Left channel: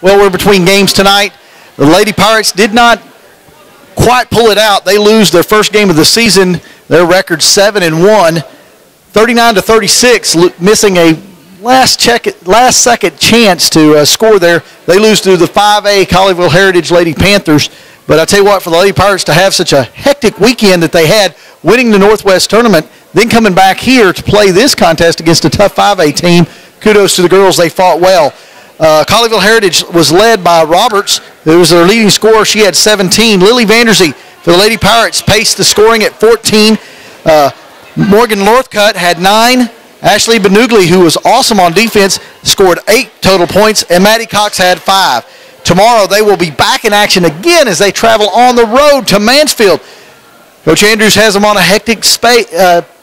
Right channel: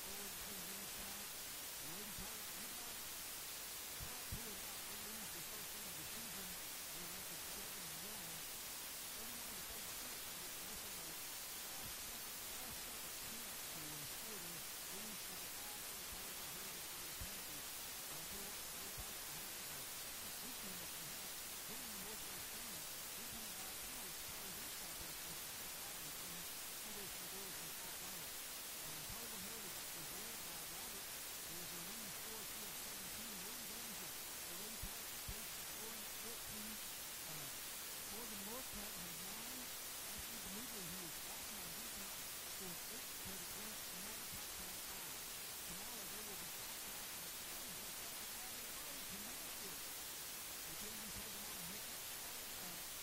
Well, we're between games tonight. The Lady Pirates did not quite pull it out. They lose their first game of the season. Their record 7-1, 39-36, missing a last-second chance to score there. They lose to the 5A Colleyville Heritage Lady Panthers. But I tell you what, for the Lady Pirates to have such a hectic weekend that they had, winning the Northwest Tournament, then coming back here to play this contest against a tough 5A team, kudos to the girls. They fought well. Colleyville Heritage was led by Roberts, who was their leading scorer. She had 17. Lily Vanderzee for the Lady Pirates paced the scoring at 14. Morgan Northcutt had 9. Ashley Benugli, who was awesome on defense, scored 8 total points, and Maddie Cox had 5. Tomorrow they will be back in action again as they travel on the road to Mansfield. Coach Andrews has them on a hectic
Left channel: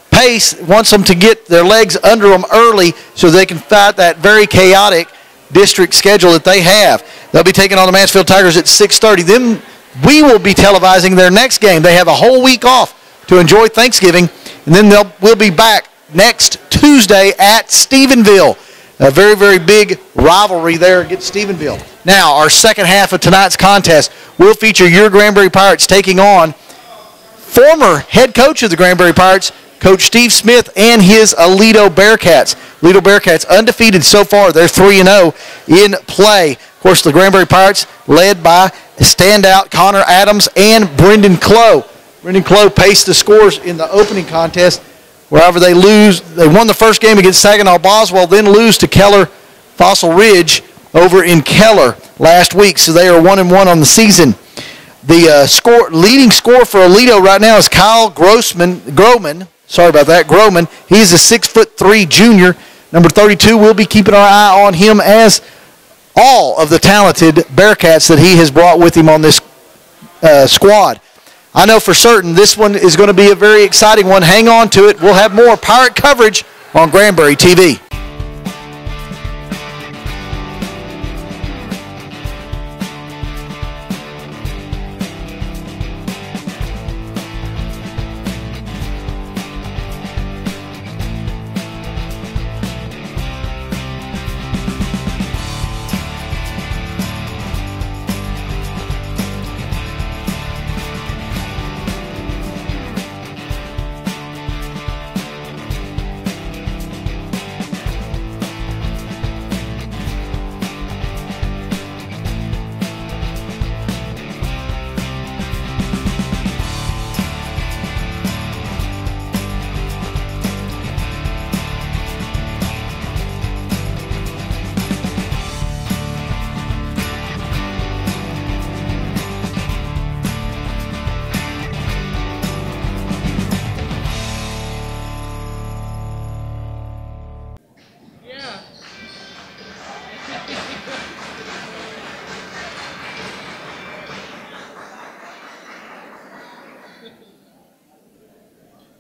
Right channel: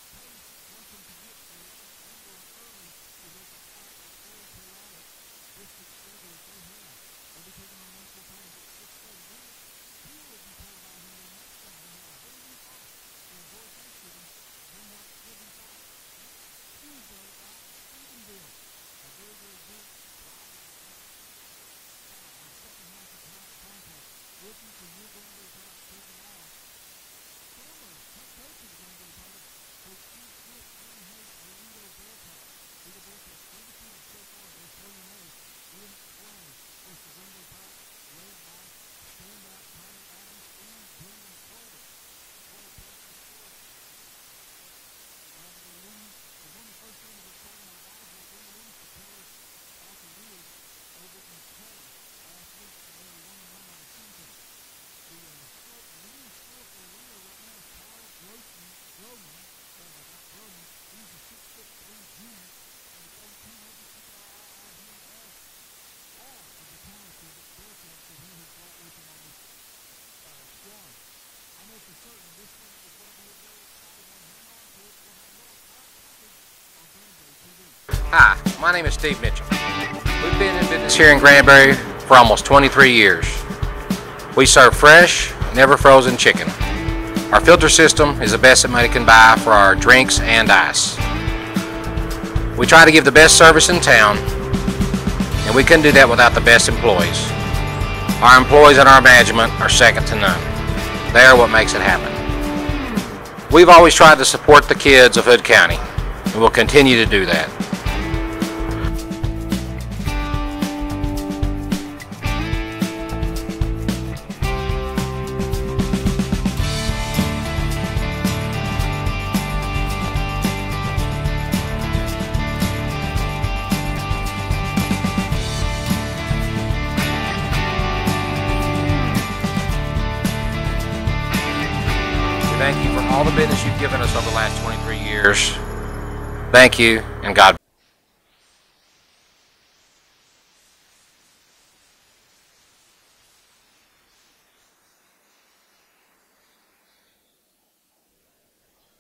pace, wants them to get their legs under them early so they can fight that very chaotic district schedule that they have. They'll be taking on the Mansfield Tigers at 6:30. Then we will be televising their next game. They have a whole week off to enjoy Thanksgiving, and then we'll be back next Tuesday at Stephenville. A very, very big rivalry there against Stephenville. Now, our second half of tonight's contest will feature your Granbury Pirates taking on former head coach of the Granbury Pirates, Coach Steve Smith, and his Aledo Bearcats. Aledo Bearcats undefeated so far. They're 3-0 in play. Of course, the Granbury Pirates led by standout Connor Adams and Brendan Clough. Brendan Clough paced the scores in the opening contest. Wherever they lose, they won the first game against Saginaw Boswell, then lose to Keller Fossil Ridge over in Keller last week. So they are 1-1 on the season. The leading scorer for Aledo right now is Kyle Groman. Sorry about that, Groman. He's a 6'3" junior. Number 32, we'll be keeping our eye on him as all of the talented Bearcats that he has brought with him on this squad. I know for certain this one is going to be a very exciting one. Hang on to it. We'll have more Pirate coverage on Granbury TV. Hi, my name is Steve Mitchell. We've been in business here in Granbury for almost 23 years. We serve fresh, never frozen chicken. Our filter system is the best that money can buy for our drinks and ice. We try to give the best service in town, and we couldn't do that without the best employees. Our employees and our management are second to none. They are what makes it happen. We've always tried to support the kids of Hood County, and we'll continue to do that. Thank you, and God.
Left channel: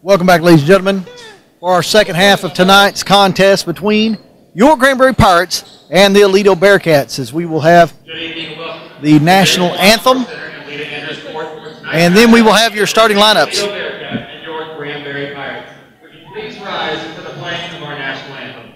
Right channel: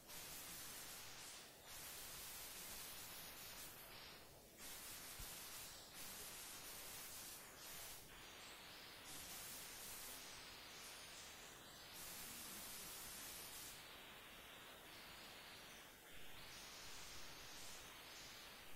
Welcome back, ladies and gentlemen, for our second half of tonight's contest between your Granbury Pirates and the Aledo Bearcats, as we will have the national anthem, and then we will have your starting lineups. Please rise for the playing of our national anthem.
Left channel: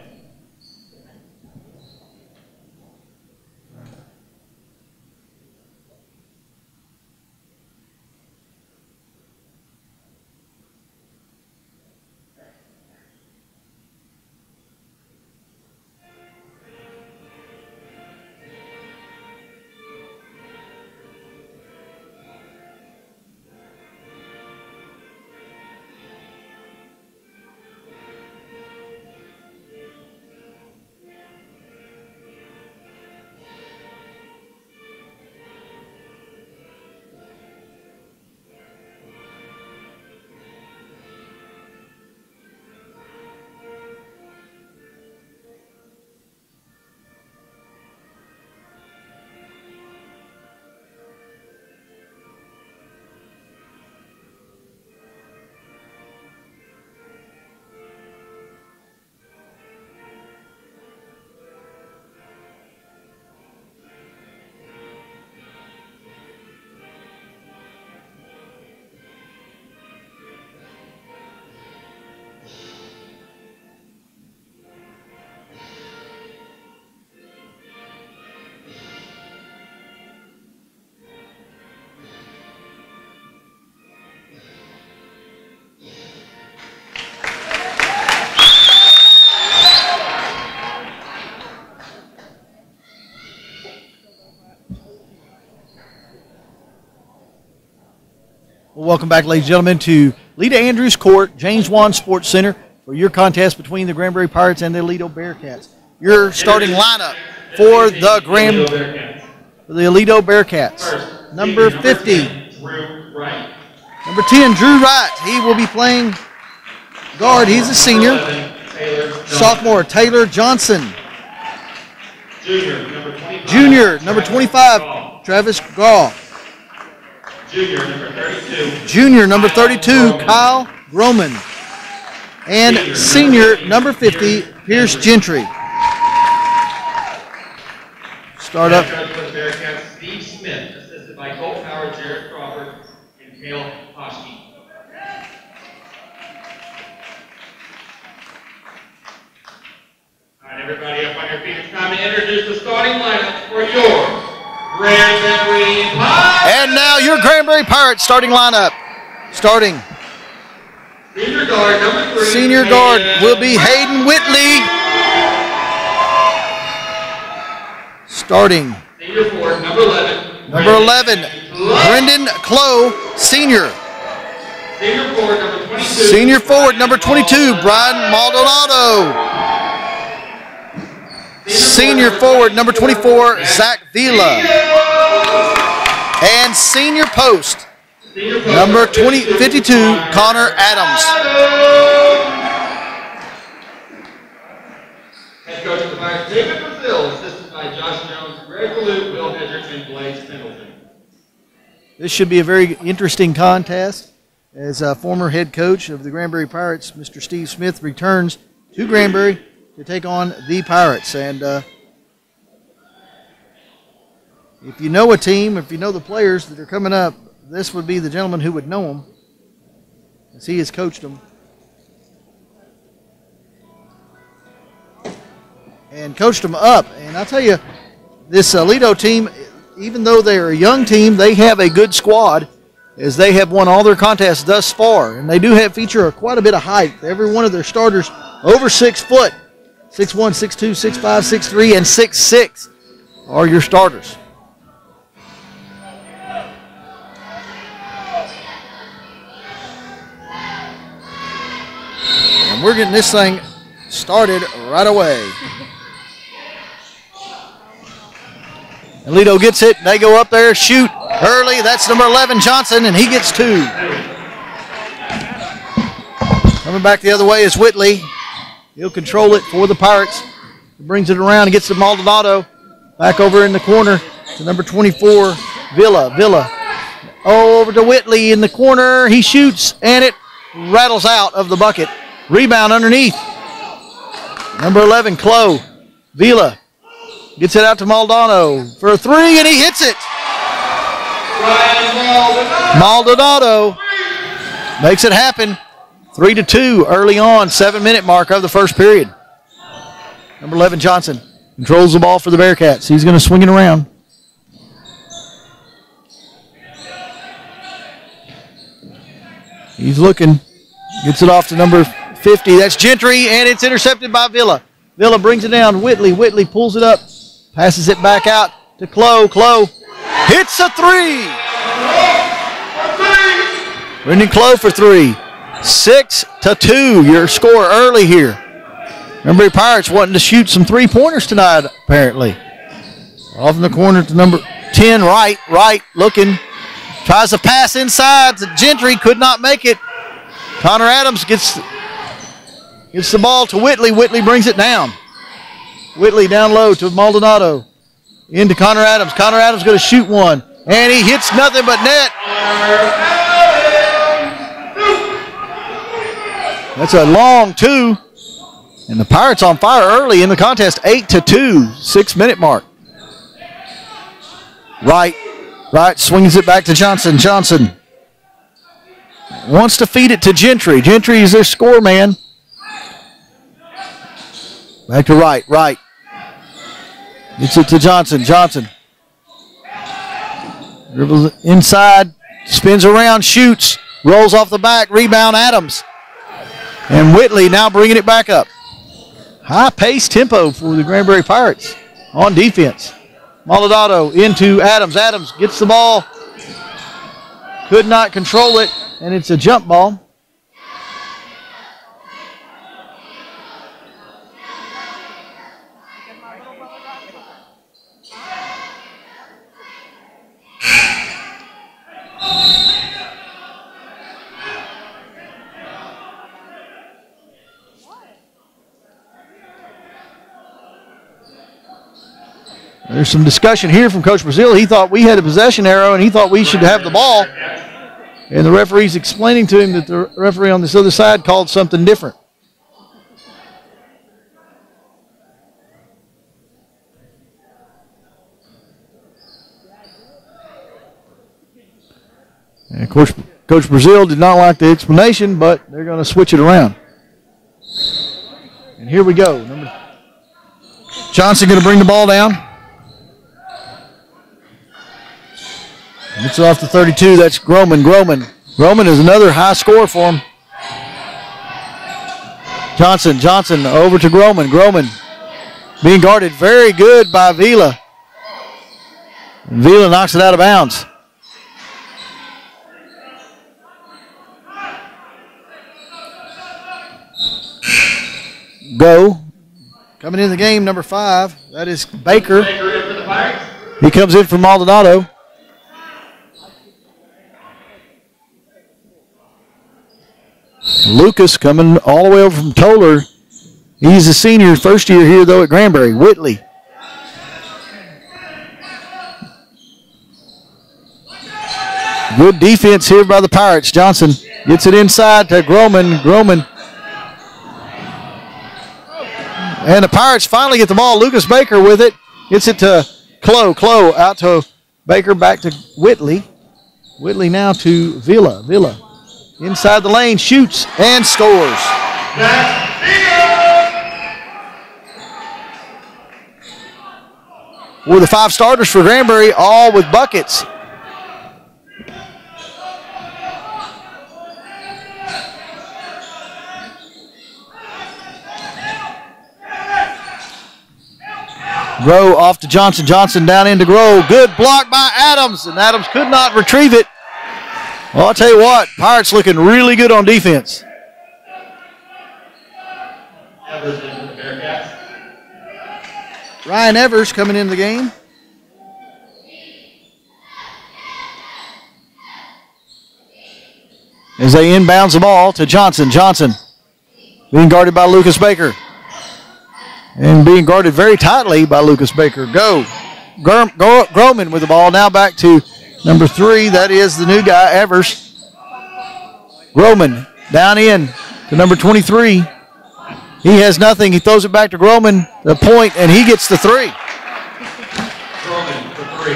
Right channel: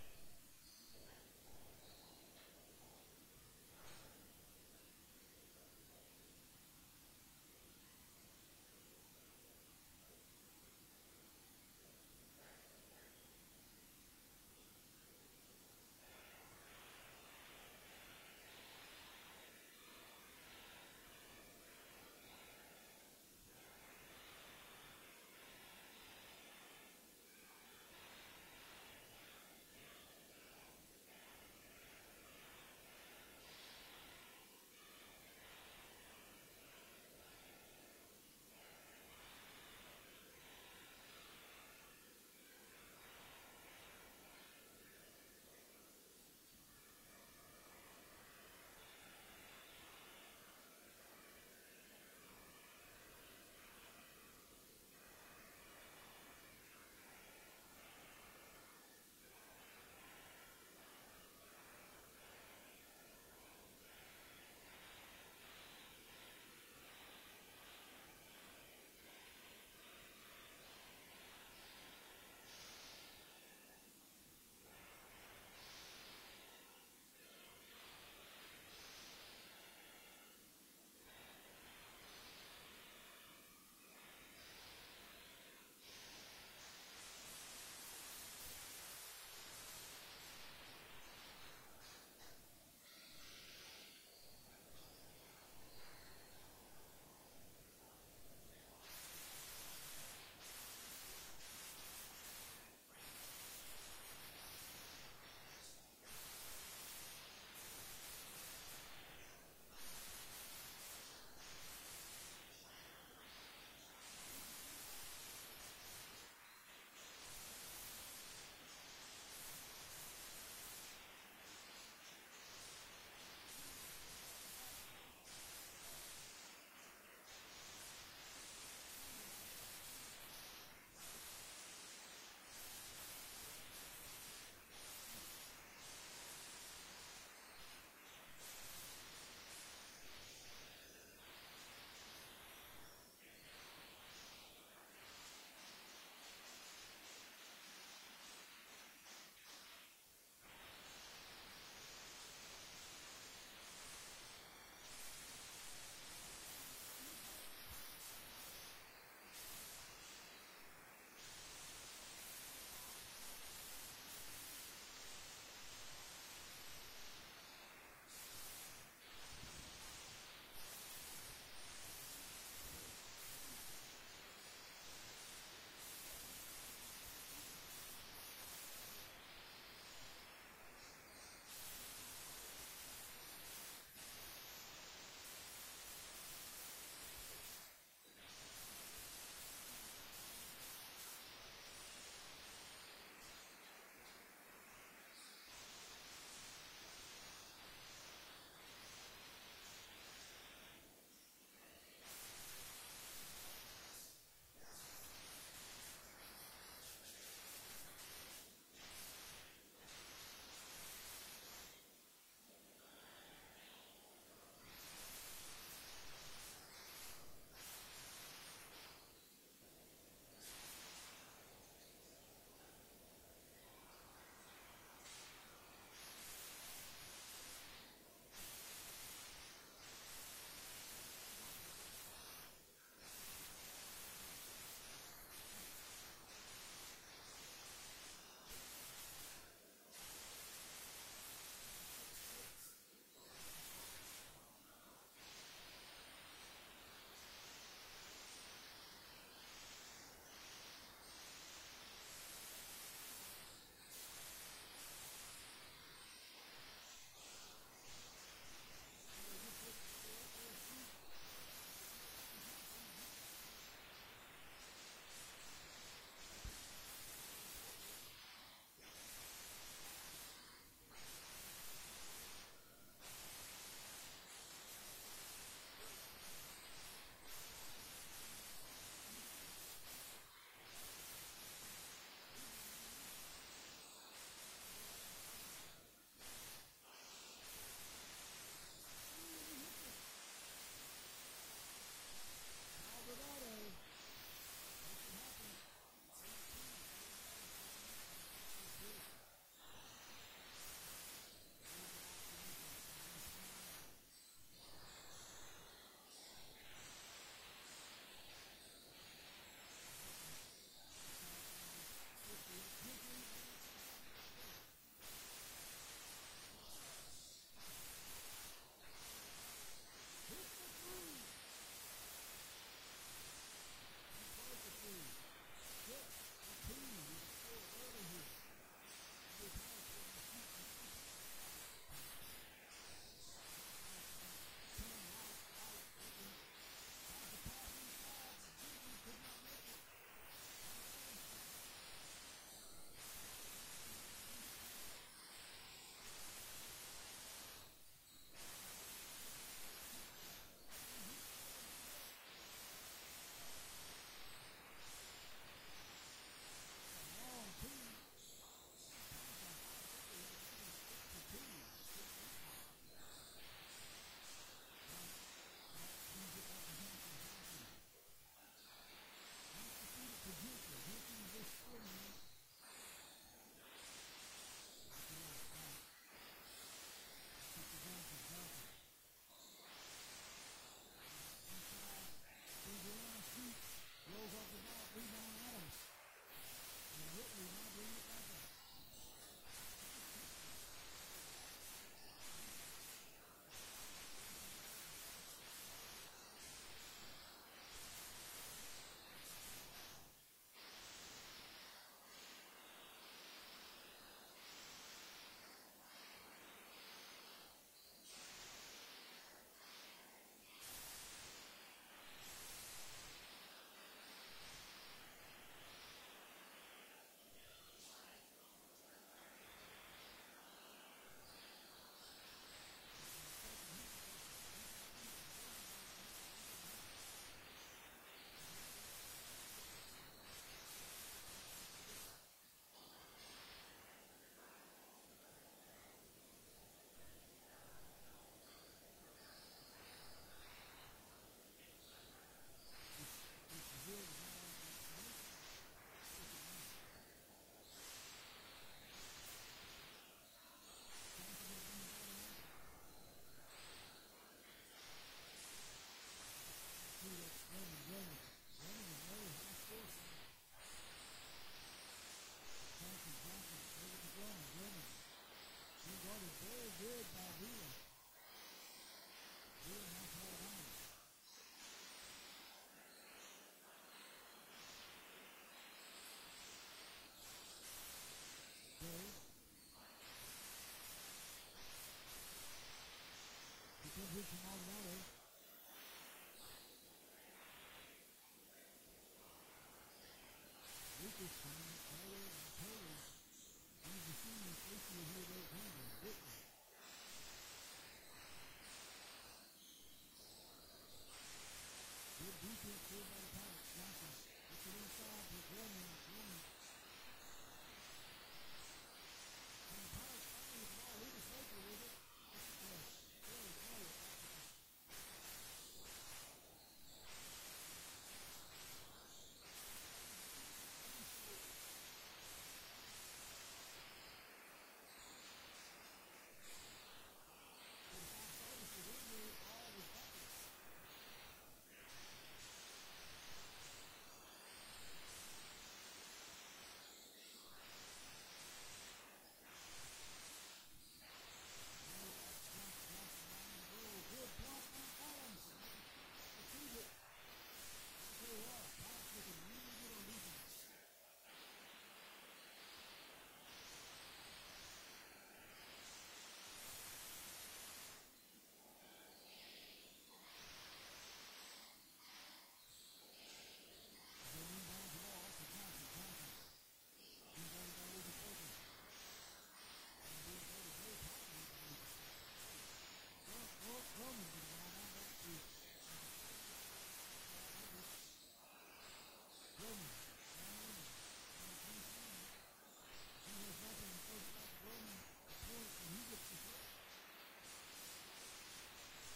Well, welcome back, ladies and gentlemen, to Lita Andrews Court, James Wan Sports Center, for your contest between the Granbury Pirates and the Aledo Bearcats. Your starting lineup for the Aledo Bearcats. Number 50, number 10, Drew Wright. He will be playing guard. He's a senior. Sophomore, Taylor Johnson. Junior, number 25, Travis Gaw. Junior, number 32, Kyle Groman. And senior, number 50, Pierce Gentry. Start up. Steve Smith, assisted by Colt Howard, Jared Crawford, and Cale Hoschke. All right, everybody up on your feet. It's time to introduce the starting lineup for your Granbury Pirates. And now your Granbury Pirates starting lineup. Starting. Senior guard, number 3. Senior guard will be Hayden Whitley. Starting. Senior forward, number 11. Number 11, Brendan Clough, senior. Senior forward, number 22. Senior forward, number 22, Brian Maldonado. Senior forward, number 24, Zach Vila. And senior post, number 52, Connor Adams. Head coach of the Pirates, David Brazil, assisted by Josh Jones, Greg Luke, Will Hedrick, and Blaze Pendleton. This should be a very interesting contest as former head coach of the Granbury Pirates, Mr. Steve Smith, returns to Granbury to take on the Pirates. And if you know a team, if you know the players that are coming up, this would be the gentleman who would know them, as he has coached them. And coached them up. And I'll tell you, this Aledo team, even though they're a young team, they have a good squad, as they have won all their contests thus far. And they do feature quite a bit of height. Every one of their starters over 6 foot. 6'1", 6'2", 6'5", 6'3", and 6'6" are your starters. And we're getting this thing started right away. Aledo gets it. They go up there, shoot early. That's number 11, Johnson, and he gets 2. Coming back the other way is Whitley. He'll control it for the Pirates. He brings it around and gets to Maldonado. Back over in the corner to number 24, Villa. Villa. Oh, over to Whitley in the corner. He shoots, and it rattles out of the bucket. Rebound underneath. Number 11, Clough. Villa gets it out to Maldonado for a 3, and he hits it. Maldonado makes it happen. 3-2 early on, 7-minute mark of the first period. Number 11, Johnson, controls the ball for the Bearcats. He's going to swing it around. He's looking. Gets it off to number 50. That's Gentry, and it's intercepted by Villa. Villa brings it down. Whitley. Whitley pulls it up. Passes it back out to Clough. Clough hits a 3. Brendan Clough for 3. 6-2, your score early here. Granbury Pirates wanting to shoot some 3-pointers tonight, apparently. Off in the corner to number 10, Wright looking. Tries to pass inside to Gentry, could not make it. Connor Adams gets the ball to Whitley. Whitley brings it down. Whitley down low to Maldonado. Into Connor Adams. Connor Adams going to shoot one. And he hits nothing but net. That's a long 2. And the Pirates on fire early in the contest. 8-2, 6-minute mark. Wright swings it back to Johnson. Johnson wants to feed it to Gentry. Gentry is their score man. Back to Wright. Gets it to Johnson. Johnson dribbles inside, spins around, shoots, rolls off the back, rebound Adams. And Whitley now bringing it back up. High-paced tempo for the Granbury Pirates on defense. Maldonado into Adams. Adams gets the ball. could not control it, and it's a jump ball. There's some discussion here from Coach Brazil. He thought we had a possession arrow, and he thought we should have the ball. And the referee's explaining to him that the referee on this other side called something different. And of course, Coach Brazil did not like the explanation, but they're going to switch it around. And here we go. Johnson going to bring the ball down. It's off the 32. That's Groman. Groman is another high scorer for him. Johnson over to Groman. Being guarded very good by Vila. And Vila knocks it out of bounds. Go. Coming in the game, number 5. That is Baker. He comes in from Maldonado. Lucas coming all the way over from Toller. He's a senior, first year here, though, at Granbury. Whitley. Good defense here by the Pirates. Johnson gets it inside to Groman. And the Pirates finally get the ball. Lucas Baker with it. Gets it to Clow out to Baker, back to Whitley. Whitley now to Vila. Inside the lane, shoots and scores. We're the 5 starters for Granbury, all with buckets. Grow off to Johnson. Johnson down into Grow. Good block by Adams, and Adams could not retrieve it. Well, I'll tell you what, Pirates looking really good on defense. Ryan Evers coming in the game. As they inbounds the ball to Johnson. Johnson being guarded by Lucas Baker. And being guarded very tightly by Lucas Baker. Groman with the ball. Now back to number 3. That is the new guy, Evers. Groman down in to number 23. He has nothing. He throws it back to Groman, the point, and he gets the 3. Groman for 3.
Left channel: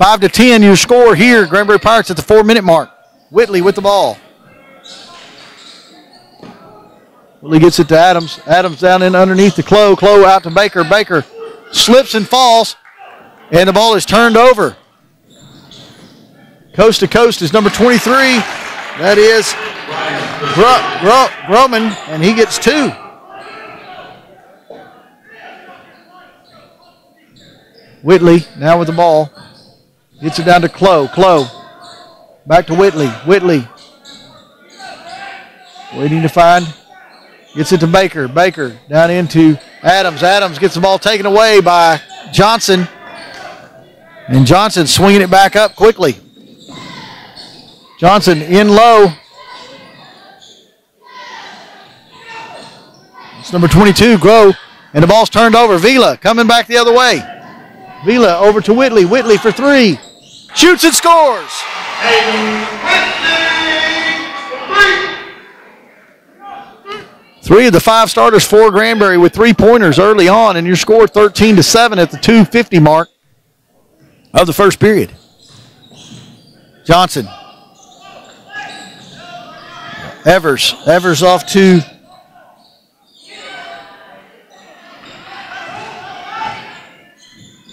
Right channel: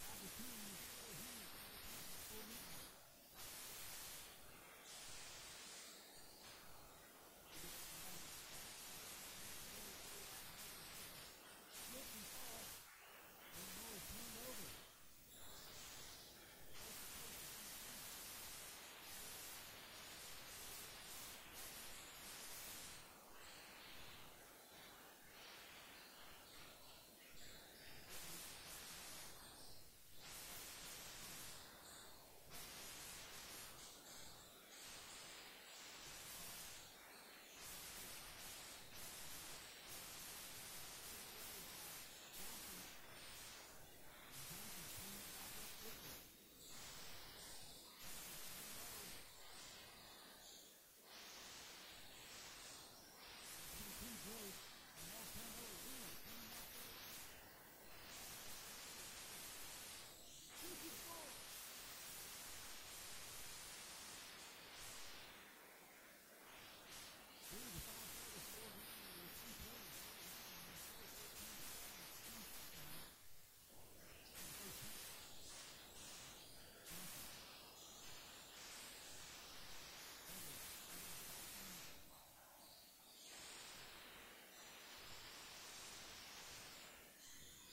5-10, your score here. Granbury Pirates at the 4-minute mark. Whitley with the ball. Whitley gets it to Adams. Adams down in underneath to Clow. Clow out to Baker. Baker slips and falls, and the ball is turned over. Coast to coast is number 23. That is Groman, and he gets 2. Whitley now with the ball. Gets it down to Clow. Clow back to Whitley. Whitley waiting to find. Gets it to Baker. Baker down into Adams. Adams gets the ball taken away by Johnson. And Johnson swinging it back up quickly. Johnson in low. It's number 22, Grow. And the ball's turned over. Vila coming back the other way. Vila over to Whitley. Whitley for 3. Shoots and scores. Three of the 5 starters for Granbury with 3-pointers early on, and your score 13-7 at the 2:50 mark of the first period. Johnson. Evers. Evers off to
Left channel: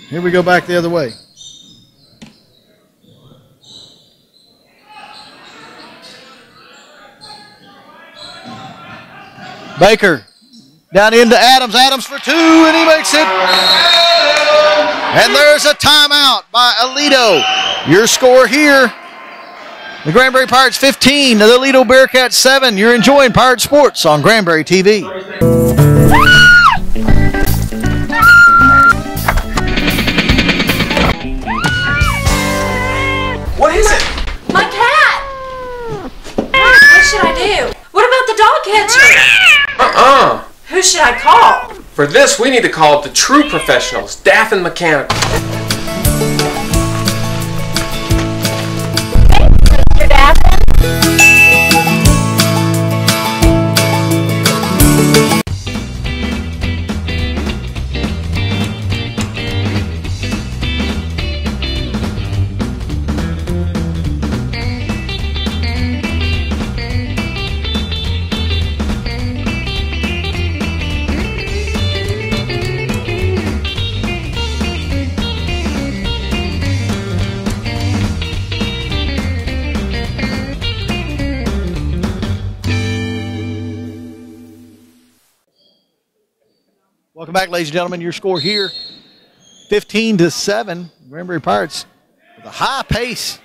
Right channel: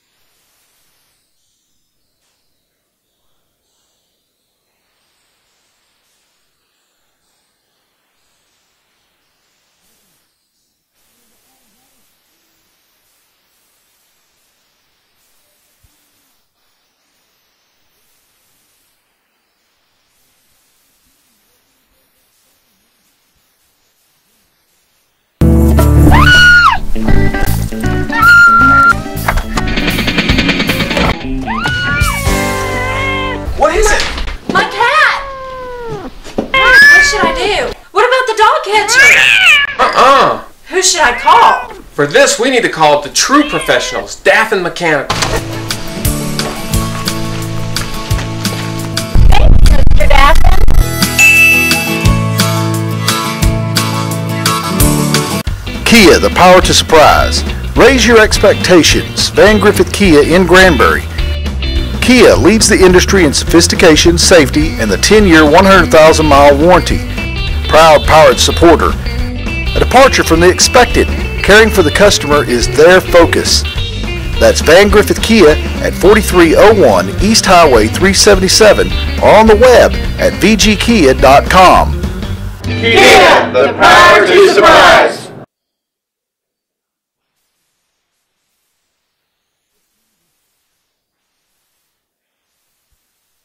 here we go back the other way. Baker down into Adams. Adams for 2, and he makes it. And there's a timeout by Aledo. Your score here, the Granbury Pirates 15, the Aledo Bearcats 7. You're enjoying Pirate Sports on Granbury TV. What is it? My cat! What should I do? What about the dog catcher? Who should I call? For this, we need to call the true professionals, Staff and Mechanical. Thanks, Mr. Daffin. Kia, the power to surprise. Raise your expectations. Van Griffith Kia in Granbury. Kia leads the industry in sophistication, safety, and the 10-year, 100,000-mile warranty. Proud Pirate supporter. A departure from the expected. Caring for the customer is their focus. That's Van Griffith Kia at 4301 East Highway 377 or on the web at vgkia.com. Kia, the power to surprise. Welcome back, ladies and gentlemen. Your score here, 15-7. Granbury Pirates with a high pace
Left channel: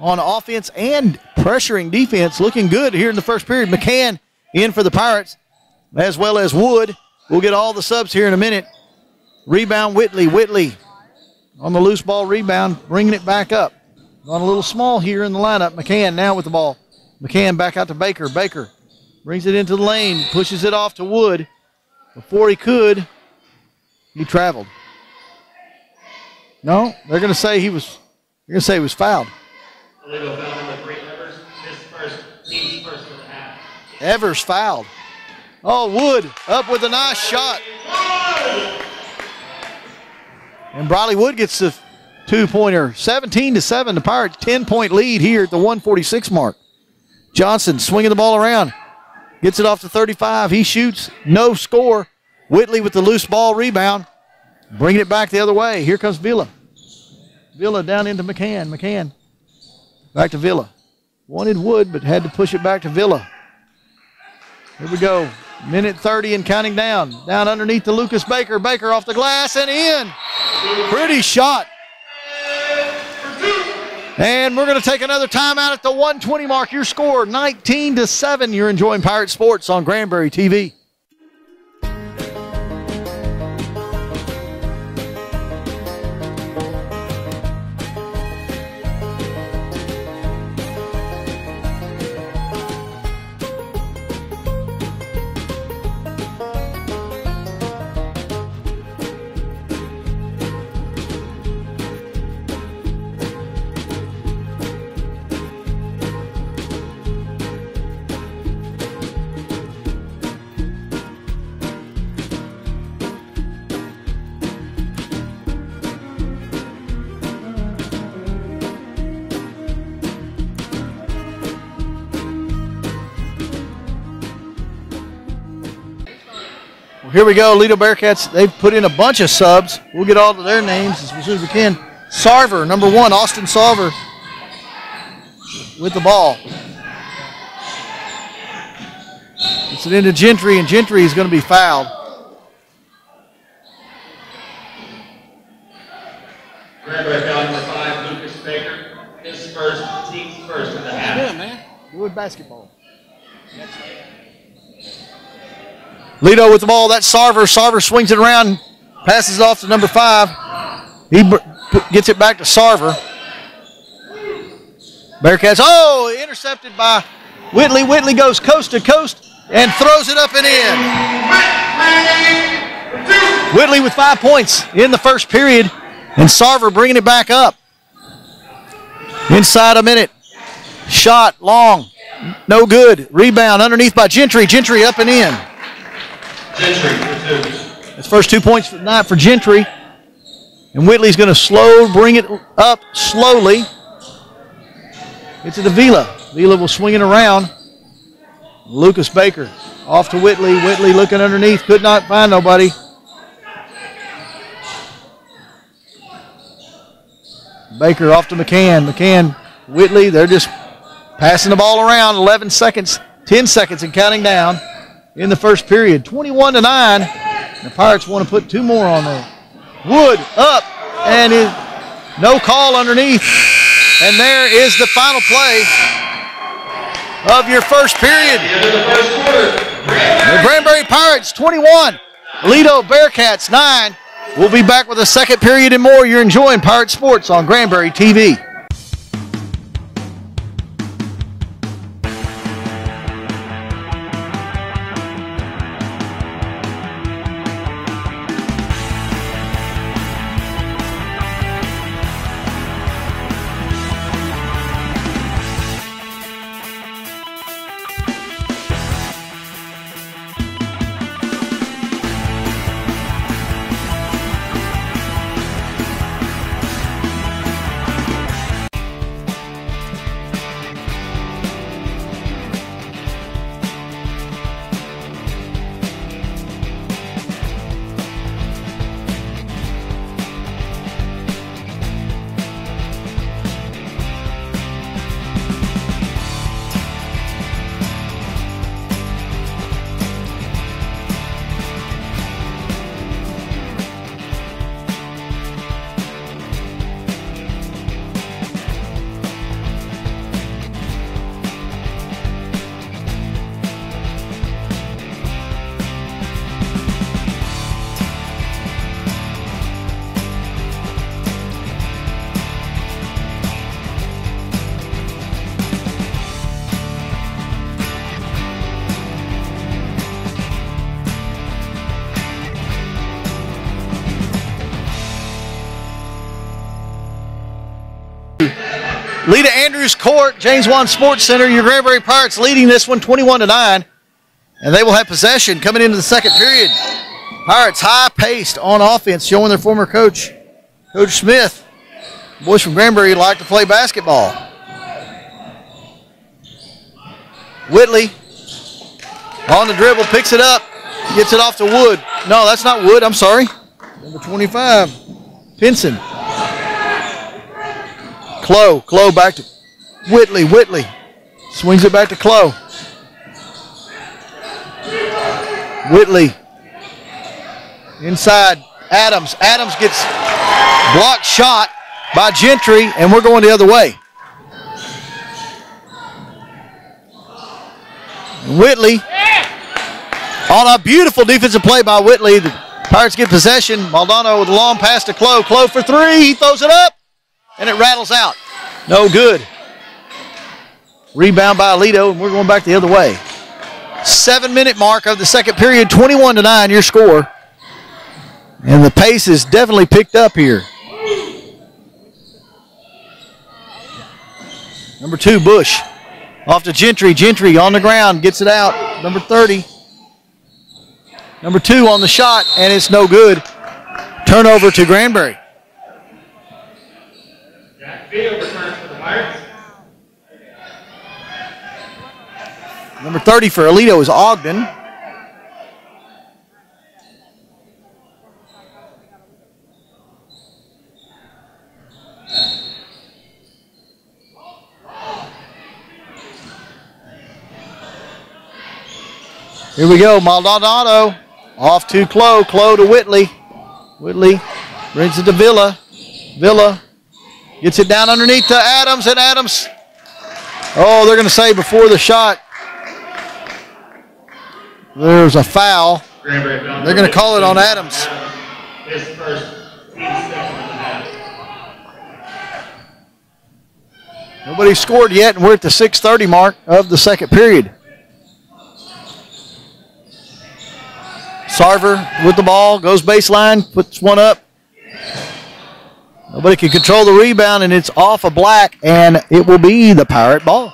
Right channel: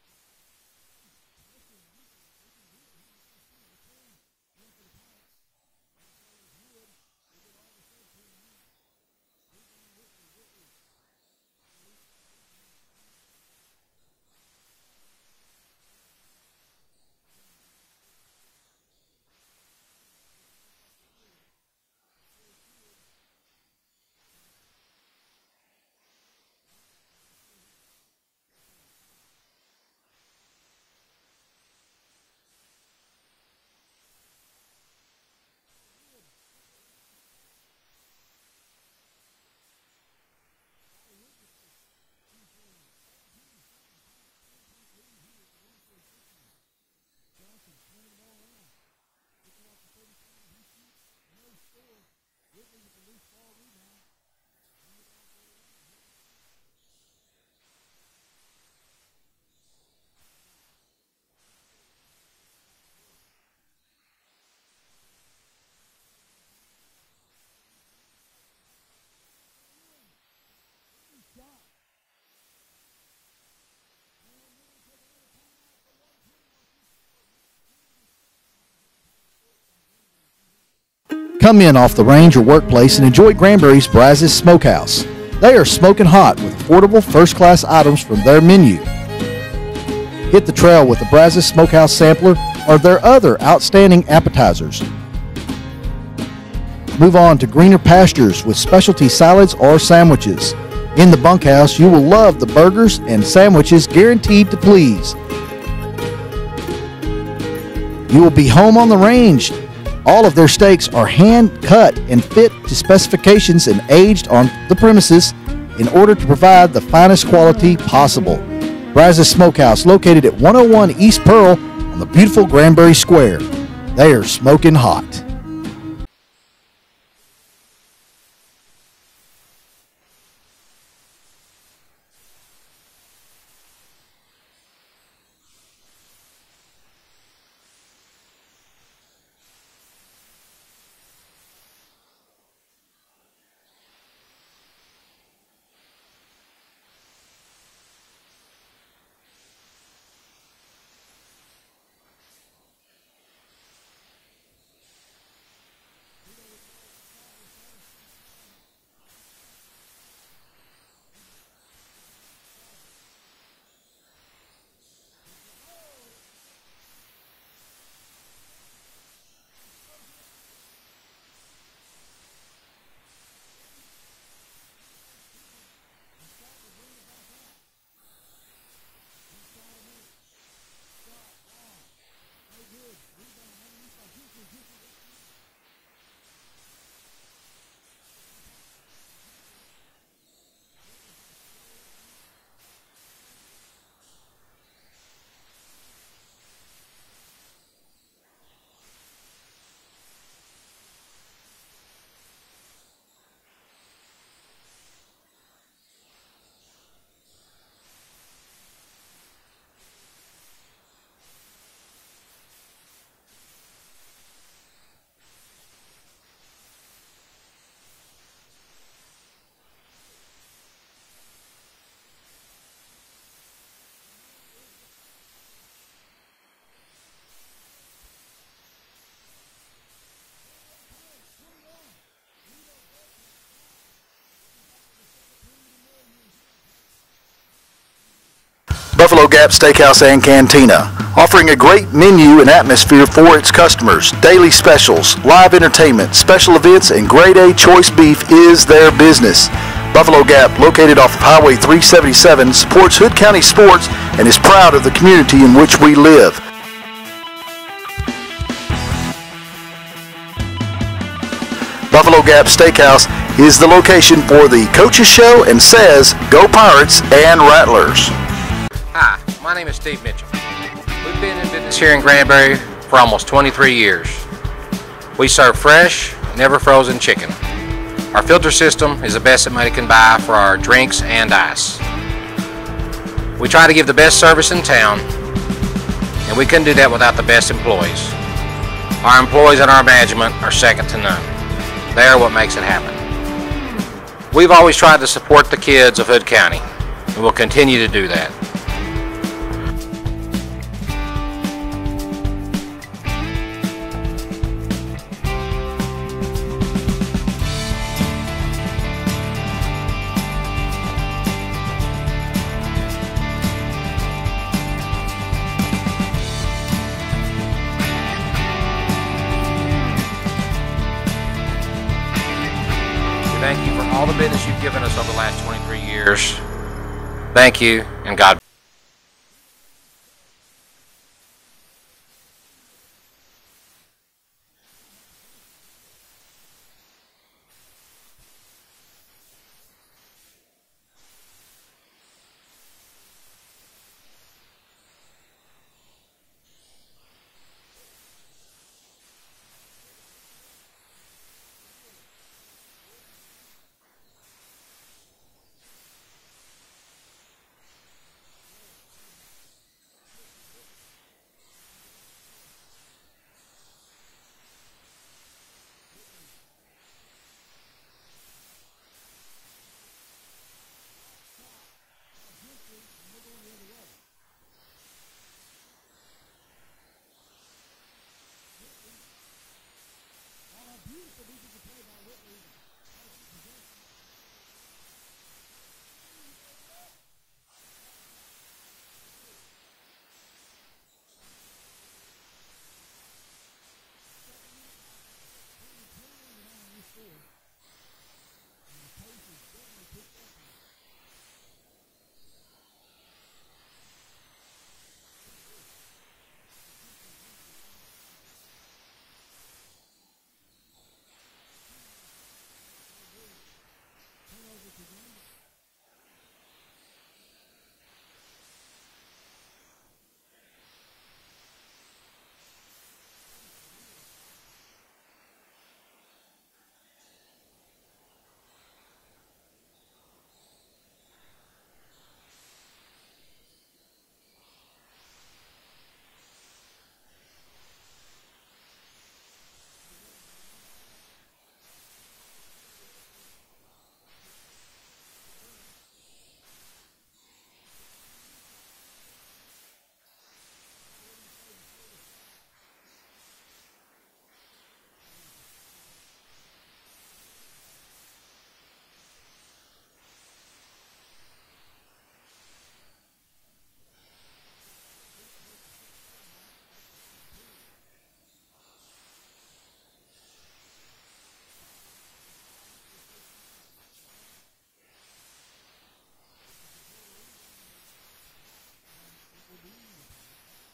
on offense and pressuring defense. Looking good here in the first period. McCann in for the Pirates, as well as Wood. We'll get all the subs here in a minute. Rebound, Whitley. Whitley on the loose ball rebound, bringing it back up. Gone a little small here in the lineup. McCann now with the ball. McCann back out to Baker. Baker brings it into the lane, pushes it off to Wood. Before he could, he traveled. No, they're going to say he was. They're going to say he was fouled. Illegal foul number 3, Evers. His first, team's first for the half. Evers fouled. Oh, Wood up with a nice shot. And Briley Wood gets the two-pointer. 17-7. The Pirates 10-point lead here at the 146 mark. Johnson swinging the ball around. Gets it off to 35. He shoots. No score. Whitley with the loose ball rebound. Bringing it back the other way. Here comes Villa. Villa down into McCann. McCann back to Villa. Wanted Wood, but had to push it back to Villa. Here we go. Minute 30 and counting down. Down underneath to Lucas Baker. Baker off the glass and in. Pretty shot. And we're going to take another timeout at the 120 mark. Your score, 19-7. You're enjoying Pirate Sports on Granbury TV. Come in off the range or workplace and enjoy Granbury's Brazos Smokehouse. They are smoking hot with affordable first-class items from their menu. Hit the trail with the Brazos Smokehouse Sampler or their other outstanding appetizers. Move on to greener pastures with specialty salads or sandwiches. In the bunkhouse, you will love the burgers and sandwiches guaranteed to please. You will be home on the range. All of their steaks are hand-cut and fit to specifications and aged on the premises in order to provide the finest quality possible. Brazos Smokehouse, located at 101 East Pearl on the beautiful Granbury Square. They are smoking hot. Well, here we go, Aledo Bearcats. They've put in a bunch of subs. We'll get all of their names as soon as we can. Sarver, number 1, Austin Sarver with the ball. Gets it into Gentry, and Gentry is going to be fouled. Granbury foul number 5, Lucas Baker. His first, team's first of the half. Good, man. Good basketball. Aledo with the ball. That's Sarver. Sarver swings it around, passes it off to number 5. He gets it back to Sarver. Bearcats, intercepted by Whitley. Whitley goes coast to coast and throws it up and in. Whitley with 5 points in the first period, and Sarver bringing it back up. Inside a minute. Shot long. No good. Rebound underneath by Gentry. Gentry up and in. Gentry for 2. That's first 2 points for the night for Gentry. And Whitley's going to bring it up slowly. It's to Villa. Villa will swing it around. Lucas Baker off to Whitley. Whitley looking underneath. Could not find nobody. Baker off to McCann. McCann, Whitley, they're just passing the ball around. 11 seconds, 10 seconds and counting down in the first period. 21-9. The Pirates want to put 2 more on there. Wood up. and no call underneath. And there is the final play of your first period. The Granbury Pirates 21, Aledo Bearcats 9. We'll be back with a second period and more. You're enjoying Pirate Sports on Granbury TV. Buffalo Gap Steakhouse and Cantina, offering a great menu and atmosphere for its customers. Daily specials, live entertainment, special events, and grade A choice beef is their business. Buffalo Gap, located off of Highway 377, supports Hood County sports and is proud of the community in which we live. Buffalo Gap Steakhouse is the location for the Coaches Show and says, Go Pirates and Rattlers. Hi, my name is Steve Mitchell. We've been in business here in Granbury for almost 23 years. We serve fresh, never frozen chicken. Our filter system is the best that money can buy for our drinks and ice. We try to give the best service in town, and we couldn't do that without the best employees. Our employees and our management are second to none. They are what makes it happen. We've always tried to support the kids of Hood County, and we'll continue to do that. Thank you for all the business you've given us over the last 23 years. Thank you, and God bless. Lita Andrews Court, James Wan Sports Center, your Granbury Pirates leading this one 21-9. And they will have possession coming into the second period. Pirates high-paced on offense, showing their former coach, Coach Smith. Boys from Granbury like to play basketball. Whitley on the dribble, picks it up, gets it off to Wood. No, that's not Wood, I'm sorry. Number 25, Pinson. Clow back to Whitley. Whitley swings it back to Clow. Whitley inside. Adams. Adams gets blocked shot by Gentry, and we're going the other way. Whitley on a beautiful defensive play by Whitley. The Pirates get possession. Maldonado with a long pass to Clow. Clow for three. He throws it up, and it rattles out. No good. Rebound by Aledo, and we're going back the other way. 7-minute mark of the second period, 21-9, your score. And the pace is definitely picked up here. Number 2, Bush. Off to Gentry. Gentry on the ground, gets it out. Number 30. Number 2 on the shot, and it's no good. Turnover to Granbury. Number 30 for Aledo is Ogden. Here we go, Maldonado off to Clow. Clow to Whitley. Whitley brings it to Villa. Villa gets it down underneath to Adams, and Adams, oh, they're going to say before the shot, there's a foul. They're going to call it on Adams. Nobody scored yet, and we're at the 6:30 mark of the second period. Sarver with the ball, goes baseline, puts one up. Nobody can control the rebound, and it's off of Black, and it will be the Pirate ball.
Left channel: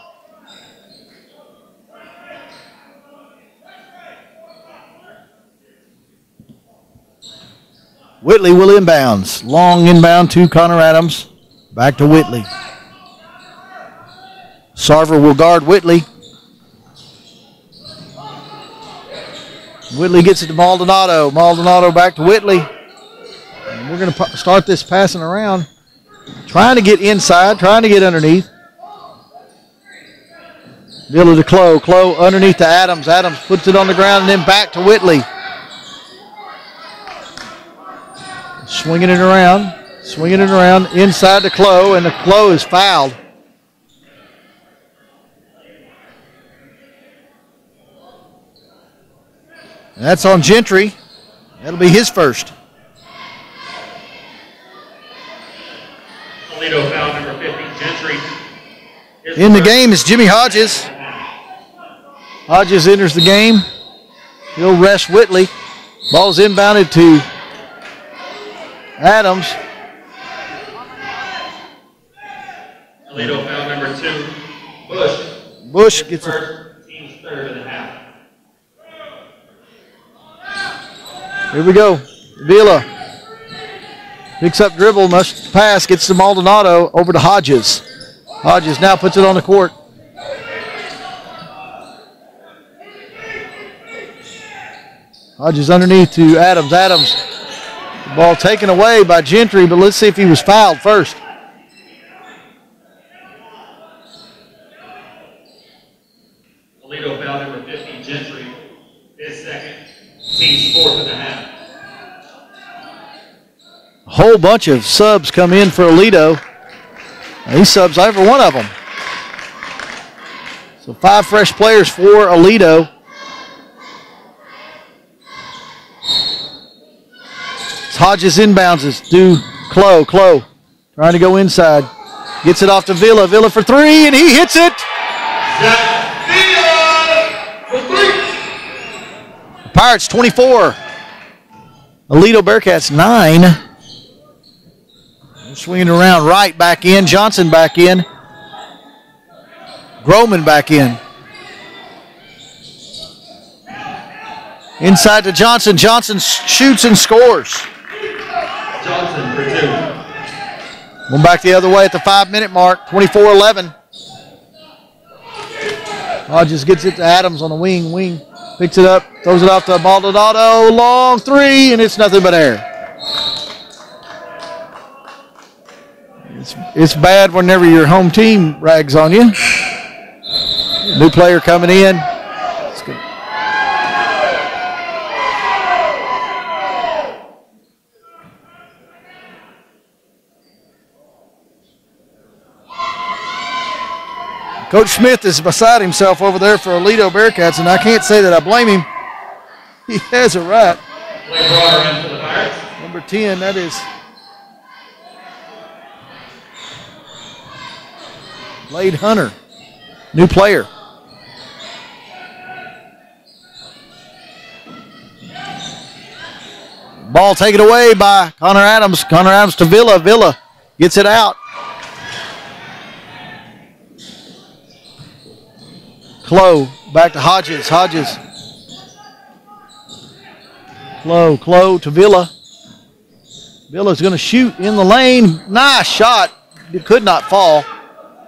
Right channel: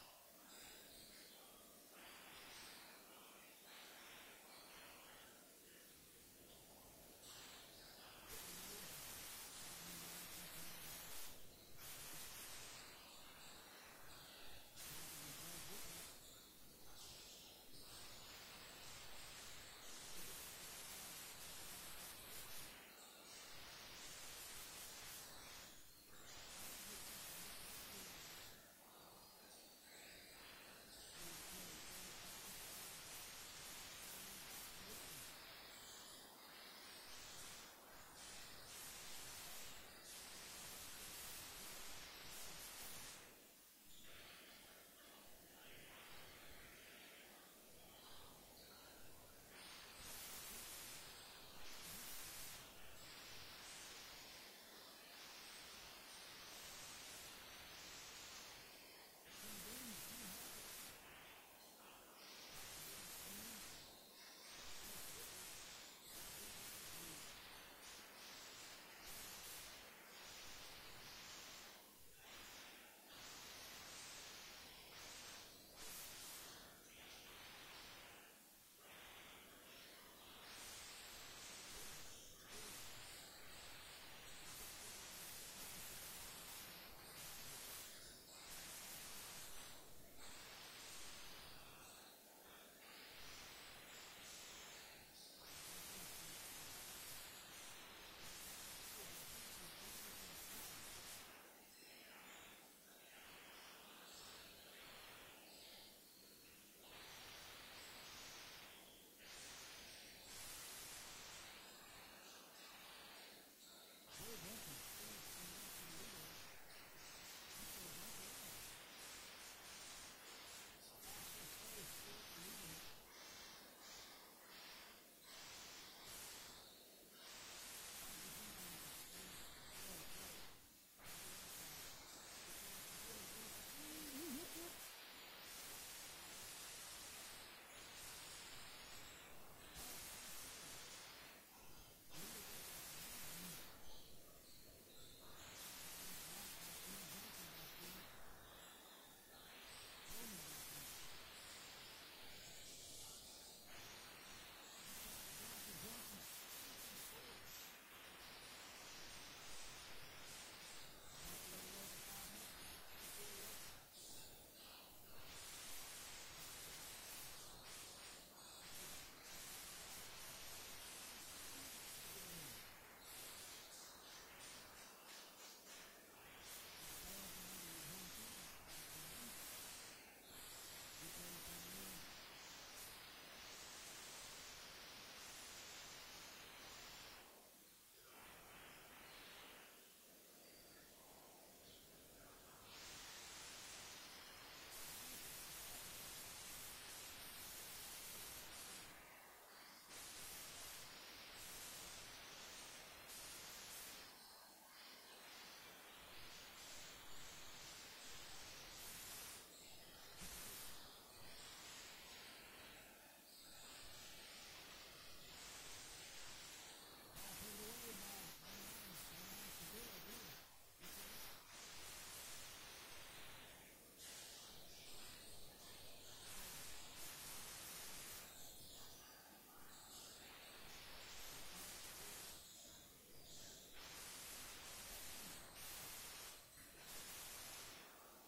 Whitley will inbounds. Long inbound to Connor Adams. Back to Whitley. Sarver will guard Whitley. Whitley gets it to Maldonado. Maldonado back to Whitley. And we're going to start this passing around. Trying to get inside, trying to get underneath. Villa to Clow. Clow underneath to Adams. Adams puts it on the ground and then back to Whitley. Swinging it around. Swinging it around inside to Clough, and the Clough is fouled. And that's on Gentry. That'll be his first. Toledo foul number 50, Gentry. In the game is Jimmy Hodges. Hodges enters the game. He'll rest Whitley. Ball's inbounded to Adams. Toledo foul number 2, Bush. Bush gets it. First, team's third of the half. Here we go. Vila picks up dribble, must pass, gets to Maldonado, over to Hodges. Hodges now puts it on the court. Hodges underneath to Adams. Adams, the ball taken away by Gentry, but let's see if he was fouled first. Toledo foul number 50, Gentry. His second, team's fourth of the half. A whole bunch of subs come in for Aledo. He subs every one of them. So 5 fresh players for Aledo. Hodges inbounds it to Clough. Clough trying to go inside. Gets it off to Villa. Villa for 3, and he hits it. The Pirates 24. Aledo Bearcats 9. Swinging around right, back in. Johnson back in. Groman back in. Inside to Johnson. Johnson shoots and scores. Johnson for 2. Going back the other way at the 5-minute mark. 24-11. Hodges gets it to Adams on the wing. Wing picks it up, throws it off to Maldonado. Long 3, and it's nothing but air. It's bad whenever your home team rags on you. New player coming in. It's good. Coach Smith is beside himself over there for Aledo Bearcats, and I can't say that I blame him. He has a right. Number 10, that is Blade Hunter, new player. Ball taken away by Connor Adams. Connor Adams to Villa. Villa gets it out. Clough back to Hodges. Hodges. Clough to Villa. Villa's going to shoot in the lane. Nice shot. It could not fall.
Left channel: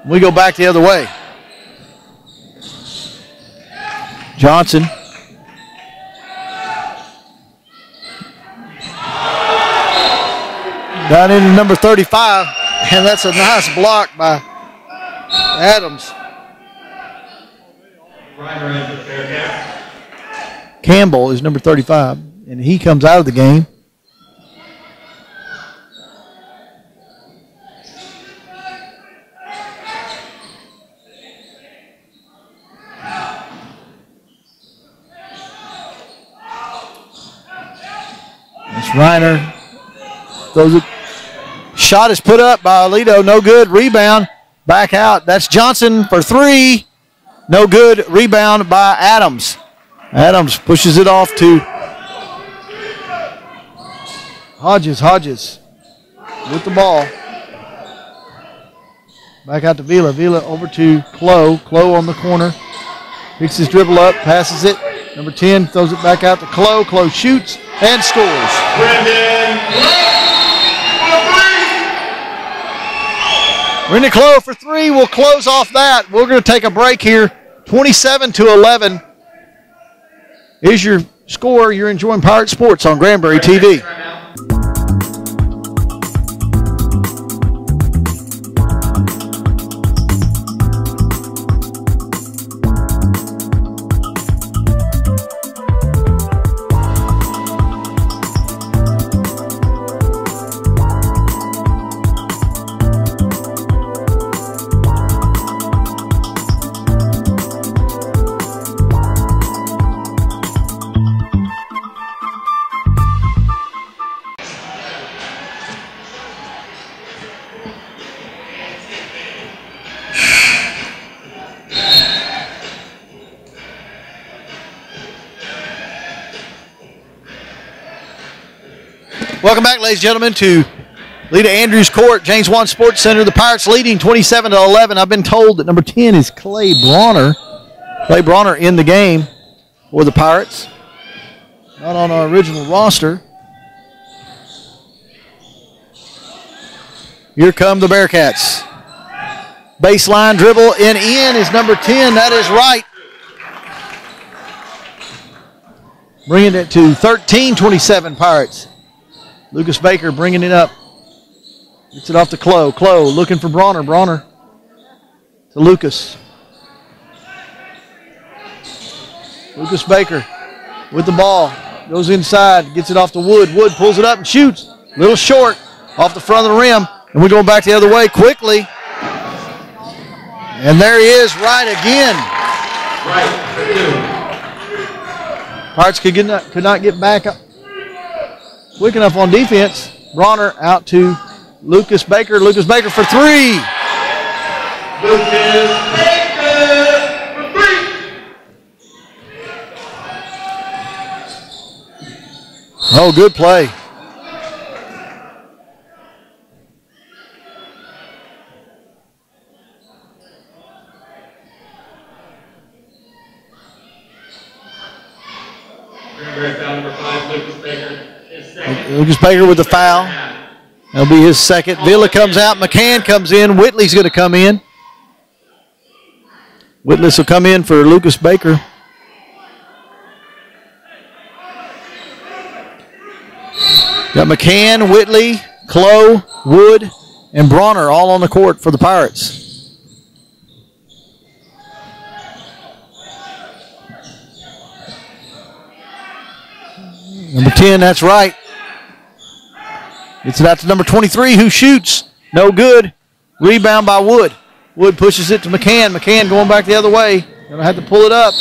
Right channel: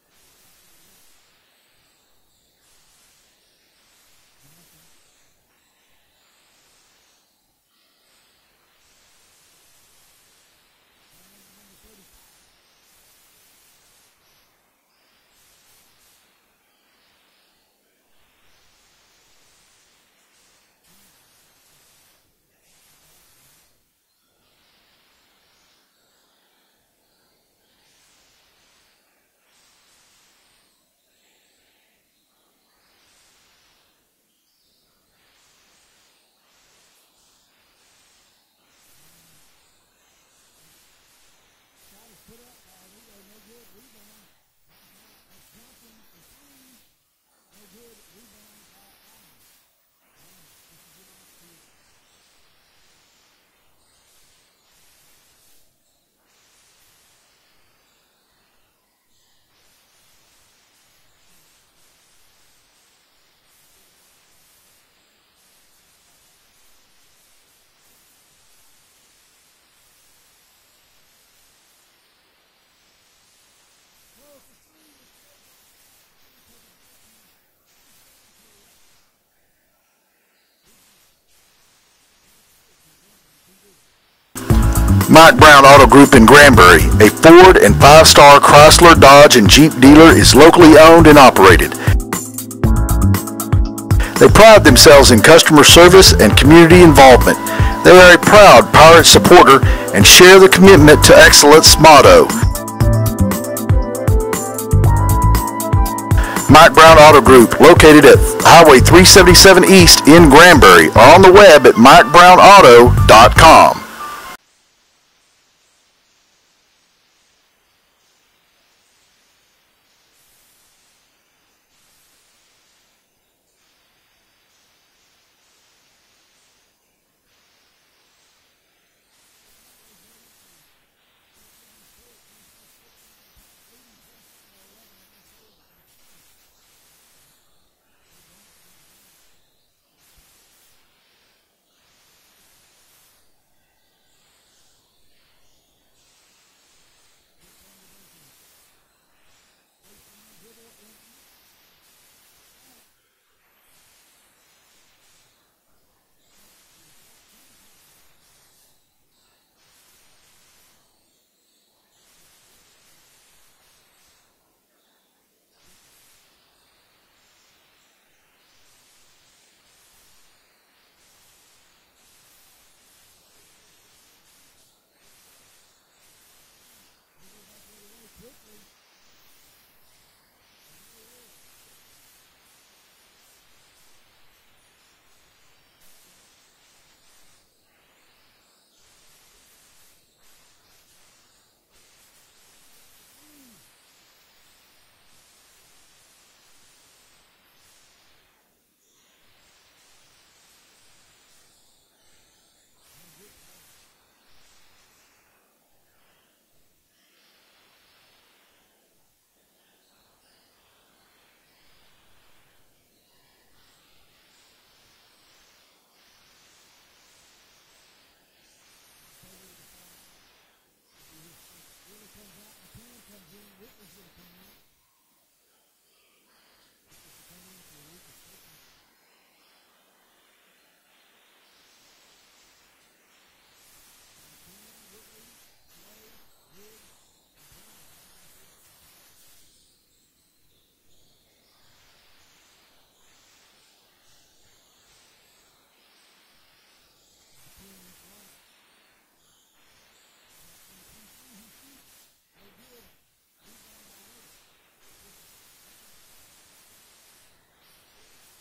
We go back the other way. Johnson. Down into number 35, and that's a nice block by Adams. Campbell is number 35, and he comes out of the game. That's Reiner. Throws it. Shot is put up by Aledo. No good. Rebound. Back out. That's Johnson for 3. No good. Rebound by Adams. Adams pushes it off to Hodges. Hodges with the ball. Back out to Vila. Vila over to Clough. Clough on the corner. Picks his dribble up. Passes it. Number 10 throws it back out to Clough. Clough shoots and scores. Brendan Clough for 3. We'll close off that. We're going to take a break here. 27-11 is your score. You're enjoying Pirate Sports on Granbury TV. Mike Brown Auto Group in Granbury, a Ford and 5-star Chrysler, Dodge, and Jeep dealer, is locally owned and operated. They pride themselves in customer service and community involvement. They are a proud Pirate supporter and share the commitment to excellence motto. Mike Brown Auto Group, located at Highway 377 East in Granbury, or on the web at MikeBrownAuto.com. Welcome back, ladies and gentlemen, to Lita Andrews Court, James Wan Sports Center. The Pirates leading 27-11. I've been told that number 10 is Clay Bronner. Clay Bronner in the game for the Pirates. Not on our original roster. Here come the Bearcats. Baseline dribble and in is number 10. That is right. Bringing it to 13-27 Pirates. Lucas Baker bringing it up. Gets it off to Clow. Clow looking for Bronner. Bronner to Lucas. Lucas Baker with the ball. Goes inside. Gets it off to Wood. Wood pulls it up and shoots. Little short off the front of the rim. And we're going back the other way quickly. And there he is right again. Pirates could not get back up quick enough on defense. Bronner out to Lucas Baker. Lucas Baker for three. Lucas Baker for three. Oh, good play. Lucas Baker with the foul. That'll be his second. Villa comes out. McCann comes in. Whitley's going to come in. Whitley will come in for Lucas Baker. Got McCann, Whitley, Clow, Wood, and Bronner all on the court for the Pirates. Number 10, that's right. Gets it out to number 23, who shoots. No good. Rebound by Wood. Wood pushes it to McCann. McCann going back the other way. Going to have to pull it up.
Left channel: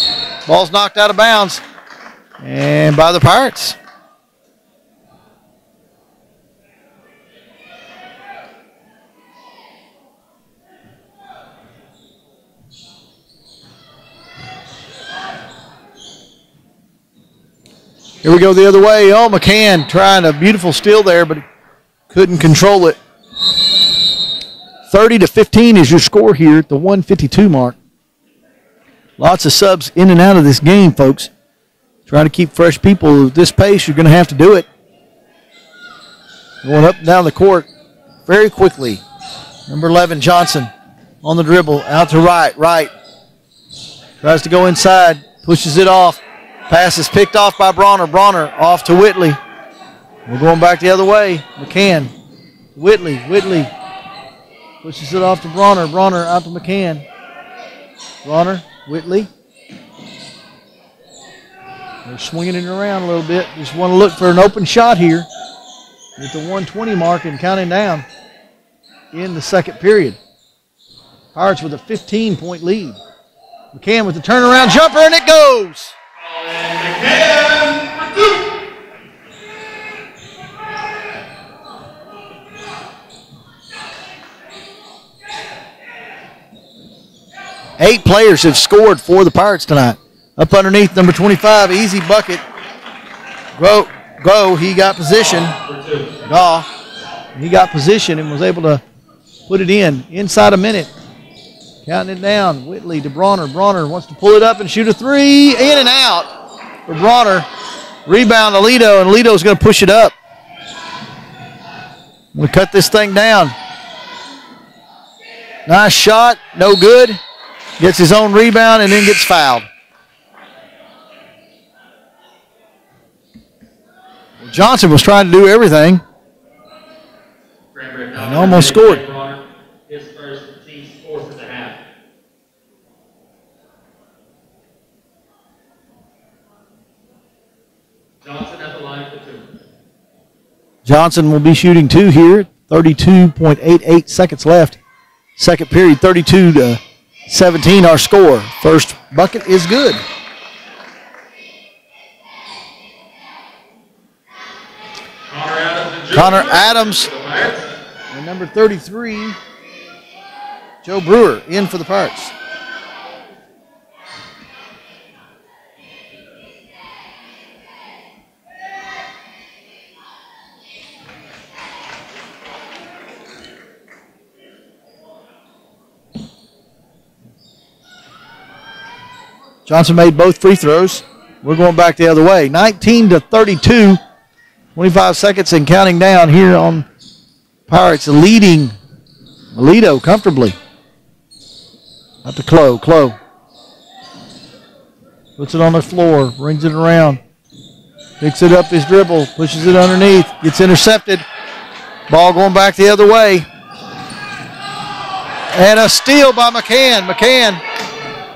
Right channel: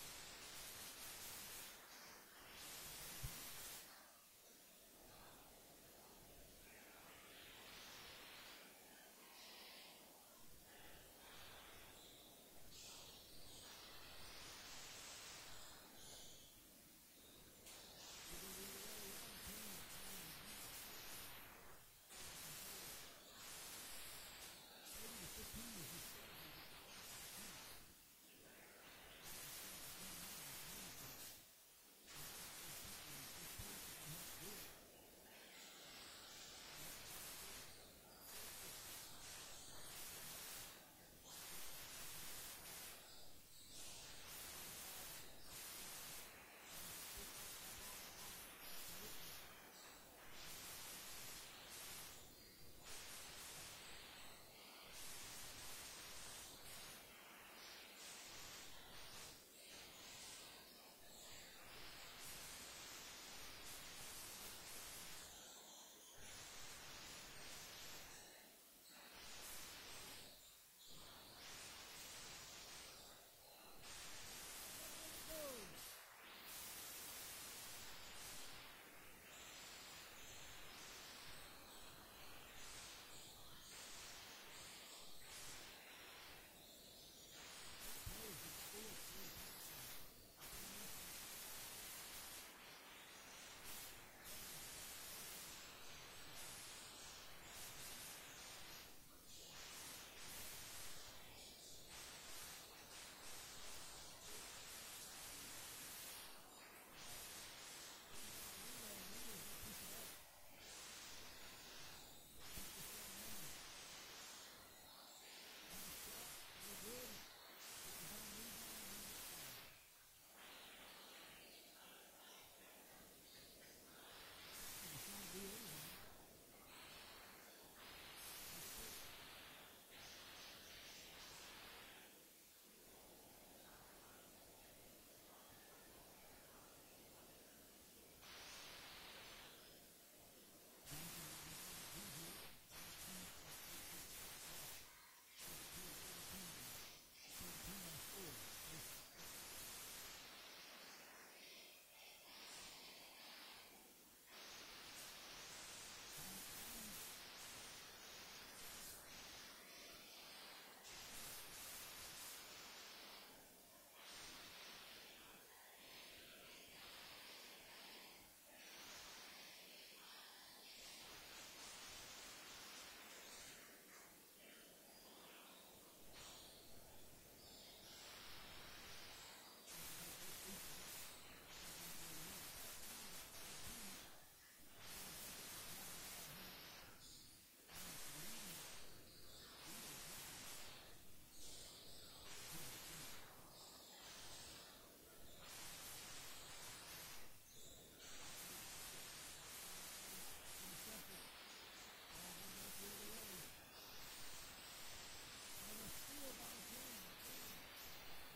Ball's knocked out of bounds. And by the Pirates. Here we go the other way. Oh, McCann trying a beautiful steal there, but couldn't control it. 30-15 is your score here at the 152 mark. Lots of subs in and out of this game, folks. Trying to keep fresh people at this pace, you're going to have to do it. Going up and down the court very quickly. Number 11, Johnson, on the dribble, out to right. Right. Tries to go inside, pushes it off. Pass is picked off by Bronner. Bronner off to Whitley. We're going back the other way. McCann. Whitley. Whitley pushes it off to Bronner. Bronner out to McCann. Bronner. Whitley. They're swinging it around a little bit. Just want to look for an open shot here at the 120 mark and counting down in the second period. Pirates with a 15-point lead. McCann with the turnaround jumper, and it goes. McCann for two. Eight players have scored for the Pirates tonight. Up underneath number 25, easy bucket. Go, he got position. He got position and was able to put it in inside a minute. Counting it down. Whitley to Bronner. Bronner wants to pull it up and shoot a three. In and out for Bronner. Rebound Alito, and Alito's going to push it up. We'll cut this thing down. Nice shot. No good. Gets his own rebound and then gets fouled. Johnson was trying to do everything and almost scored. His first, team's fourth at the half. Johnson at the line for two. Johnson will be shooting 2 here. 32.88 seconds left. Second period, 32-17 our score. First bucket is good. Connor Adams and number 33, Joe Brewer, in for the Pirates. Johnson made both free throws. We're going back the other way. 19-32. 25 seconds and counting down here on Pirates, leading Melito comfortably. Up to Clo. Clo puts it on the floor, brings it around, picks it up his dribble, pushes it underneath, gets intercepted. Ball going back the other way. And a steal by McCann. McCann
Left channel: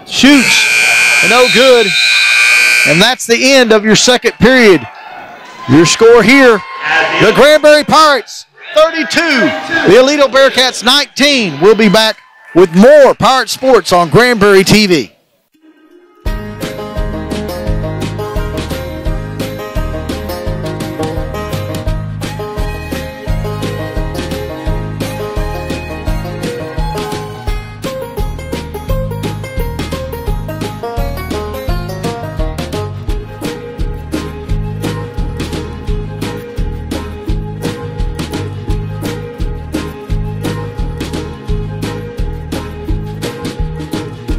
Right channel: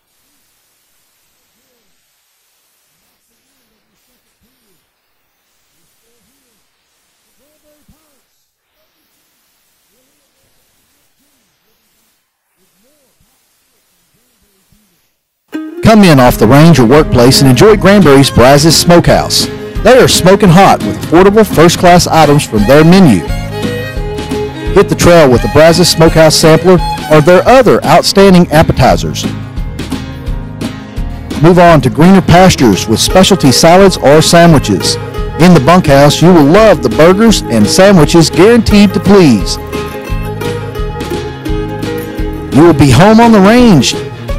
shoots, no good. And that's the end of your second period. Your score here, the Granbury Pirates 32, the Aledo Bearcats 19. We'll be back with more Pirate Sports on Granbury TV. Come in off the range or workplace and enjoy Granbury's Brazos Smokehouse. They are smoking hot with affordable first-class items from their menu. Hit the trail with the Brazos Smokehouse Sampler or their other outstanding appetizers. Move on to greener pastures with specialty salads or sandwiches. In the bunkhouse, you will love the burgers and sandwiches guaranteed to please. You will be home on the range.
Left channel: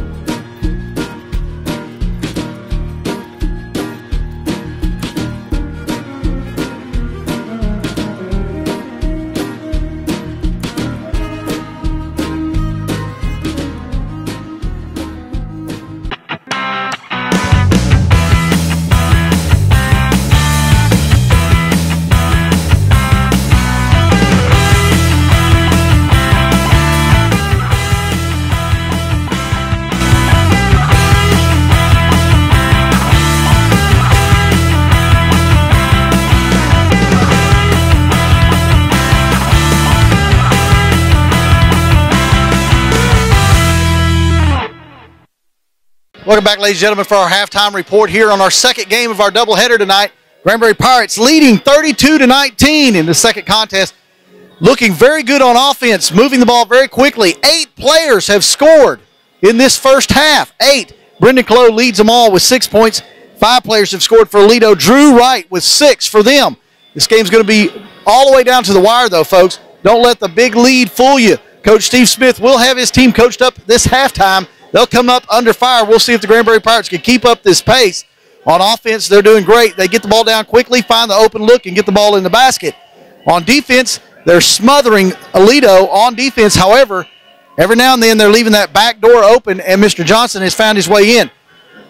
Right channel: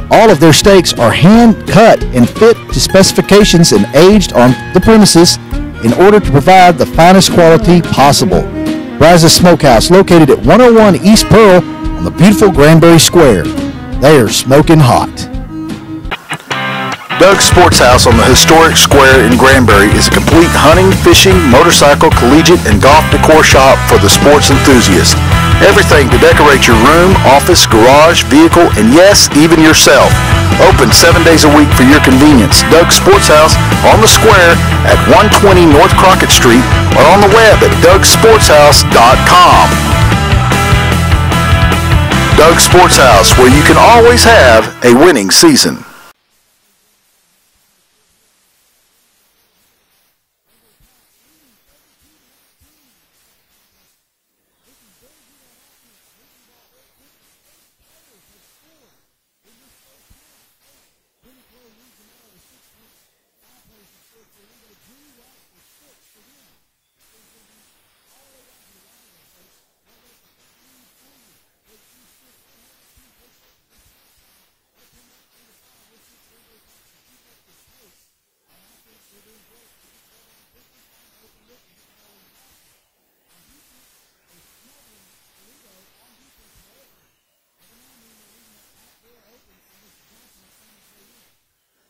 All of their steaks are hand-cut and fit to specifications and aged on the premises in order to provide the finest quality possible. Brazos Smokehouse, located at 101 East Pearl on the beautiful Granbury Square. They are smoking hot. Doug's Sports House on the historic square in Granbury is a complete hunting, fishing, motorcycle, collegiate, and golf decor shop for the sports enthusiast. Everything to decorate your room, office, garage, vehicle, and yes, even yourself. Open 7 days a week for your convenience. Doug's Sports House on the square at 120 North Crockett Street or on the web at dougsportshouse.com. Doug's Sports House, where you can always have a winning season. Welcome back, ladies and gentlemen, for our halftime report here on our second game of our doubleheader tonight. Granbury Pirates leading 32-19 in the second contest. Looking very good on offense, moving the ball very quickly. 8 players have scored in this first half. 8. Brendan Clough leads them all with 6 points. 5 players have scored for Aledo. Drew Wright with 6 for them. This game's going to be all the way down to the wire, though, folks. Don't let the big lead fool you. Coach Steve Smith will have his team coached up this halftime. They'll come up under fire. We'll see if the Granbury Pirates can keep up this pace. On offense, they're doing great. They get the ball down quickly, find the open look, and get the ball in the basket. On defense, they're smothering Aledo on defense. However, every now and then they're leaving that back door open, and Mr. Johnson has found his way in.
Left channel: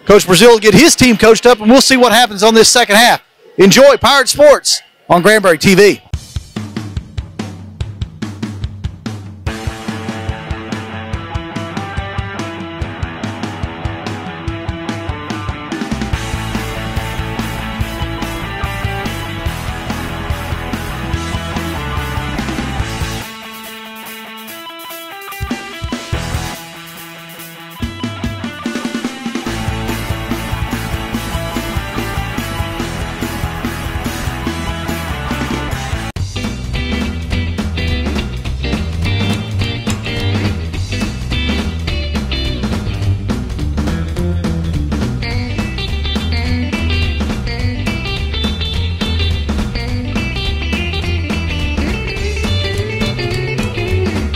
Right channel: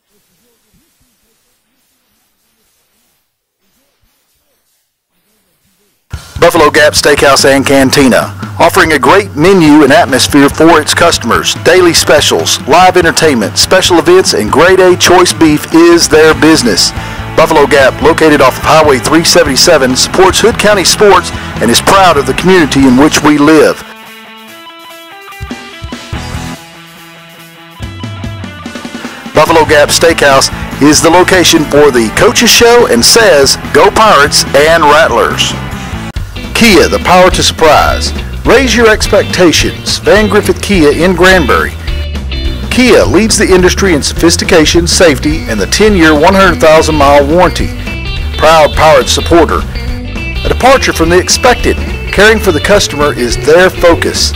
Coach Brazil will get his team coached up, and we'll see what happens on this second half. Enjoy Pirate Sports on Granbury TV. Buffalo Gap Steakhouse and Cantina, offering a great menu and atmosphere for its customers. Daily specials, live entertainment, special events, and grade A choice beef is their business. Buffalo Gap, located off of Highway 377, supports Hood County sports and is proud of the community in which we live. Buffalo Gap Steakhouse is the location for the Coaches Show and says, Go Pirates and Rattlers. Kia, the power to surprise. Raise your expectations. Van Griffith Kia in Granbury. Kia leads the industry in sophistication, safety, and the 10-year, 100,000-mile warranty. Proud Pirate supporter. A departure from the expected. Caring for the customer is their focus.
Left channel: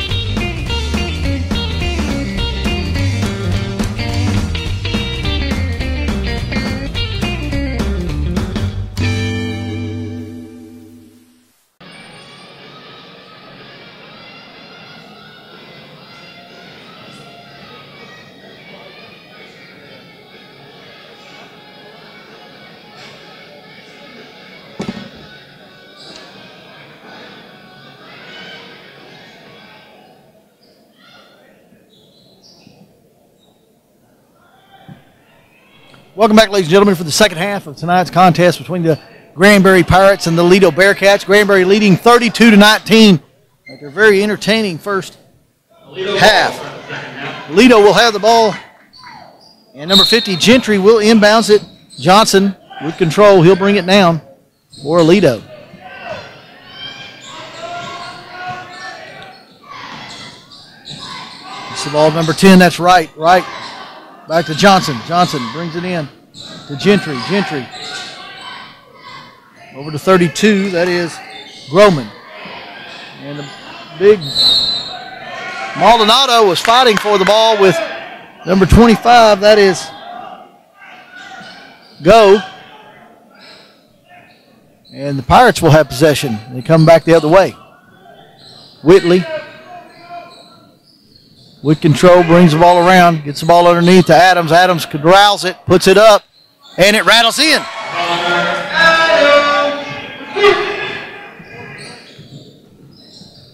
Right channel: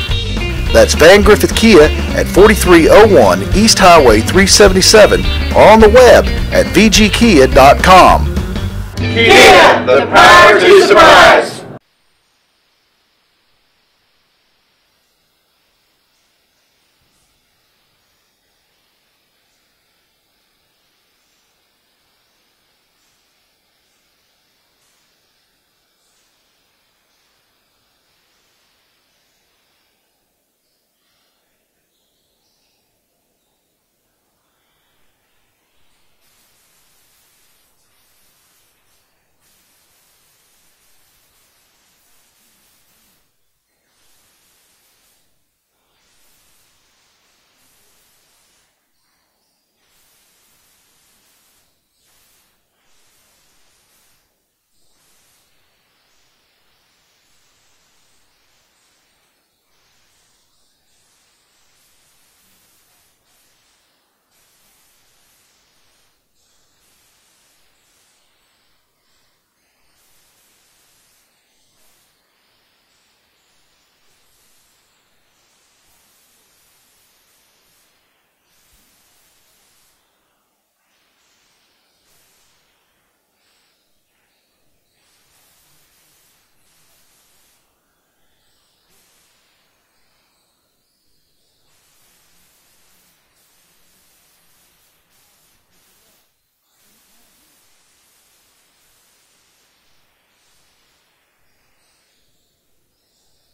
That's Van Griffith Kia at 4301 East Highway 377 or on the web at vgkia.com. Kia, the power to surprise. Welcome back, ladies and gentlemen, for the second half of tonight's contest between the Granbury Pirates and the Lido Bearcats. Granbury leading 32-19 after a very entertaining first half. Lido will have the ball, and number 50, Gentry, will inbounds it. Johnson with control. He'll bring it down for Lido. It's the ball, number 10. That's right. Back to Johnson. Johnson brings it in to Gentry. Gentry over to 32. That is Groman. And the big Maldonado was fighting for the ball with number 25. That is Go. And the Pirates will have possession. They come back the other way. Whitley with control, brings the ball around, gets the ball underneath to Adams. Adams corrals it, puts it up, and it rattles in.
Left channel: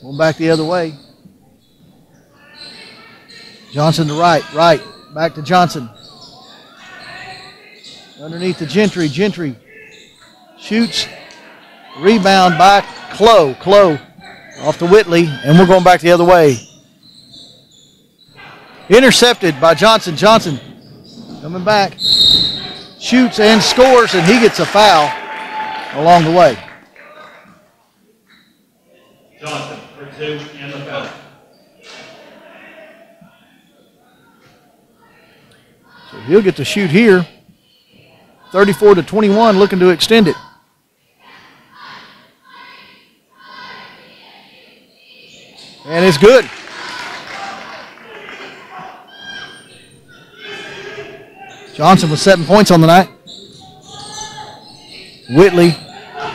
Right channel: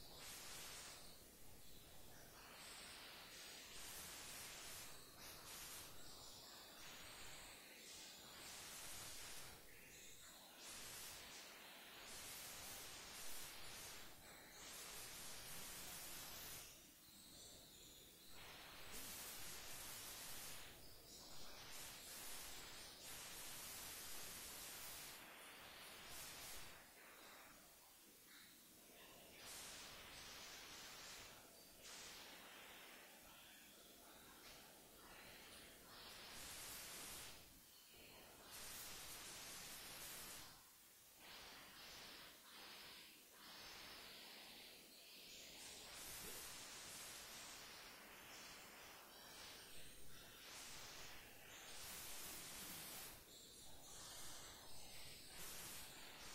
Going back the other way. Johnson to right, back to Johnson. Underneath to Gentry. Gentry shoots, rebound by Clough. Clough off to Whitley, and we're going back the other way. Intercepted by Johnson. Johnson coming back, shoots and scores, and he gets a foul along the way. Johnson for 2 and the foul. So he'll get to shoot here. 34-21, looking to extend it. And it's good. Johnson with 7 points on the night. Whitley.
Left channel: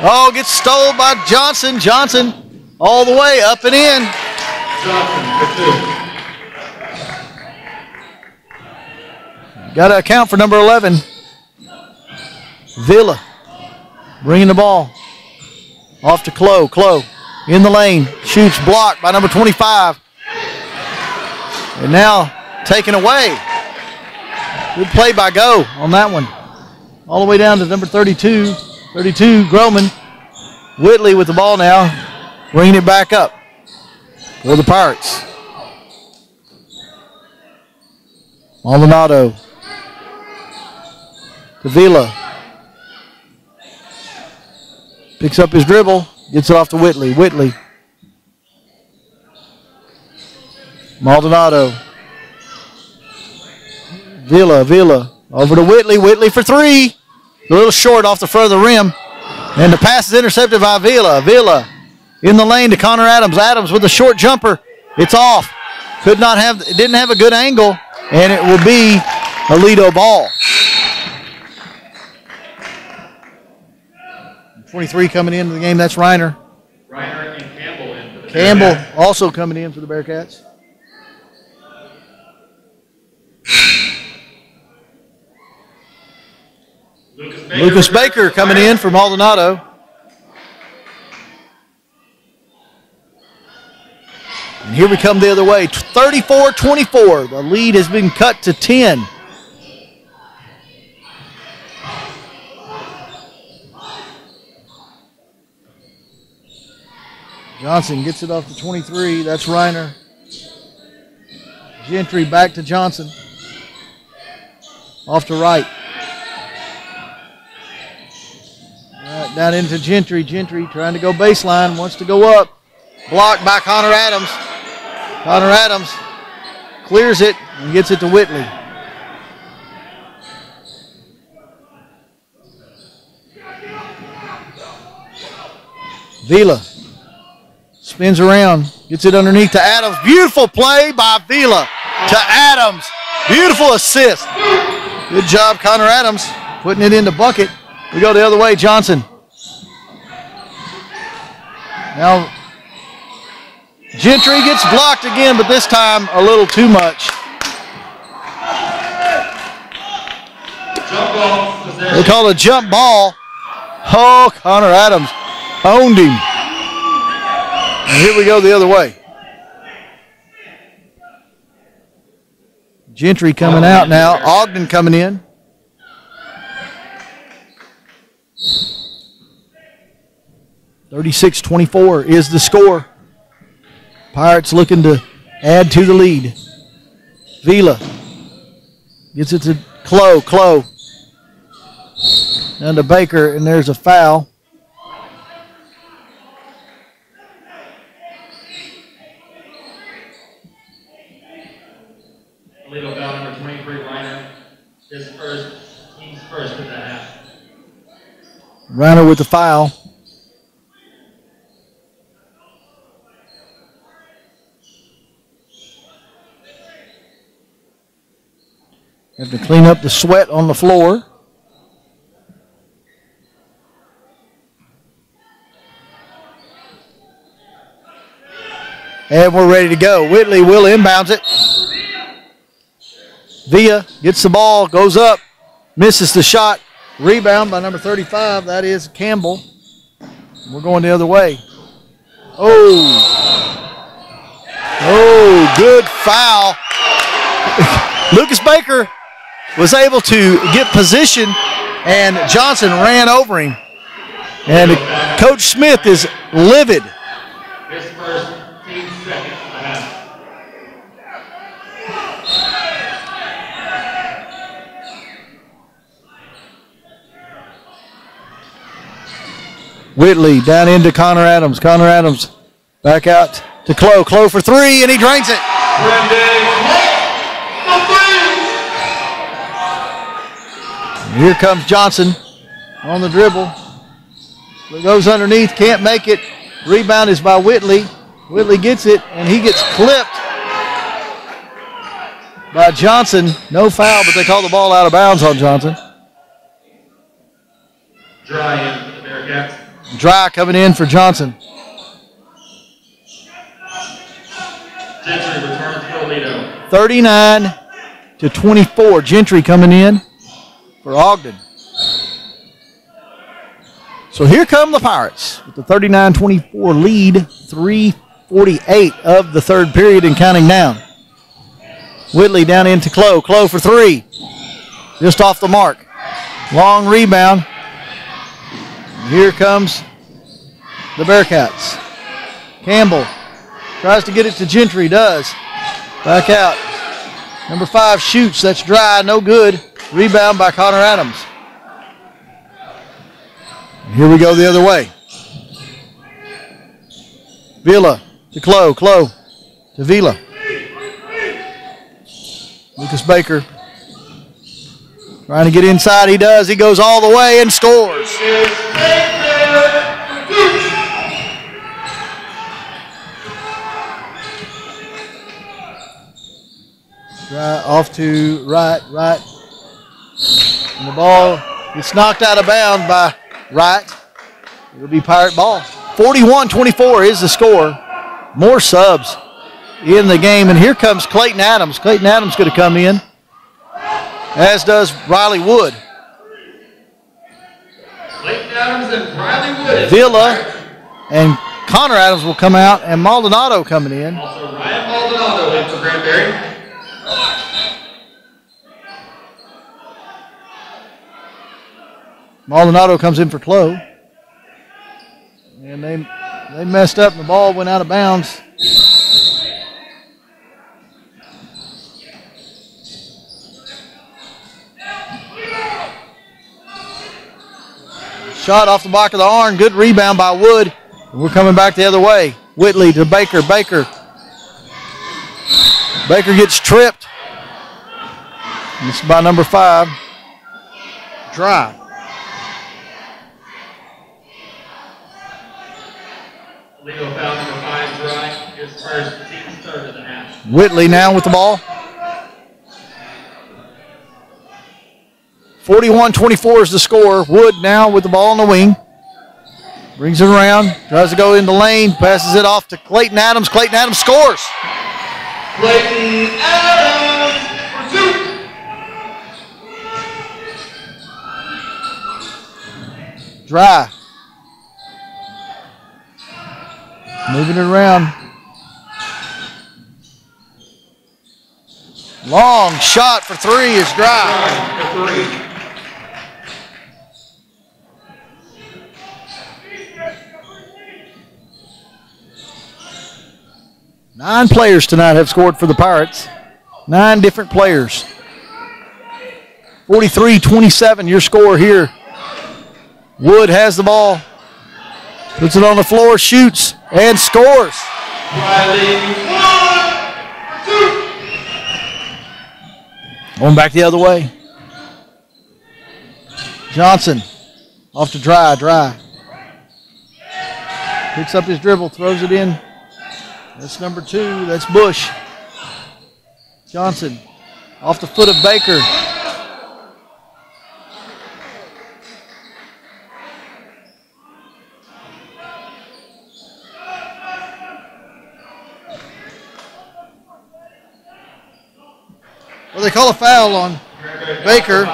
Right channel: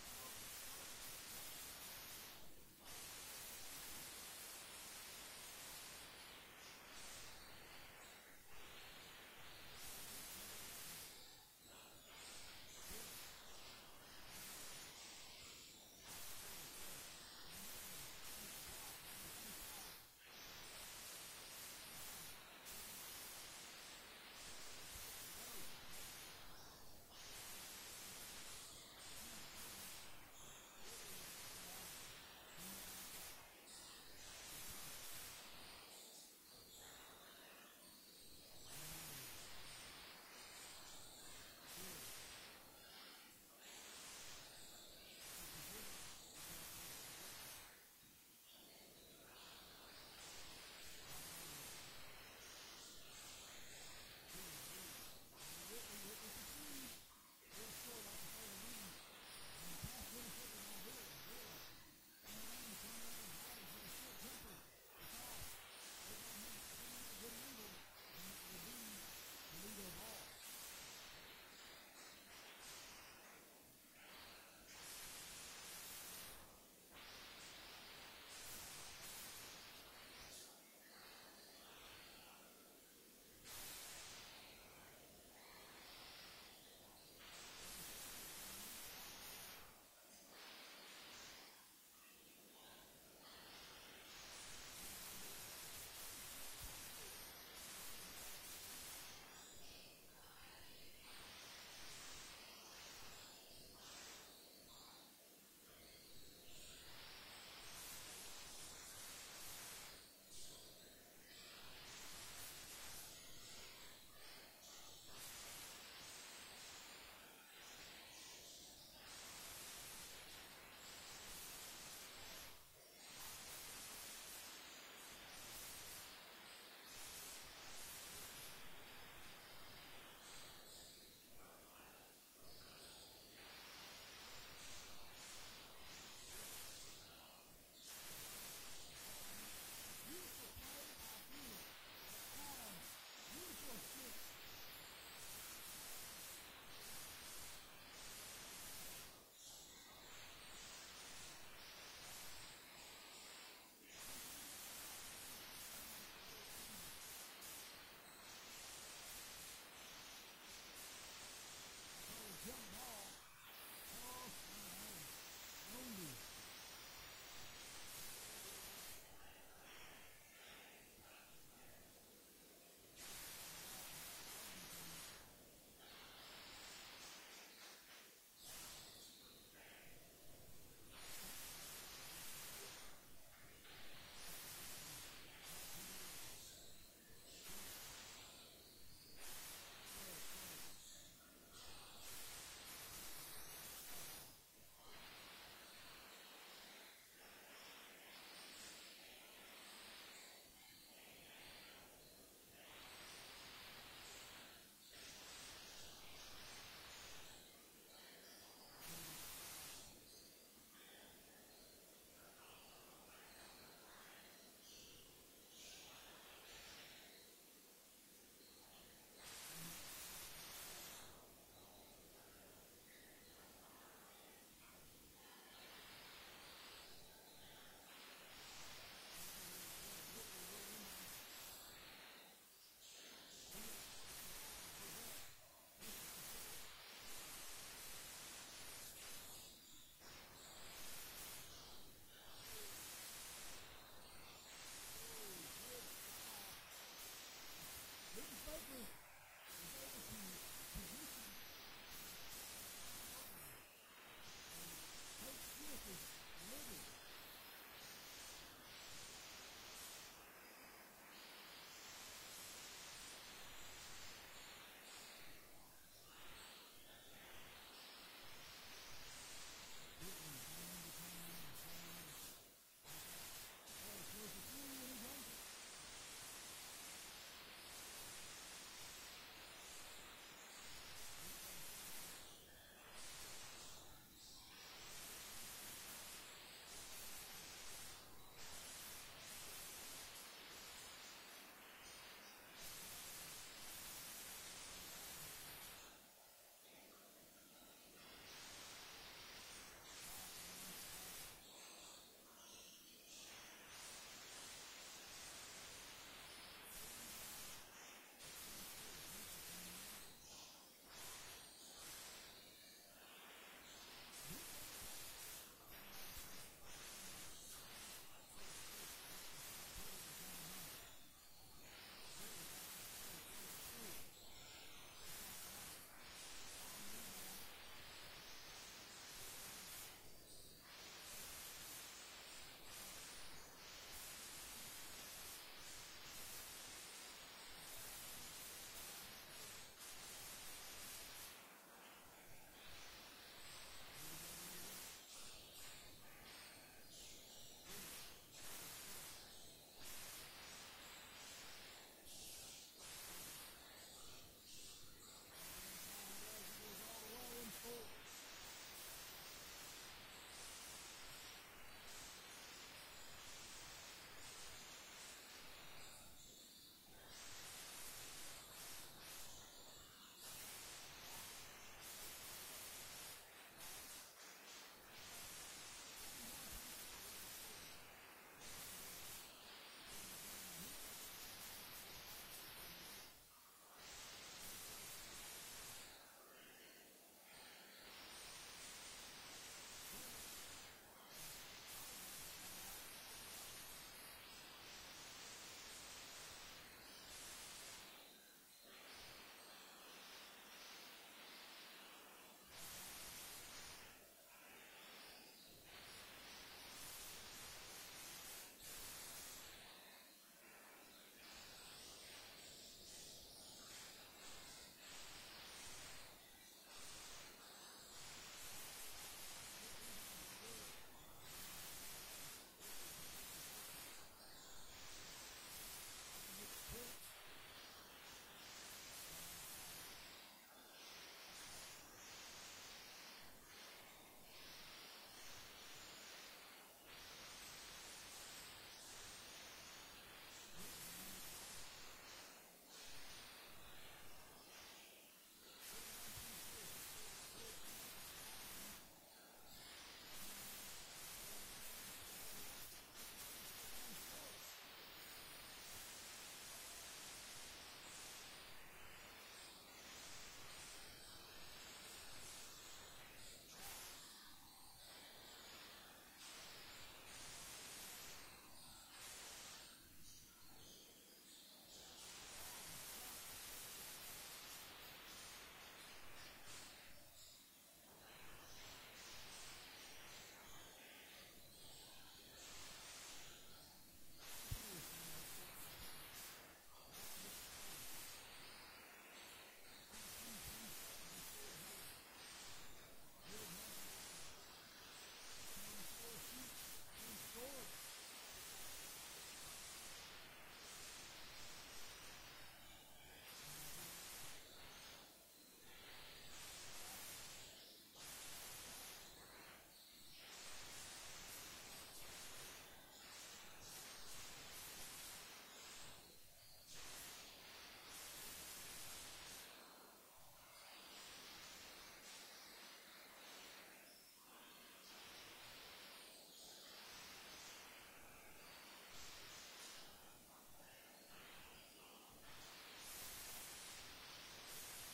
Oh, gets stole by Johnson. Johnson all the way up and in. Johnson for 2. Got to account for number 11. Villa bringing the ball off to Clough. Clough in the lane. Shoots, blocked by number 25. And now taken away. Good play by Go on that one. All the way down to number 32. 32, Groman. Whitley with the ball now, bringing it back up for the Pirates. Maldonado to Villa. Picks up his dribble, gets it off to Whitley. Whitley. Maldonado. Villa over to Whitley. Whitley for 3. A little short off the front of the rim. And the pass is intercepted by Villa. Villa in the lane to Connor Adams. Adams with a short jumper. It's off. Didn't have a good angle. And it will be a Lido ball. 23 coming into the game. That's Reiner. Reiner and Campbell in for the Campbell Bearcats. also coming in for the Bearcats. Lucas Baker coming in for Maldonado. And here we come the other way. 34-24. The lead has been cut to 10. Johnson gets it off to 23. That's Reiner. Gentry back to Johnson. Off to right. Right, down into Gentry. Gentry trying to go baseline. Wants to go up. Blocked by Connor Adams. Connor Adams clears it and gets it to Whitley. Villa spins around, gets it underneath to Adams. Beautiful play by Villa to Adams. Beautiful assist. Good job, Connor Adams, putting it in the bucket. We go the other way, Johnson. Now, Gentry gets blocked again, but this time a little too much. Jump ball possession. They call it a jump ball. Oh, Connor Adams owned him. And here we go the other way. Gentry coming out now. Ogden coming in. 36-24 is the score. Pirates looking to add to the lead. Vila gets it to Clow. Down to Baker, and there's a foul. Illegal foul number 23, Reiner. His first, he's first in the half. Reiner with the foul. Have to clean up the sweat on the floor. And we're ready to go. Whitley will inbounds it. Villa gets the ball, goes up, misses the shot. Rebound by number 35. That is Campbell. We're going the other way. Oh, good foul. Lucas Baker was able to get position, and Johnson ran over him. And Coach Smith is livid. His first, team second. Whitley down into Connor Adams. Connor Adams back out to Clow. Clow for three, and he drains it. Here comes Johnson on the dribble. It goes underneath, can't make it. Rebound is by Whitley. Whitley gets it, and he gets clipped by Johnson. No foul, but they call the ball out of bounds on Johnson. Dry in for the Bearcats. Dry coming in for Johnson. Gentry returns for Toledo. 39-24. Gentry coming in for Ogden. So here come the Pirates with the 39-24 lead, 3:48 of the third period and counting down. Whitley down into Clow. Clow for three. Just off the mark. Long rebound. Here comes the Bearcats. Campbell tries to get it to Gentry, does. Back out. Number 5 shoots, that's dry, no good. Rebound by Connor Adams. Here we go the other way. Villa to Clow, Clow to Villa. Lucas Baker trying to get inside, he does. He goes all the way and scores. Off to right. And the ball gets knocked out of bounds by Wright. It'll be Pirate ball. 41-24 is the score. More subs in the game. And here comes Clayton Adams. Clayton Adams going to come in, as does Riley Wood. Clayton Adams and Riley Wood. Villa and Connor Adams will come out, and Maldonado coming in. Also Ryan Maldonado in for Granbury. Maldonado comes in for Clow. And they messed up and the ball went out of bounds. Shot off the back of the arm. Good rebound by Wood. And we're coming back the other way. Whitley to Baker. Baker gets tripped. And this is by number 5. Dry. Legal foul number 5, Dry. His first, team's third of the half. Whitley now with the ball. 41-24 is the score. Wood now with the ball on the wing. Brings it around. Tries to go in the lane. Passes it off to Clayton Adams. Clayton Adams scores. Clayton Adams for 2. Dry. Moving it around. Long shot for 3 is Dry. For 3. 9 players tonight have scored for the Pirates. 9 different players. 43-27, your score here. Wood has the ball. Puts it on the floor, shoots, and scores. Going back the other way. Johnson off to Dry. Picks up his dribble, throws it in. That's number 2. That's Bush. Johnson off the foot of Baker. Well, they call a foul on Baker.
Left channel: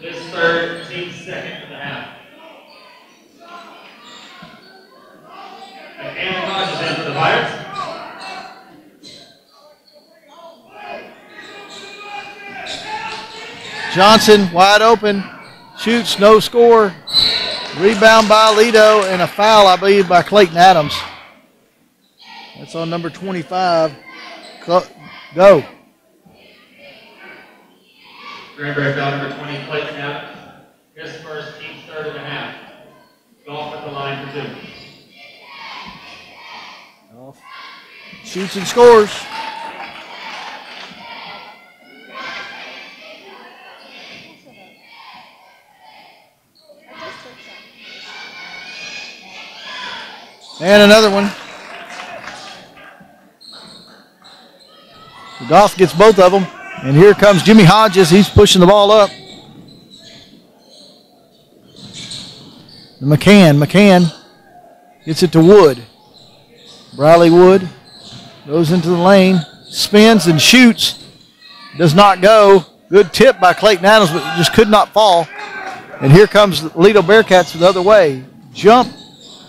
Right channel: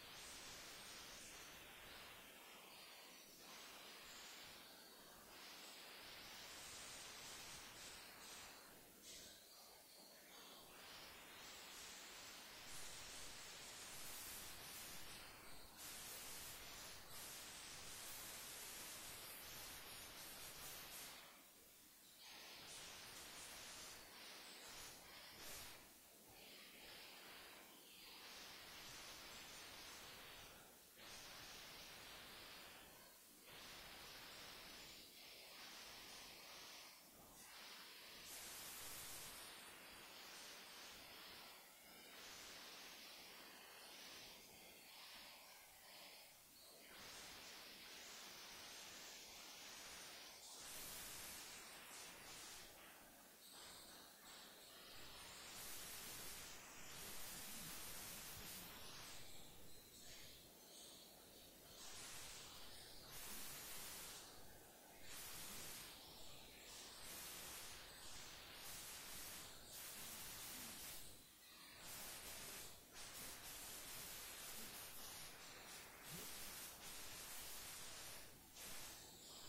His third, team's second for the half. And Hodges in for the Pirates. Johnson wide open, shoots, no score. Rebound by Lido and a foul, I believe, by Clayton Adams. That's on number 25. Go. Granbury foul number 20, Clayton Adams. His first, team's third and a half. Golf at the line for 2. Shoots and scores. And another one. Goff gets both of them. And here comes Jimmy Hodges. He's pushing the ball up. McCann gets it to Wood. Briley Wood goes into the lane, spins and shoots. Does not go. Good tip by Clayton Adams, but just could not fall. And here comes the Lido Bearcats the other way. Jump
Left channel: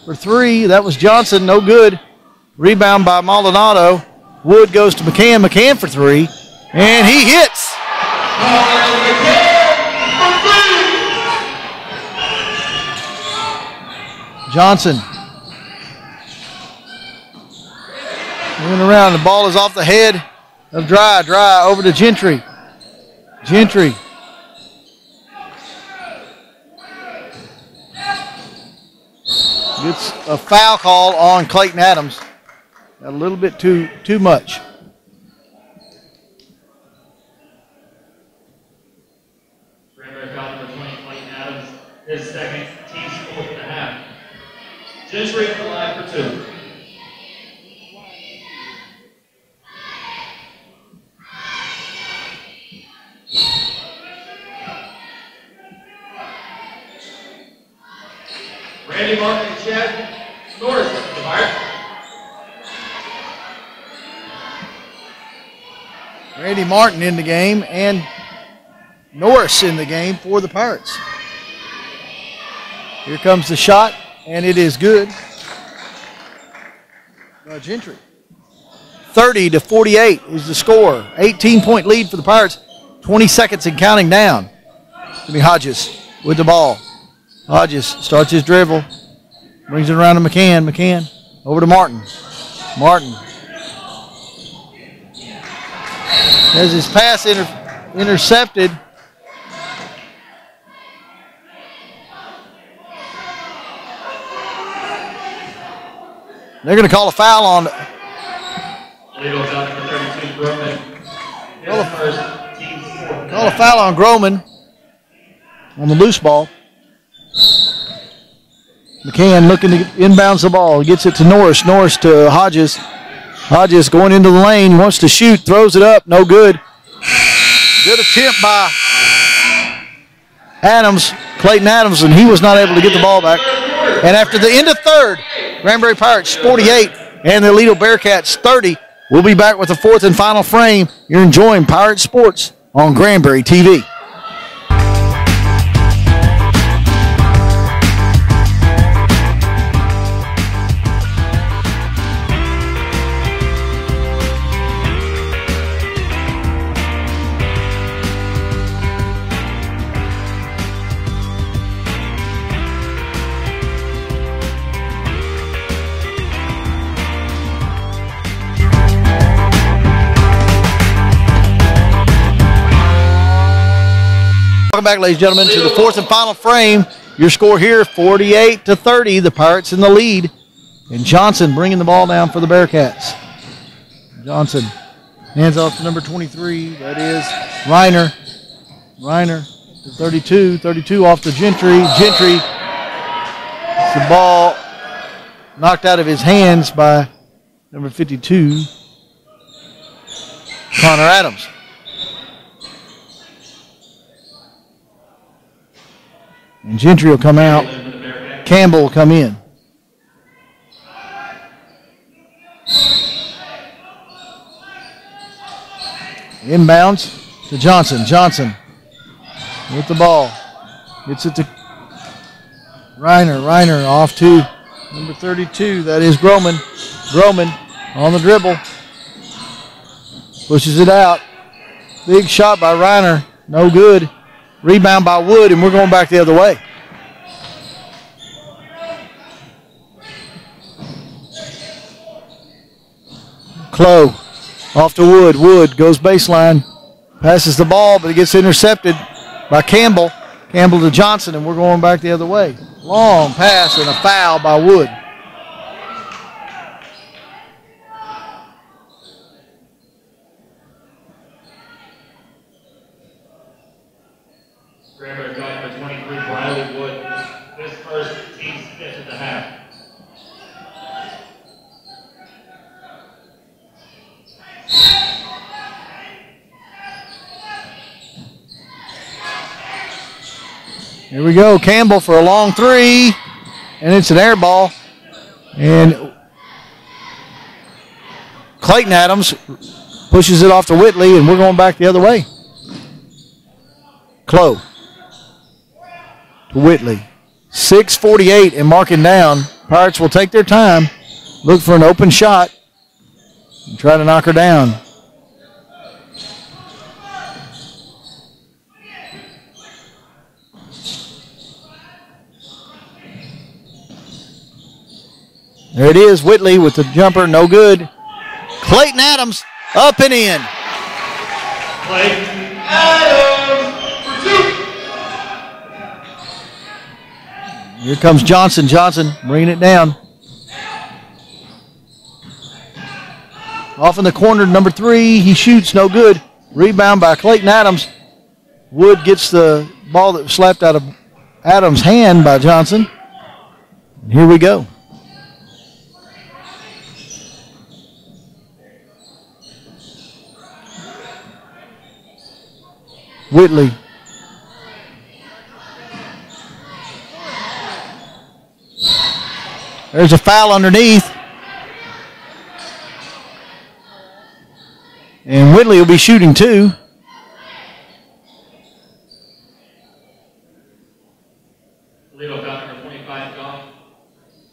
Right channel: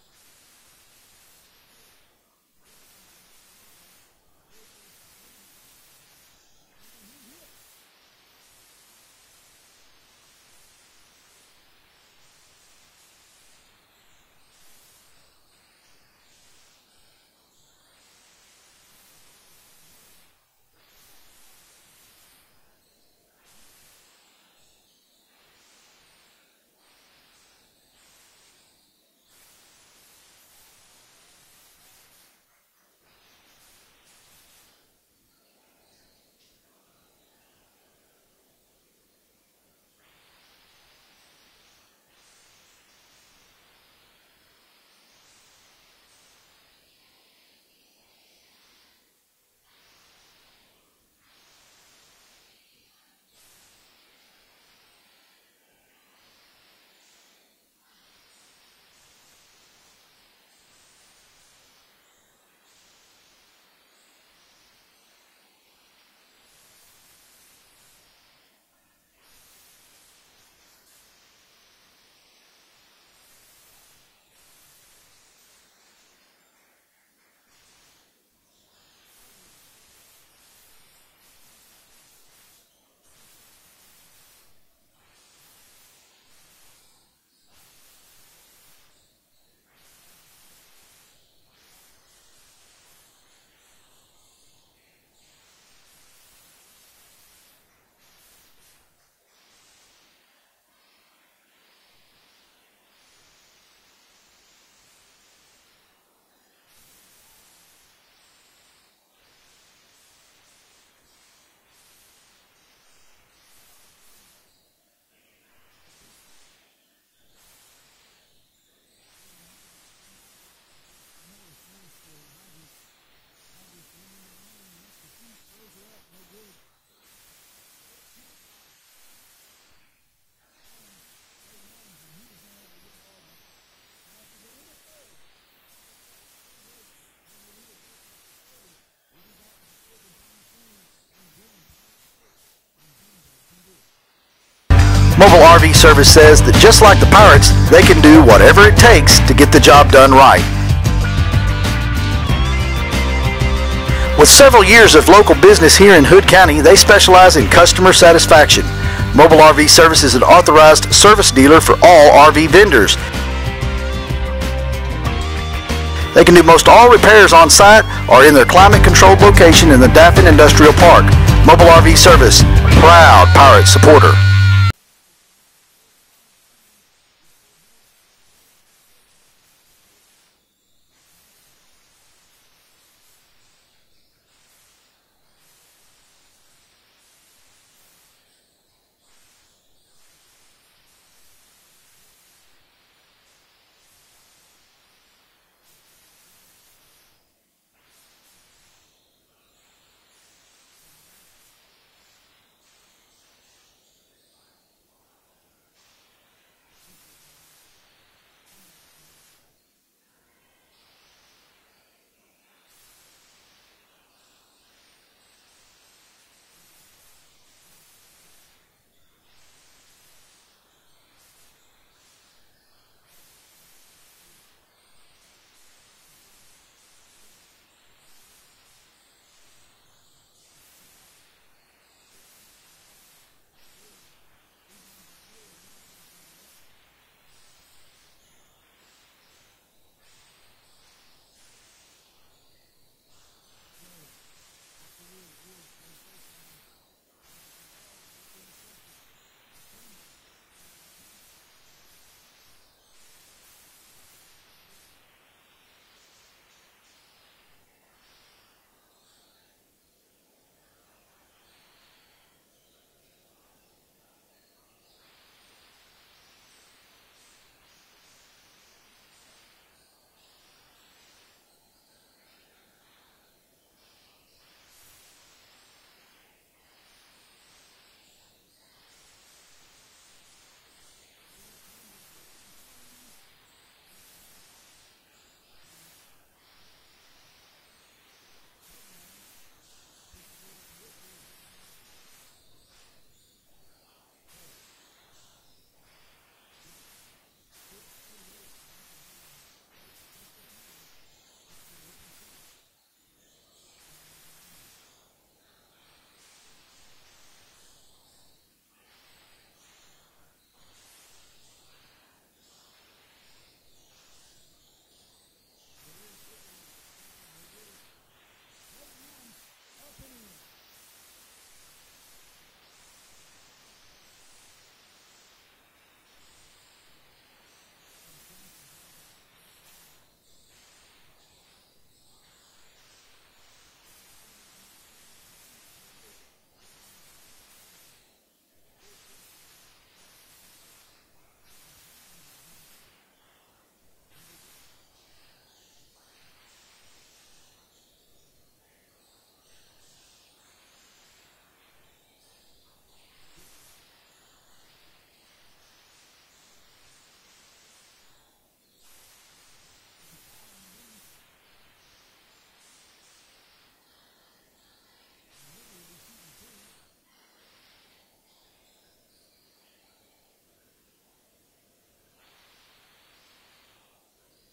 for 3. That was Johnson. No good. Rebound by Maldonado. Wood goes to McCann for 3. And he hits. Johnson. Moving around. The ball is off the head of Dry over to Gentry. Gentry. Gets a foul call on Clayton Adams. A little bit too much. Granbury foul number 20, Clayton Adams. His second, team's 4th and a half. Gentry at the line for 2. Randy Martin and Chad Norris for the Pirates. Randy Martin in the game and Norris in the game for the Pirates. Here comes the shot, and it is good. Gentry. 30-48 is the score. 18-point lead for the Pirates. 20 seconds and counting down. Jimmy Hodges with the ball. Hodges starts his dribble. Brings it around to McCann. McCann over to Martin. Martin has his pass intercepted. They're going to call a foul on. Call a foul on Groman on the loose ball. McCann looking to inbounds the ball. Gets it to Norris. Norris to Hodges. Hodges going into the lane. Wants to shoot. Throws it up. No good. Good attempt by Adams. Clayton Adams, and he was not able to get the ball back. And after the end of third, Granbury Pirates 48 and the Lido Bearcats 30. We'll be back with the 4th and final frame. You're enjoying Pirate Sports on Granbury TV. Mobile RV Service says that just like the Pirates, they can do whatever it takes to get the job done right. With several years of local business here in Hood County, they specialize in customer satisfaction. Mobile RV Service is an authorized service dealer for all RV vendors. They can do most all repairs on site or in their climate-controlled location in the Daffin Industrial Park. Mobile RV Service, proud Pirate supporter. Welcome back, ladies and gentlemen, to the fourth and final frame. Your score here, 48-30. The Pirates in the lead. And Johnson bringing the ball down for the Bearcats. Johnson hands off to number 23. That is Reiner. Reiner to 32. 32 off to Gentry. Gentry. The ball knocked out of his hands by number 52, Connor Adams. And Gentry will come out. Campbell will come in. Inbounds to Johnson. Johnson with the ball. Gets it to Reiner. Reiner off to number 32. That is Groman. Groman on the dribble. Pushes it out. Big shot by Reiner. No good. Rebound by Wood, and we're going back the other way. Clough off to Wood. Wood goes baseline. Passes the ball, but it gets intercepted by Campbell. Campbell to Johnson, and we're going back the other way. Long pass and a foul by Wood. Granbury got number 23, Riley Wood. This first team's fifth at the half. Here we go. Campbell for a long three, and it's an air ball. And Clayton Adams pushes it off to Whitley, and we're going back the other way. Clough to Whitley. 6:48 and marking down. Pirates will take their time, look for an open shot, and try to knock her down. There it is, Whitley with the jumper, no good. Clayton Adams up and in. Clayton Adams for two. Here comes Johnson. Johnson bringing it down. Off in the corner, number 3. He shoots, no good. Rebound by Clayton Adams. Wood gets the ball that was slapped out of Adams' hand by Johnson. And here we go. Whitley. There's a foul underneath. And Whitley will be shooting too. Lead off out number 25, Goff.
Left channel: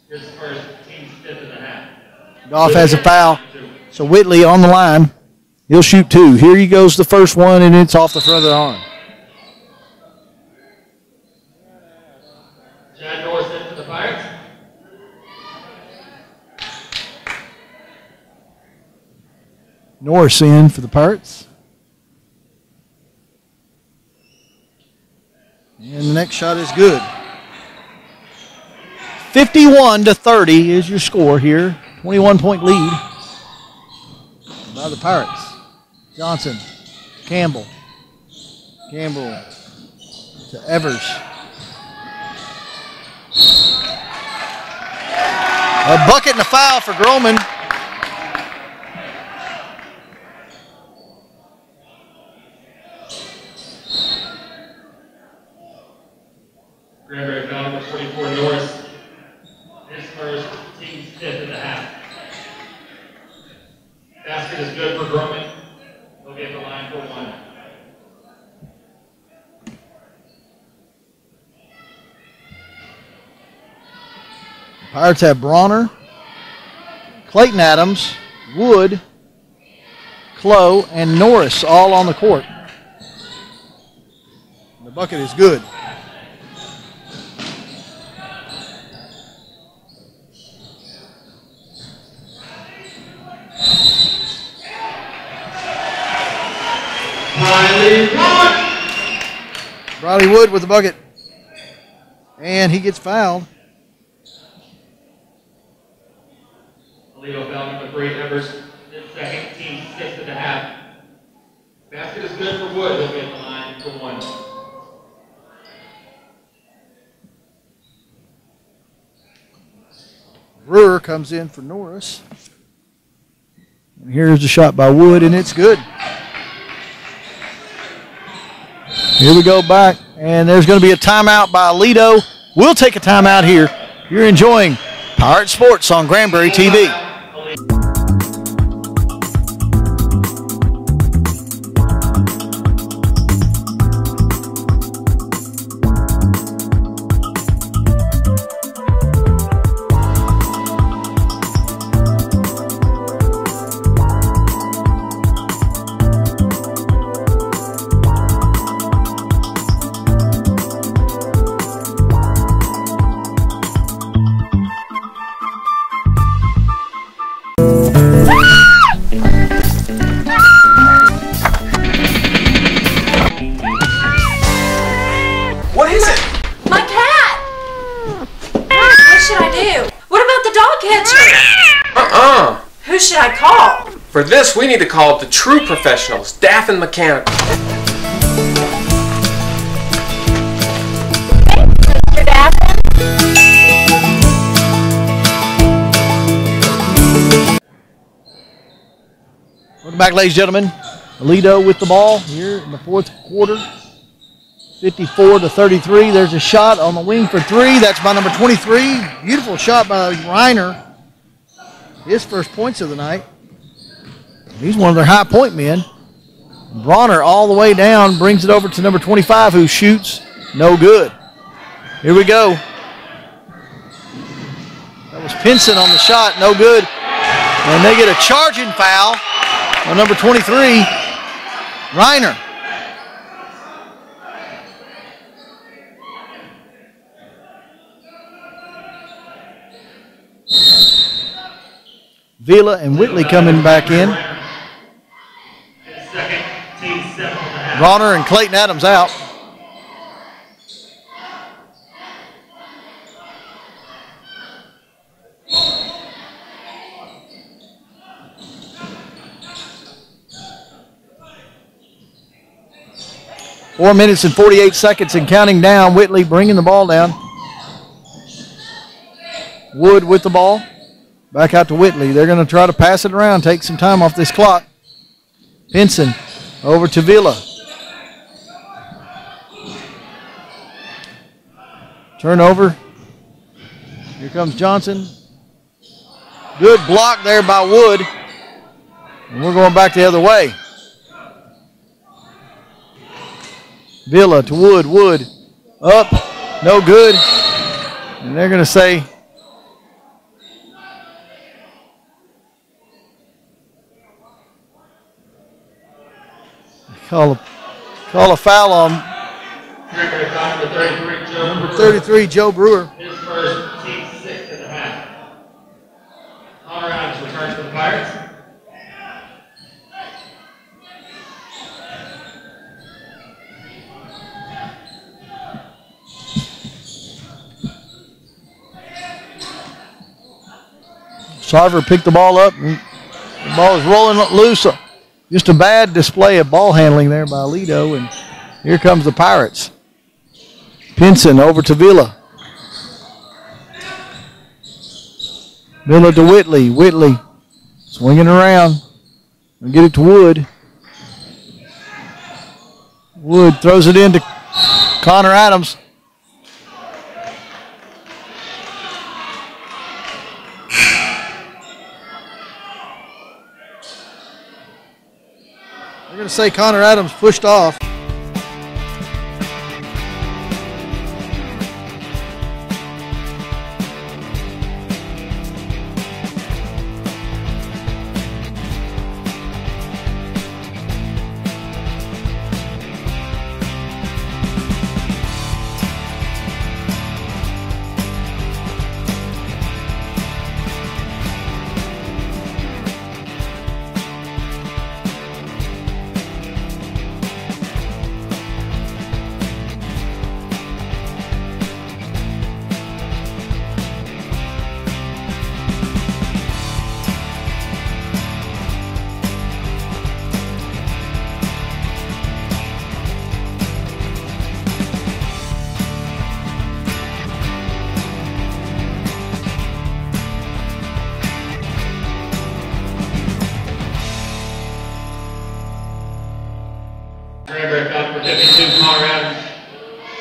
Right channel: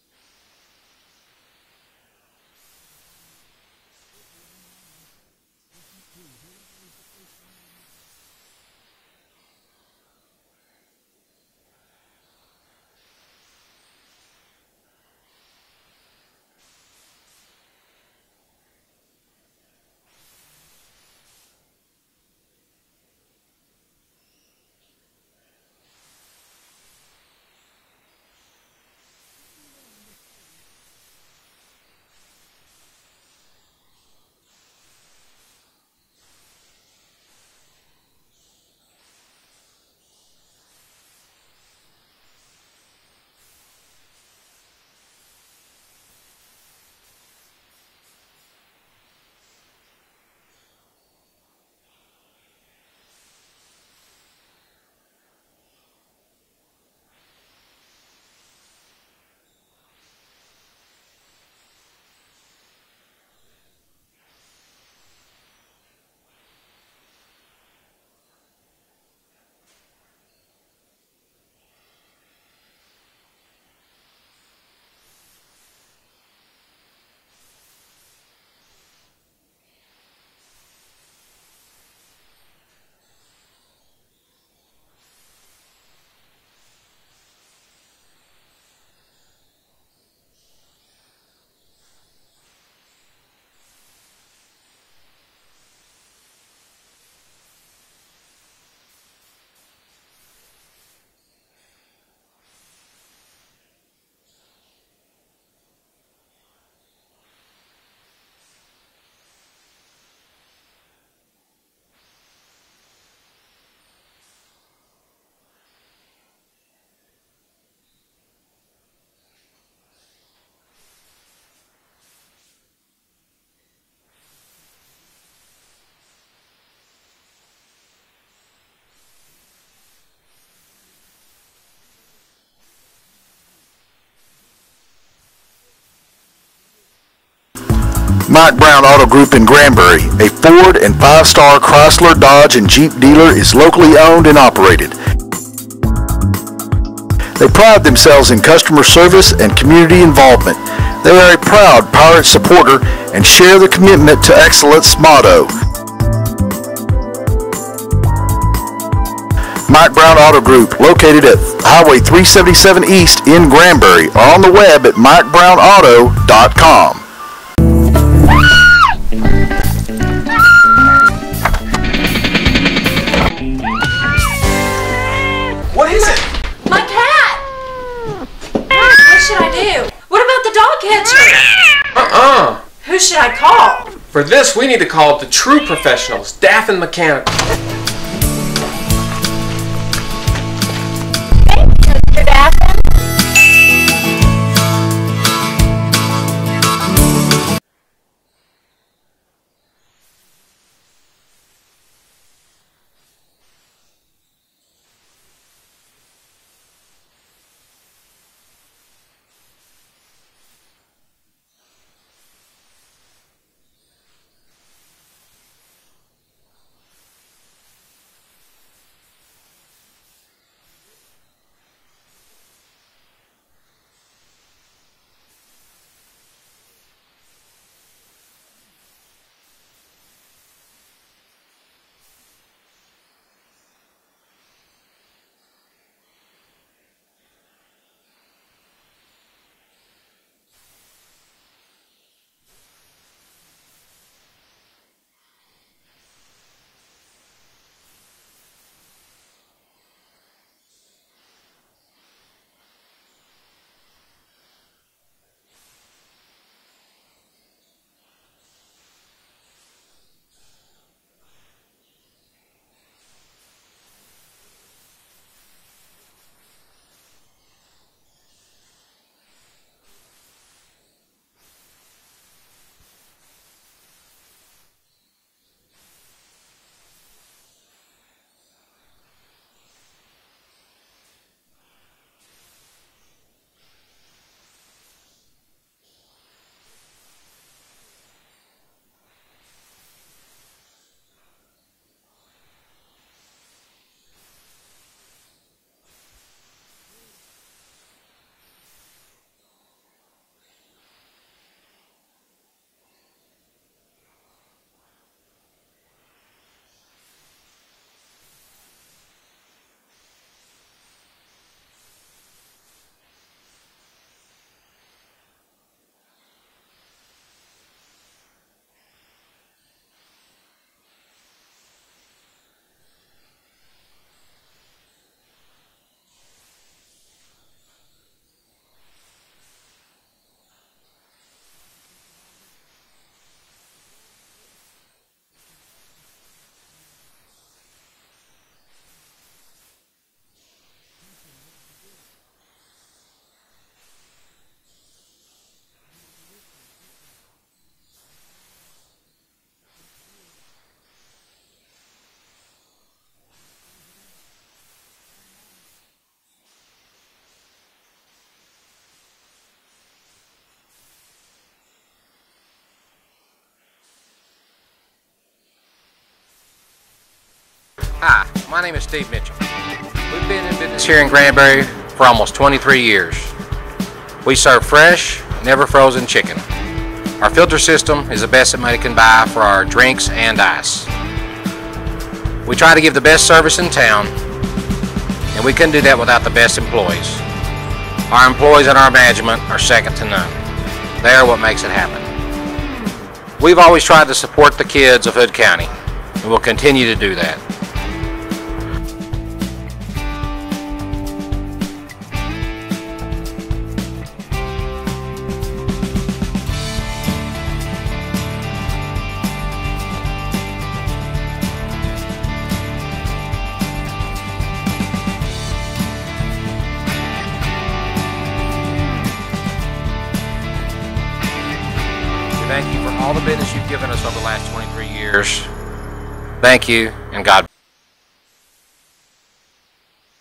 His first team's fifth and a half. Goff has a foul. So Whitley on the line. He'll shoot 2. Here he goes, the first one, and it's off the front of the arm. Chad Norris in for the Pirates. Norris in for the Pirates. And the next shot is good. 51-30 is your score here. 21-point lead by the Pirates. Johnson, Campbell. Campbell to Evers. A bucket and a foul for Groman. Granbury foul number 44, Norris. His first team's fifth and a half. Basket is good for Groman. He'll get the line for 1. Pirates have Bronner, Clayton Adams, Wood, Clough, and Norris all on the court. The bucket is good. Riley Wood with the bucket. And he gets fouled. Illegal foul number 3, Evers. His second, team 6.5. Basket is good for Wood. He'll be at the line for 1. Brewer comes in for Norris. And here's the shot by Wood, and it's good. Here we go back, and there's going to be a timeout by Lido. We'll take a timeout here. You're enjoying Pirate Sports on Granbury TV. Mike Brown Auto Group in Granbury, a Ford and 5-star Chrysler, Dodge, and Jeep dealer, is locally owned and operated. They pride themselves in customer service and community involvement. They are a proud Pirate supporter and share the commitment to excellence motto. Mike Brown Auto Group, located at Highway 377 East in Granbury, or on the web at MikeBrownAuto.com. What is it? My cat! What should I do? What about the dog catcher? Who should I call? For this, we need to call the true professionals, Staff and Mechanical. Mr. Daffin? Welcome back, ladies and gentlemen. Lido with the ball here in the fourth quarter. 54-33. There's a shot on the wing for 3. That's by number 23. Beautiful shot by Reiner. His first points of the night. He's one of their high point men. Bronner all the way down, brings it over to number 25, who shoots no good. Here we go. That was Pinson on the shot, no good. And they get a charging foul on number 23, Reiner. Vila and Whitley coming back in. Bronner and Clayton Adams out. Four minutes and 48 seconds and counting down. Whitley bringing the ball down. Wood with the ball. Back out to Whitley. They're going to try to pass it around, take some time off this clock. Pinson over to Vila. Turnover. Here comes Johnson. Good block there by Wood. And we're going back the other way. Vila to Wood. Wood up. No good. And they're going to say call a foul on number 33, Joe Brewer. His first, team 6.5. Connor Adams returns for the Pirates. Sarver picked the ball up. And the ball is rolling loose. Just a bad display of ball handling there by Lido, and here comes the Pirates. Pinson over to Vila. Vila to Whitley. Whitley swinging around. And get it to Wood. Wood throws it into Connor Adams. Going to say Connor Adams pushed off. Hi, my name is Steve Mitchell. We've been in business here in Granbury for almost 23 years. We serve fresh, never frozen chicken. Our filter system is the best that money can buy for our drinks and ice. We try to give the best service in town, and we couldn't do that without the best employees. Our employees and our management are second to none. They are what makes it happen. We've always tried to support the kids of Hood County. and we'll continue to do that. Thank you for all the business you've given us over the last 23 years. Thank you, and God bless. Granbury out for 52, Connor Adams.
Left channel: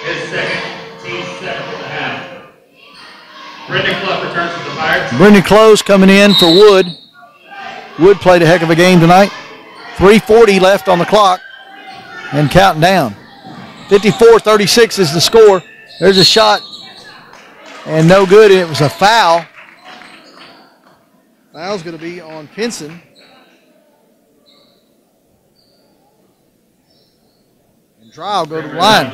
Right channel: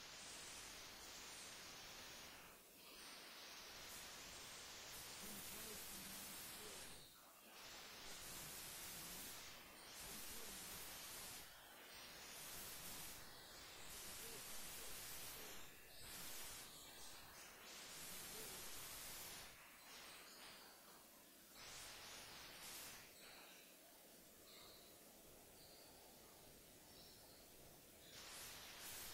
His second, team 7.5. Brendan Clough returns to the Pirates. Brendan Close coming in for Wood. Wood played a heck of a game tonight. 3:40 left on the clock and counting down. 54-36 is the score. There's a shot and no good. It was a foul. Foul's going to be on Pinson. And Dry will go to the line.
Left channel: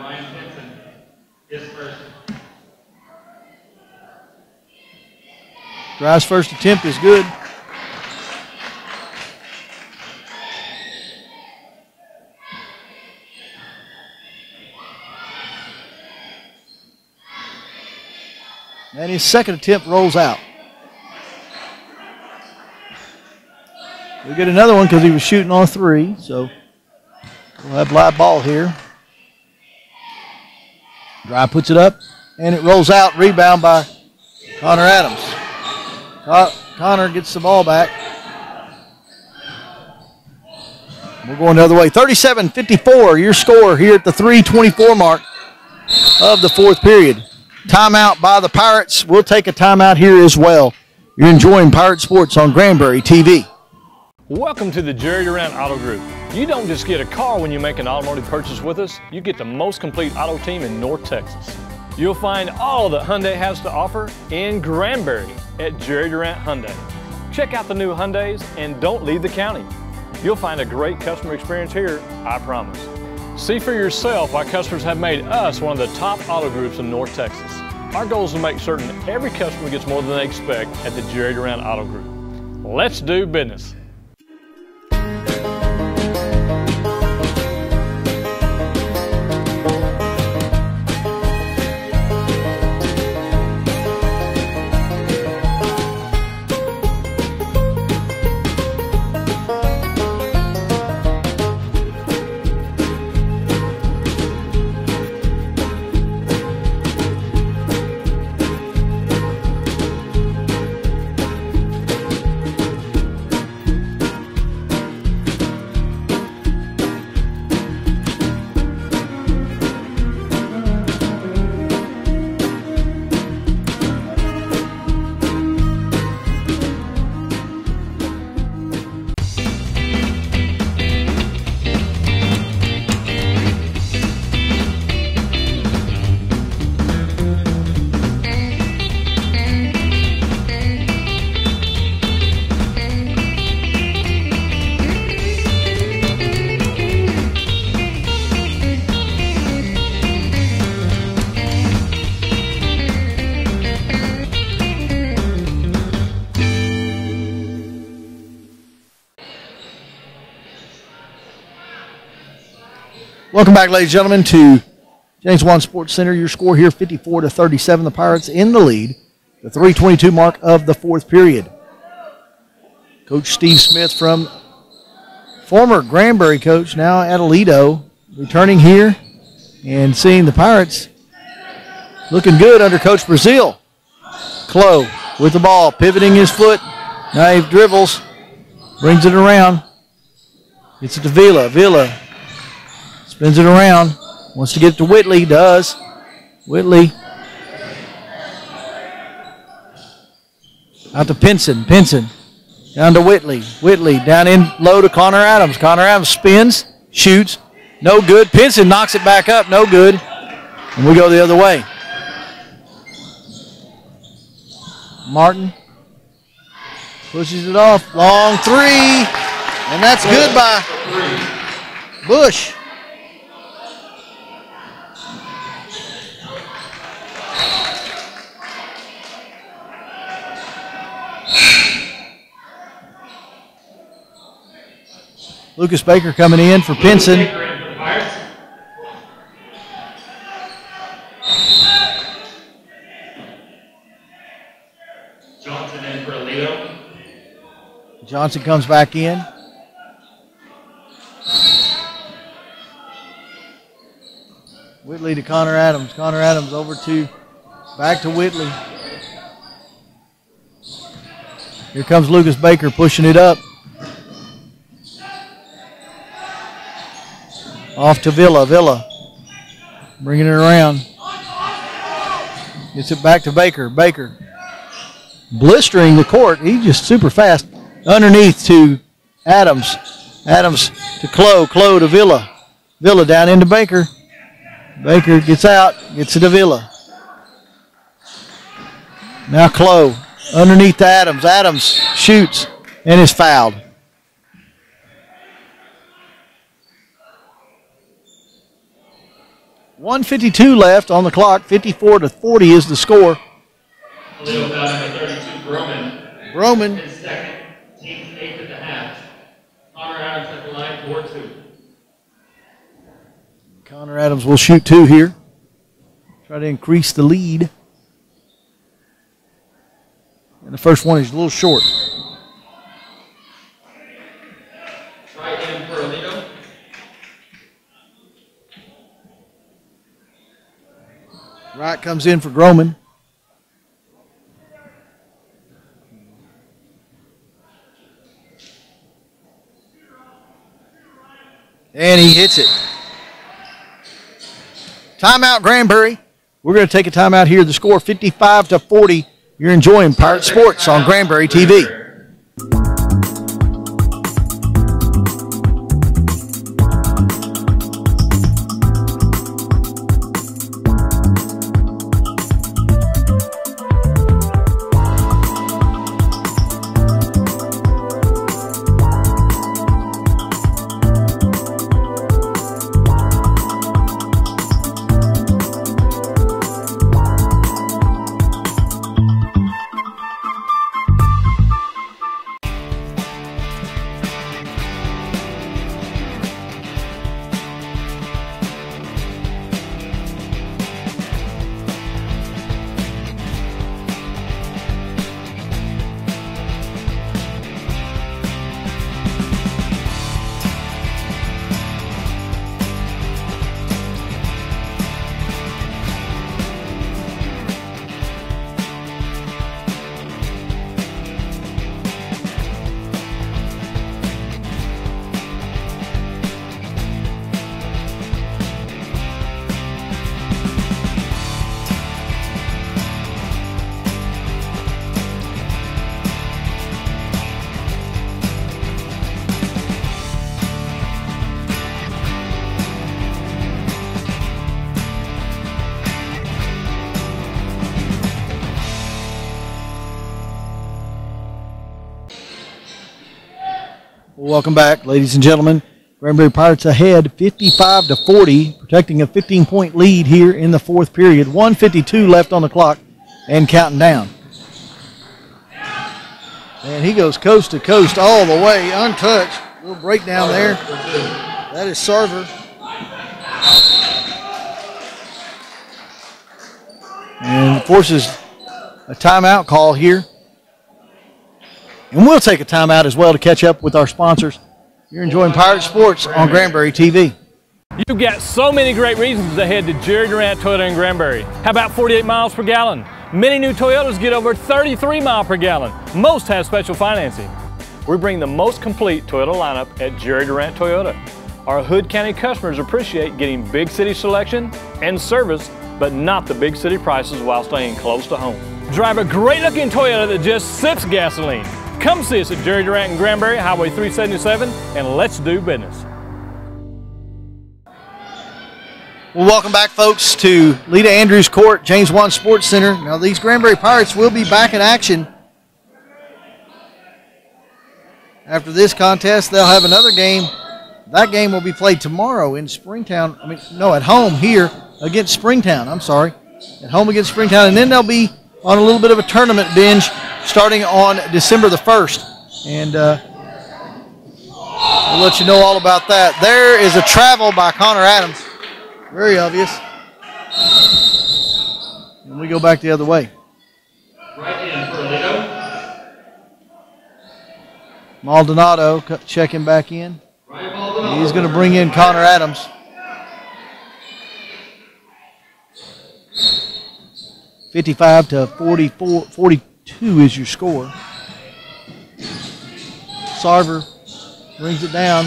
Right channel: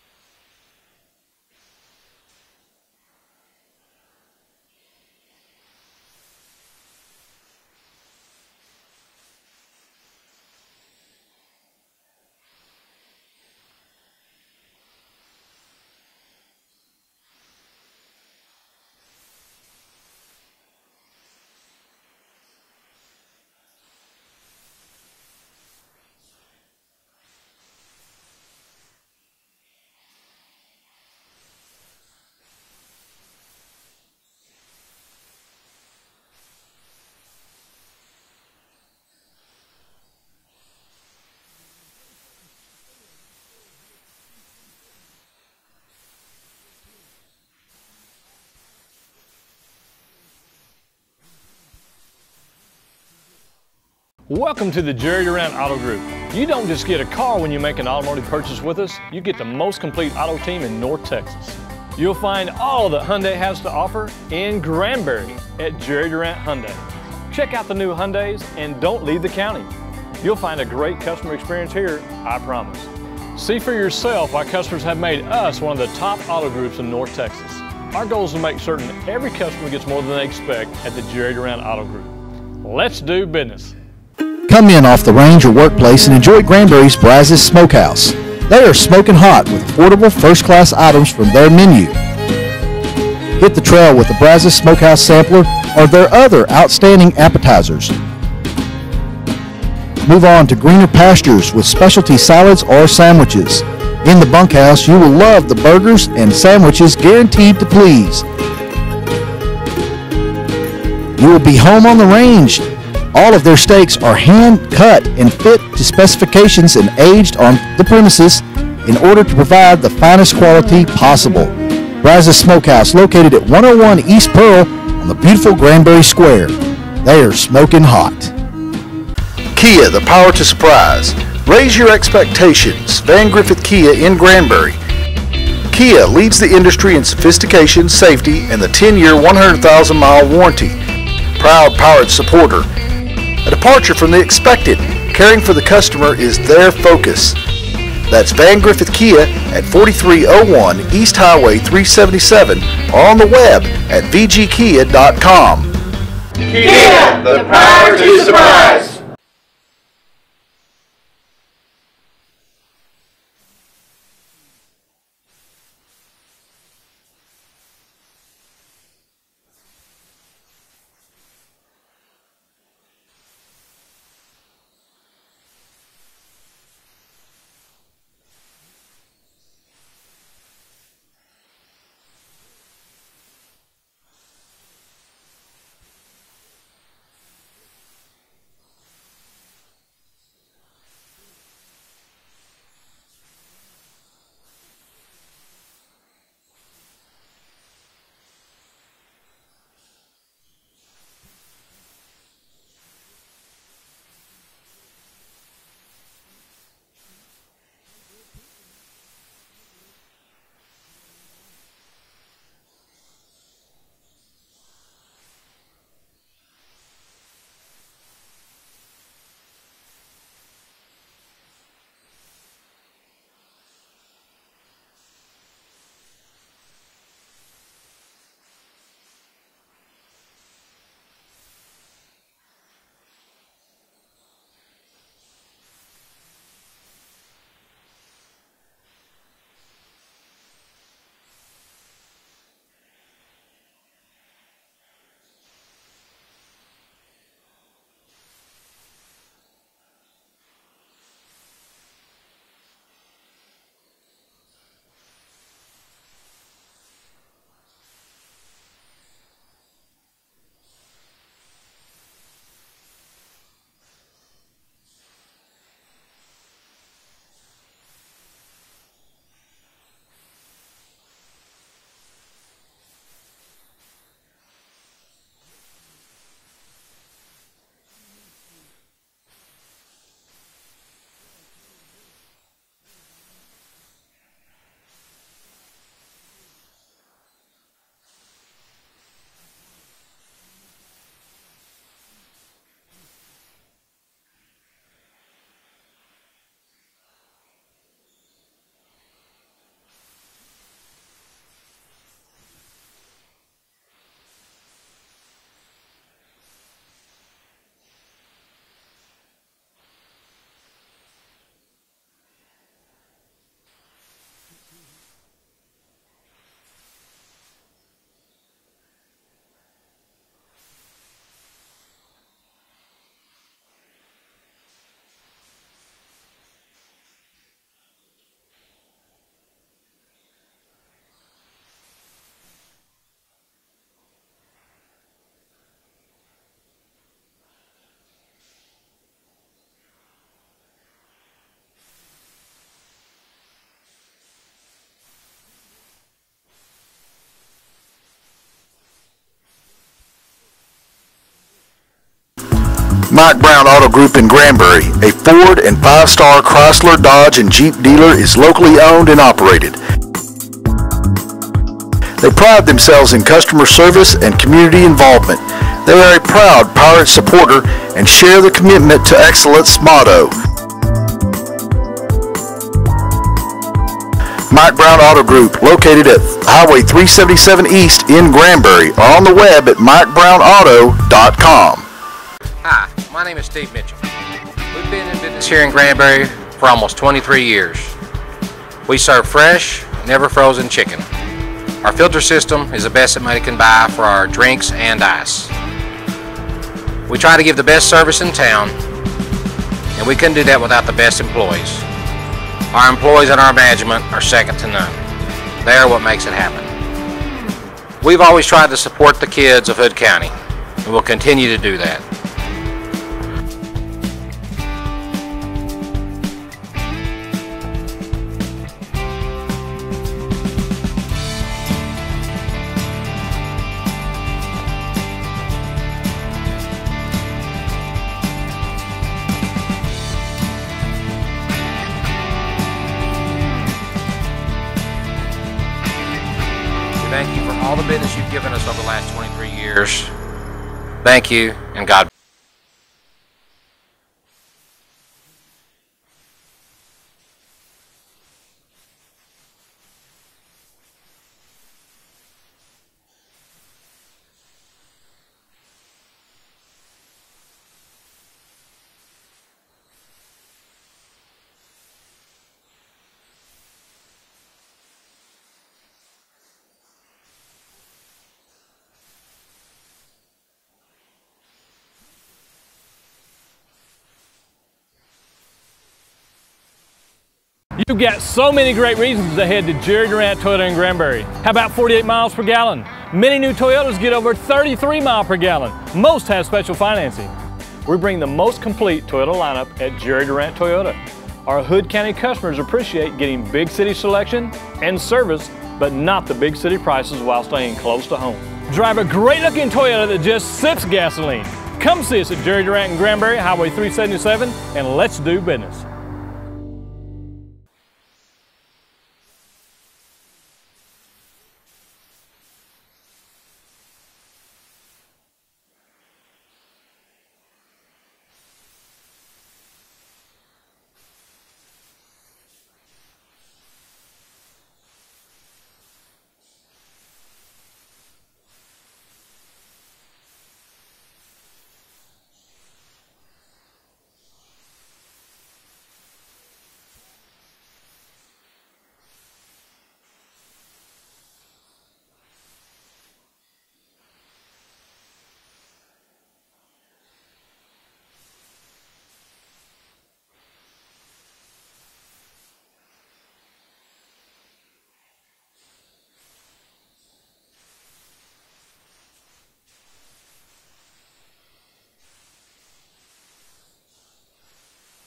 Ryan Pinson, his first. Dry's first attempt is good. And his second attempt rolls out. We'll get another one because he was shooting on 3, so we'll have live ball here. Dry puts it up, and it rolls out. Rebound by Connor Adams. Connor gets the ball back. We're going the other way. 37-54, your score here at the 3:24 mark of the fourth period. Timeout by the Pirates. We'll take a timeout here as well. You're enjoying Pirate Sports on Granbury TV. Welcome to the Jerry Durant Auto Group. You don't just get a car when you make an automotive purchase with us, you get the most complete auto team in North Texas. You'll find all that Hyundai has to offer in Granbury at Jerry Durant Hyundai. Check out the new Hyundais and don't leave the county. You'll find a great customer experience here, I promise. See for yourself why customers have made us one of the top auto groups in North Texas. Our goal is to make certain every customer gets more than they expect at the Jerry Durant Auto Group. Let's do business. Come in off the range or workplace and enjoy Granbury's Brazos Smokehouse. They are smoking hot with portable first-class items from their menu. Hit the trail with the Brazos Smokehouse Sampler or their other outstanding appetizers. Move on to greener pastures with specialty salads or sandwiches. In the bunkhouse, you will love the burgers and sandwiches guaranteed to please. You will be home on the range. All of their steaks are hand-cut and fit to specifications and aged on the premises in order to provide the finest quality possible. Brazos Smokehouse, located at 101 East Pearl on the beautiful Granbury Square. They are smoking hot. Kia, the power to surprise. Raise your expectations. Van Griffith Kia in Granbury. Kia leads the industry in sophistication, safety, and the 10-year, 100,000-mile warranty. Proud Pirate supporter. A departure from the expected. Caring for the customer is their focus. That's Van Griffith Kia at 4301 East Highway 377 or on the web at vgkia.com. Kia, the power to surprise. Welcome back, ladies and gentlemen, to James Wan Sports Center. Your score here, 54-37. The Pirates in the lead. The 3:22 mark of the fourth period. Coach Steve Smith, from former Granbury coach, now at Aledo, returning here and seeing the Pirates looking good under Coach Brazil. Clough with the ball, pivoting his foot. Now he dribbles, brings it around. Gets it to Villa. Villa spins it around. Wants to get it to Whitley. Does. Whitley. Out to Pinson. Pinson. Down to Whitley. Whitley down in low to Connor Adams. Connor Adams spins, shoots. No good. Pinson knocks it back up. No good. And we go the other way. Martin pushes it off. Long three. And that's good by Bush. Lucas Baker coming in for Pinson. Johnson in for Leo. Johnson comes back in. Whitley to Connor Adams. Connor Adams over to, back to Whitley. Here comes Lucas Baker pushing it up. Off to Villa. Villa bringing it around. Gets it back to Baker. Baker blistering the court. He's just super fast. Underneath to Adams. Adams to Clough. Clough to Villa. Villa down into Baker. Baker gets out. Gets it to Villa. Now Clough. Underneath to Adams. Adams shoots and is fouled. .152 left on the clock. 54-40 is the score. Leo foul number 32, Broman. Broman. His second, team's 8th at the half. Connor Adams at the line, 4-2. Connor Adams will shoot 2 here. Try to increase the lead. And the first one is a little short. Try in for Leo. Wright comes in for Groman. And he hits it. Timeout, Granbury. We're going to take a timeout here. The score 55-40. You're enjoying Pirate Sports on Granbury TV. Mike Brown Auto Group in Granbury, a Ford and 5-star Chrysler, Dodge, and Jeep dealer, is locally owned and operated. They pride themselves in customer service and community involvement. They are a proud Pirate supporter and share the commitment to excellence motto. Mike Brown Auto Group, located at Highway 377 East in Granbury, or on the web at MikeBrownAuto.com. Hi, my name is Steve Mitchell. We've been in business here in Granbury for almost 23 years. We serve fresh, never frozen chicken. Our filter system is the best that money can buy for our drinks and ice. We try to give the best service in town, and we couldn't do that without the best employees. Our employees and our management are second to none. They are what makes it happen. We've always tried to support the kids of Hood County, and we'll continue to do that. Thank you, and God. Welcome back, ladies and gentlemen. Granbury Pirates ahead 55-40, protecting a 15-point lead here in the fourth period. 1:52 left on the clock and counting down. And he goes coast to coast all the way, untouched. Little breakdown there. That is Sarver. And forces a timeout call here. And we'll take a timeout as well to catch up with our sponsors. You're enjoying Pirate Sports on Granbury TV. You've got so many great reasons to head to Jerry Durant Toyota in Granbury. How about 48 miles per gallon? Many new Toyotas get over 33 miles per gallon. Most have special financing. We bring the most complete Toyota lineup at Jerry Durant Toyota. Our Hood County customers appreciate getting big city selection and service, but not the big city prices while staying close to home. Drive a great looking Toyota that just sips gasoline. Come see us at Jerry Durant in Granbury, Highway 377, and let's do business. Well, welcome back, folks, to Lita Andrews Court, James Wan Sports Center. Now, these Granbury Pirates will be back in action. After this contest, they'll have another game. That game will be played tomorrow in Springtown. At home here against Springtown. I'm sorry. At home against Springtown. And then they'll be on a little bit of a tournament binge starting on December the 1st. And We'll let you know all about that. There is a travel by Connor Adams. Very obvious. And we go back the other way. Right in for Lido. Maldonado checking back in. He's going to bring in Connor Adams. (55-44, 42 is your score. Sarver brings it down.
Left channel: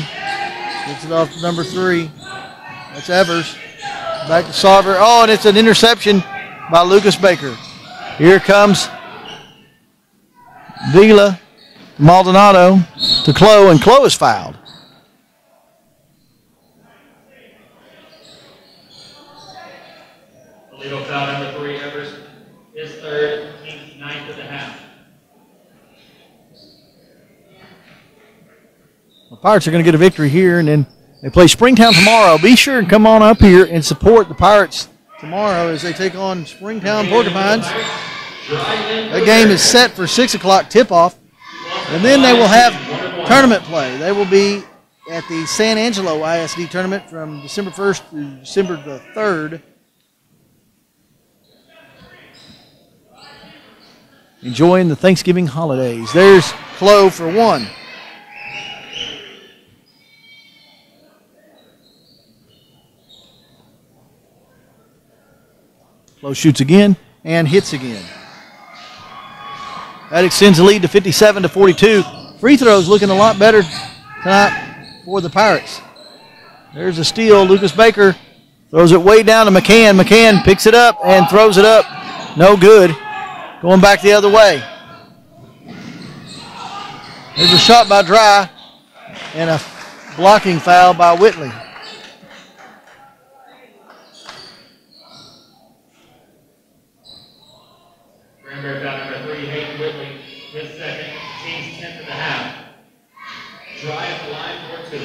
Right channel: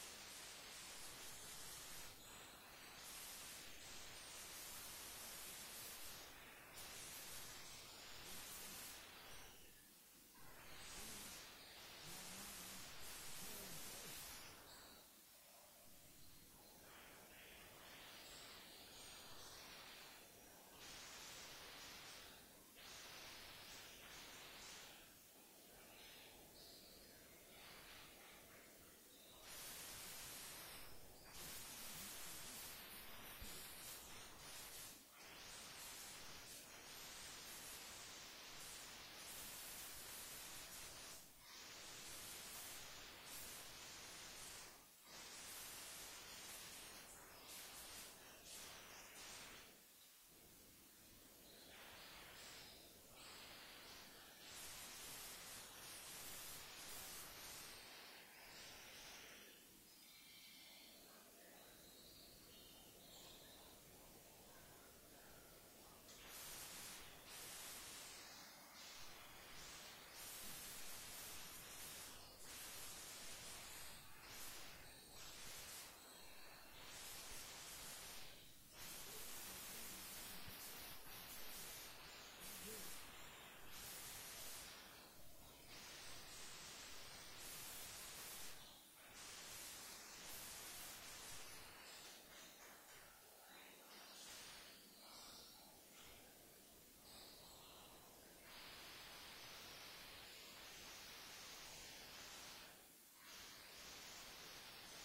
Gets it off to number 3. That's Evers. Back to Sarver. Oh, and it's an interception by Lucas Baker. Here comes Vila, Maldonado to Clough, and Clough is fouled. Illegal foul number 3, Evers. His third, team's 9th of the half. The Pirates are going to get a victory here, and then they play Springtown tomorrow. Be sure and come on up here and support the Pirates tomorrow as they take on Springtown Porcupines. That game is set for 6 o'clock tip-off, and then they will have tournament play. They will be at the San Angelo ISD tournament from December 1st to December the 3rd. Enjoying the Thanksgiving holidays. There's Clough for 1. Clough shoots again and hits again. That extends the lead to 57-42. Free throws looking a lot better tonight for the Pirates. There's a steal. Lucas Baker throws it way down to McCann. McCann picks it up and throws it up. No good. Going back the other way. There's a shot by Dry and a blocking foul by Whitley. Granbury foul number 3, Hayden Whitley. His second, team's 10th of the half. Dry at the line for 2.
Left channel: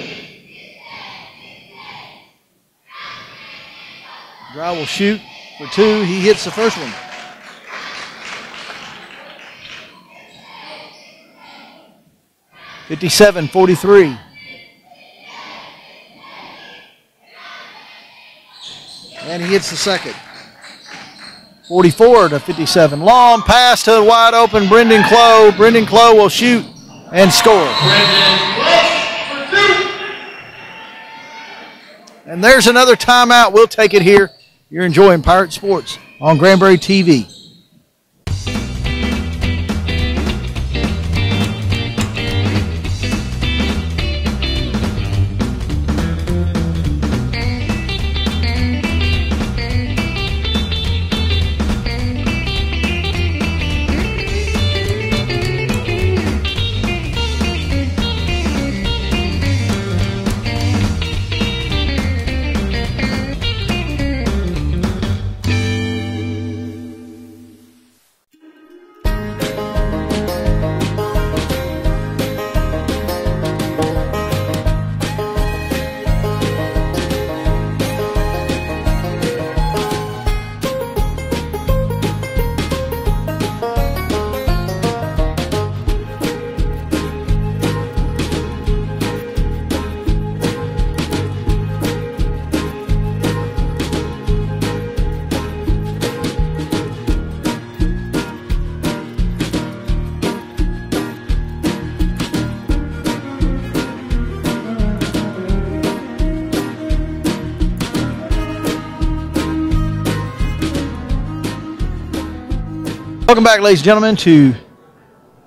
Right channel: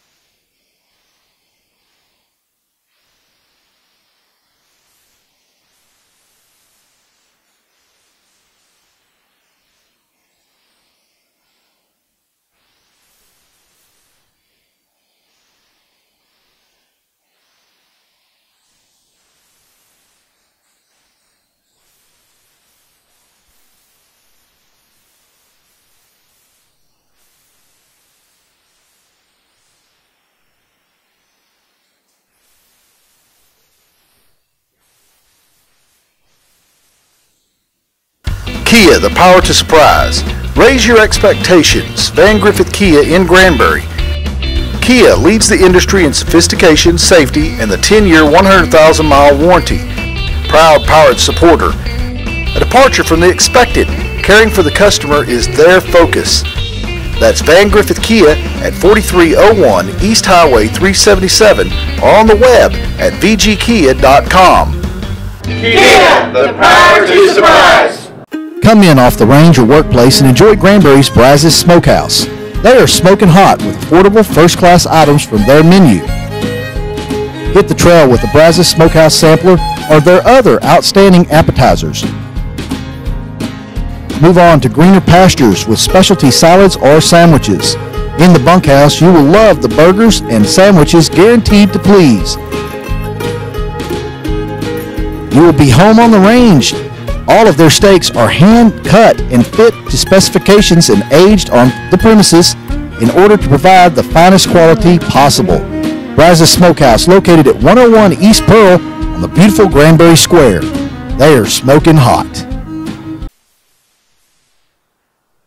Dry will shoot for 2. He hits the first one. (57-43). And he hits the second. 44-57. Long pass to the wide open Brendan Clough. Brendan Clough will shoot and score. And there's another timeout. We'll take it here. You're enjoying Pirate Sports on Granbury TV. Kia, the power to surprise. Raise your expectations. Van Griffith Kia in Granbury. Kia leads the industry in sophistication, safety, and the 10-year, 100,000-mile warranty. Proud Pirate supporter. A departure from the expected. Caring for the customer is their focus. That's Van Griffith Kia at 4301 East Highway 377 or on the web at vgkia.com. Kia, the power to surprise. Come in off the range or workplace and enjoy Granbury's Brazos Smokehouse. They are smoking hot with portable first-class items from their menu. Hit the trail with the Brazos Smokehouse Sampler or their other outstanding appetizers. Move on to greener pastures with specialty salads or sandwiches. In the bunkhouse, you will love the burgers and sandwiches guaranteed to please. You will be home on the range. All of their steaks are hand-cut and fit to specifications and aged on the premises in order to provide the finest quality possible. Brazos Smokehouse, located at 101 East Pearl on the beautiful Granbury Square. They are smoking hot. Welcome back, ladies and gentlemen, to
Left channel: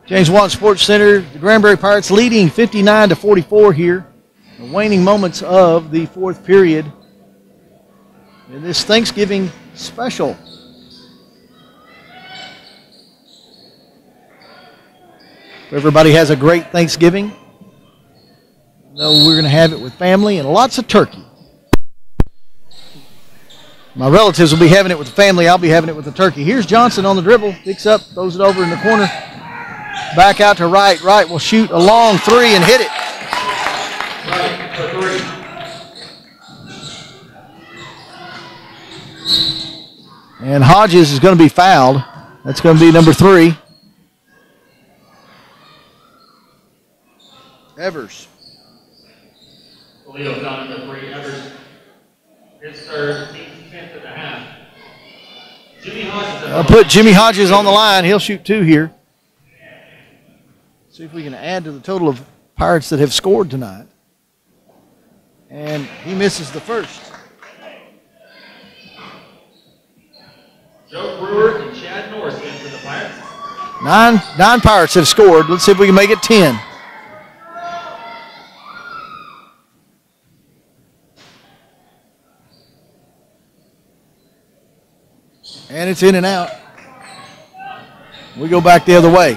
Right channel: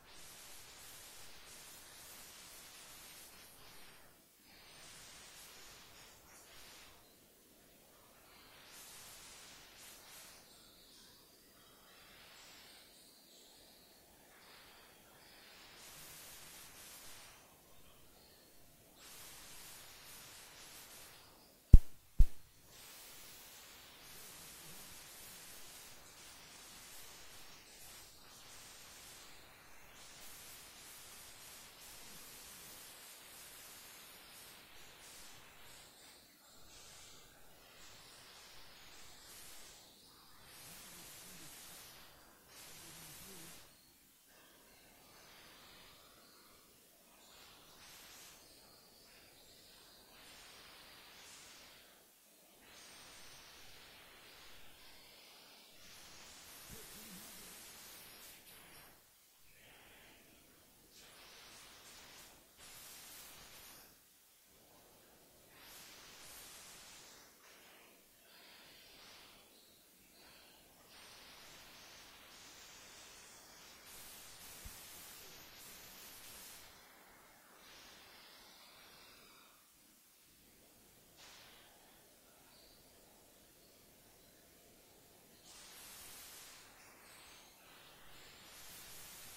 James Watt Sports Center. The Granbury Pirates leading 59-44 here. The waning moments of the fourth period in this Thanksgiving special. Everybody has a great Thanksgiving. We're going to have it with family and lots of turkey. My relatives will be having it with the family. I'll be having it with the turkey. Here's Johnson on the dribble. Picks up, throws it over in the corner. Back out to Wright. Wright will shoot a long 3 and hit it. Right for 3. And Hodges is going to be fouled. That's going to be number 3. Evers. Toledo foul number 3, Evers. His third, team's 10th at the half. Jimmy Hodges. I'll put Jimmy Hodges on the line. He'll shoot 2 here. See if we can add to the total of Pirates that have scored tonight. And he misses the first. Joe Brewer and Chad Norris in for the Pirates. Nine Pirates have scored. Let's see if we can make it 10. And it's in and out. We go back the other way.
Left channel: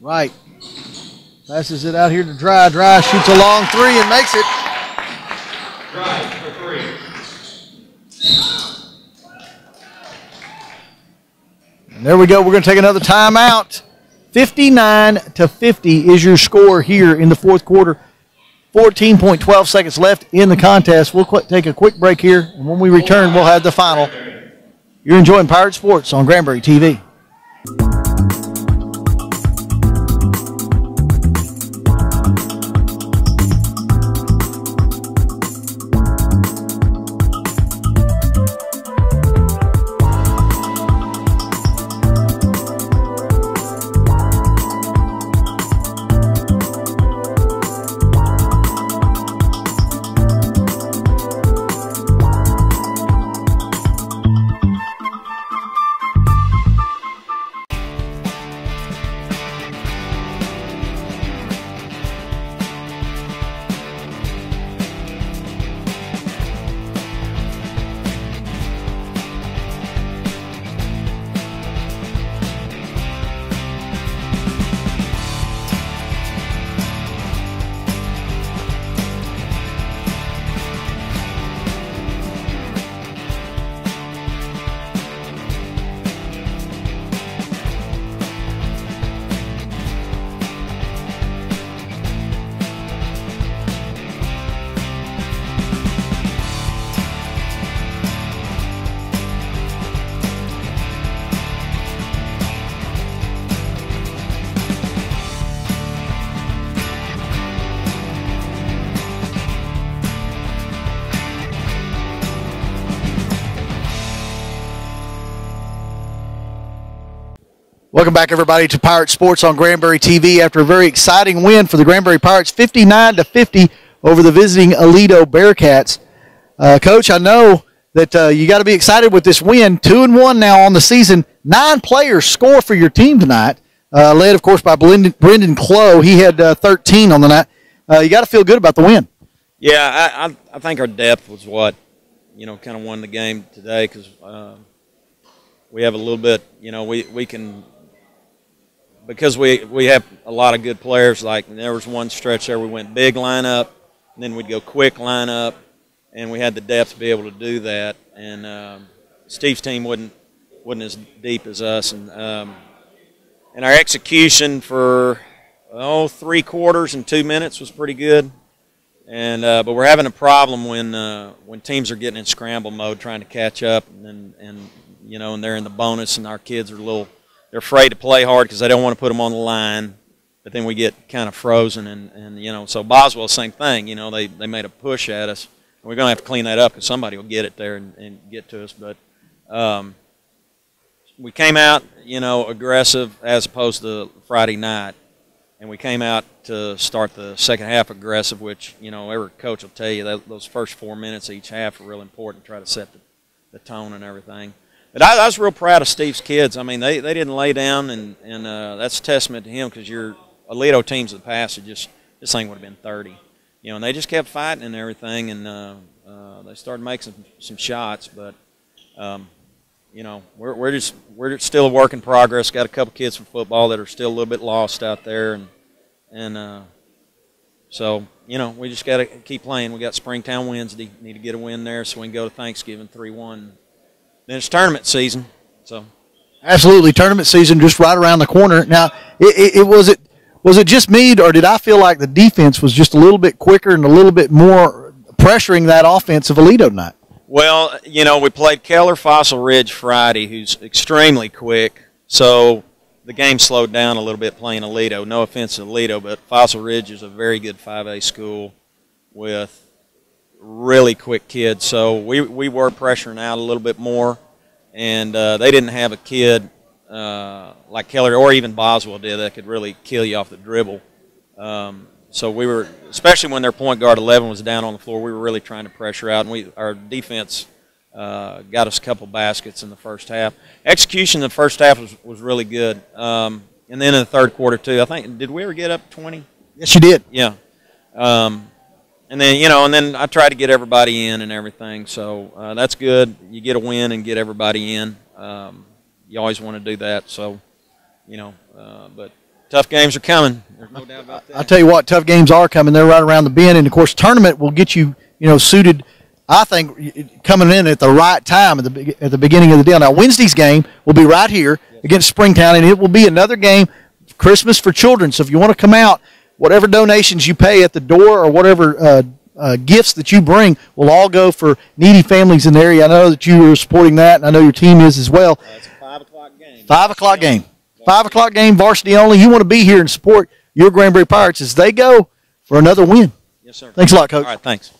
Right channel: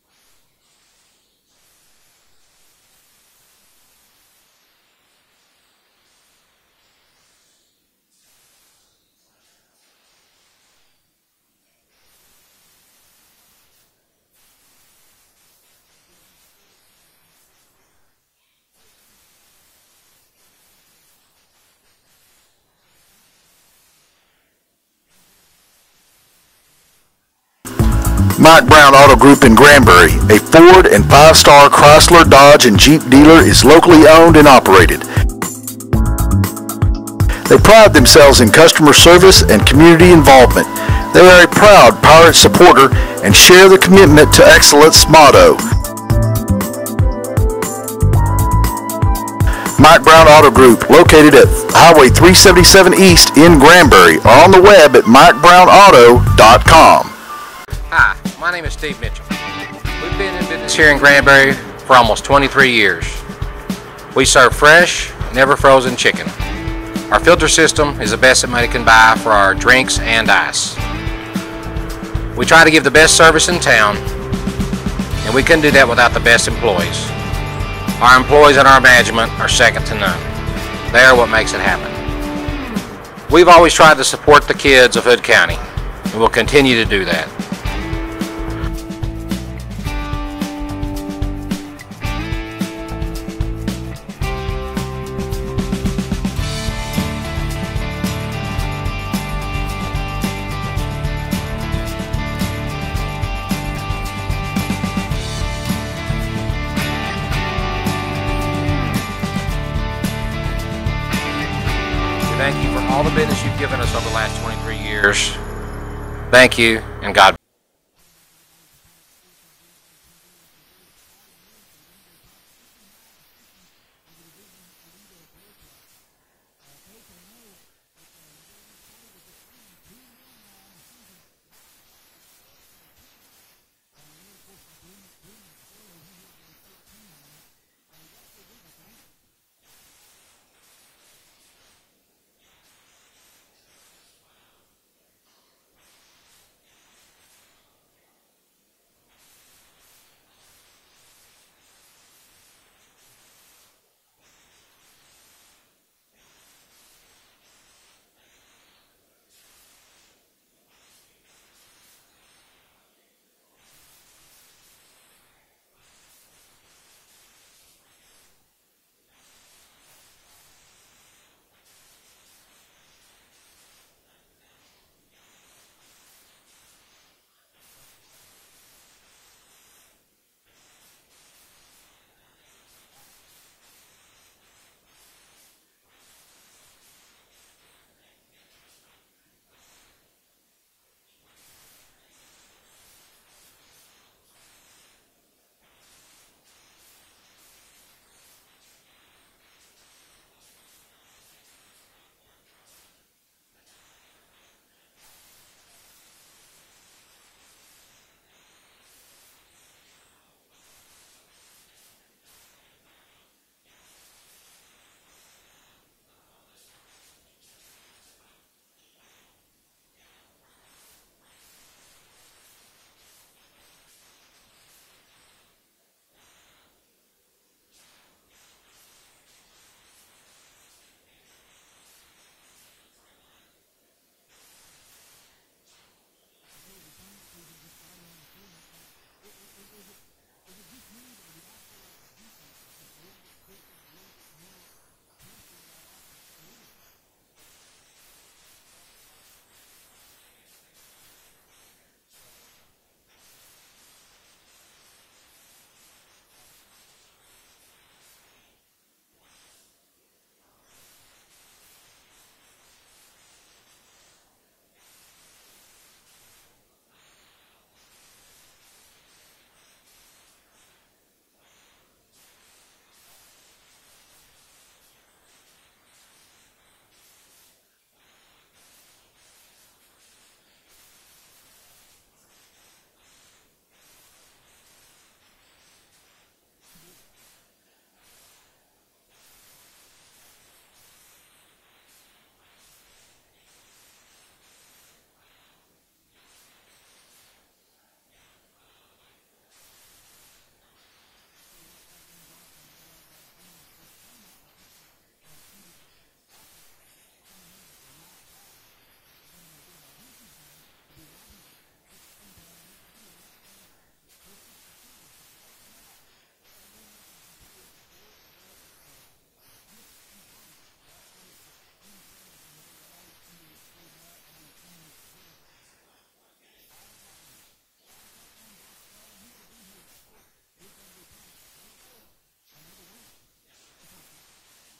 Right. Passes it out here to Dry. Dry shoots a long 3 and makes it. Dry for 3. And there we go. We're going to take another timeout. 59-50 is your score here in the fourth quarter. 14.12 seconds left in the contest. We'll take a quick break here, and when we return, we'll have the final. You're enjoying Pirate Sports on Granbury TV. Mike Brown Auto Group in Granbury, a Ford and 5-star Chrysler, Dodge, and Jeep dealer, is locally owned and operated. They pride themselves in customer service and community involvement. They are a proud Pirate supporter and share the commitment to excellence motto. Mike Brown Auto Group, located at Highway 377 East in Granbury, or on the web at MikeBrownAuto.com. Hi, my name is Steve Mitchell. We've been in business here in Granbury for almost 23 years. We serve fresh, never frozen chicken. Our filter system is the best that money can buy for our drinks and ice. We try to give the best service in town, and we couldn't do that without the best employees. Our employees and our management are second to none. They are what makes it happen. We've always tried to support the kids of Hood County, and we'll continue to do that. Thank you, and God. Welcome back, everybody, to Pirate Sports on Granbury TV after a very exciting win for the Granbury Pirates, 59-50 over the visiting Aledo Bearcats. Coach, I know that you got to be excited with this win. 2-1 now on the season. 9 players score for your team tonight, led, of course, by Brendan Clough. He had 13 on the night. You got to feel good about the win. Yeah, I think our depth was what, kind of won the game today because we have a little bit, we can, because we have a lot of good players. Like there was one stretch there we went big lineup, and then we'd go quick lineup, and we had the depth to be able to do that. And Steve's team wasn't as deep as us, and our execution for 3 quarters and 2 minutes was pretty good. And but we're having a problem when teams are getting in scramble mode, trying to catch up, and they're in the bonus, and our kids are they're afraid to play hard because they don't want to put them on the line. But then we get kind of frozen, and so Boswell, same thing. They made a push at us. We're going to have to clean that up because somebody will get it there and get to us. But we came out, aggressive as opposed to Friday night. And we came out to start the second half aggressive, which, every coach will tell you that those first 4 minutes each half are real important to try to set the tone and everything. But I was real proud of Steve's kids. I mean, they didn't lay down, and that's a testament to him because your Aledo teams of the past, this thing would have been 30. And they just kept fighting and everything, and they started making some shots. But, we're still a work in progress. Got a couple kids from football that are still a little bit lost out there, so we just got to keep playing. We got Springtown Wednesday. Need to get a win there so we can go to Thanksgiving 3-1. Then it's tournament season. So absolutely, tournament season just right around the corner. Now, was it just me, or did I feel like the defense was just a little bit quicker and a little bit more pressuring that offense of Aledo tonight? Well, we played Keller Fossil Ridge Friday, who's extremely quick. So, the game slowed down a little bit playing Aledo. No offense to Aledo, but Fossil Ridge is a very good 5A school with really quick kids. So we were pressuring out a little bit more, and they didn't have a kid like Keller or even Boswell did that could really kill you off the dribble. So we were, especially when their point guard 11 was down on the floor, we were really trying to pressure out, and our defense got us a couple baskets in the first half. Execution in the first half was really good. And then in the third quarter, too, I think, did we ever get up 20? Yes, you did. Yeah. And then, you know, and then I tried to get everybody in and everything. So that's good. You get a win and get everybody in. You always want to do that. So, you know, but tough games are coming. There's no doubt about that. I'll tell you what, tough games are coming. They're right around the bend. And, of course, tournament will get you, you know, suited, I think, coming in at the right time at the beginning of the deal. Now, Wednesday's game will be right here against Springtown, and it will be another game, Christmas for children. So if you want to come out, whatever donations you pay at the door or whatever gifts that you bring will all go for needy families in the area. I know that you are supporting that, and I know your team is as well. It's a 5 o'clock game. 5 o'clock game. 5 o'clock game, varsity only. You want to be here and support your Granbury Pirates as they go for another win. Yes, sir. Thanks a lot, Coach. All right, thanks.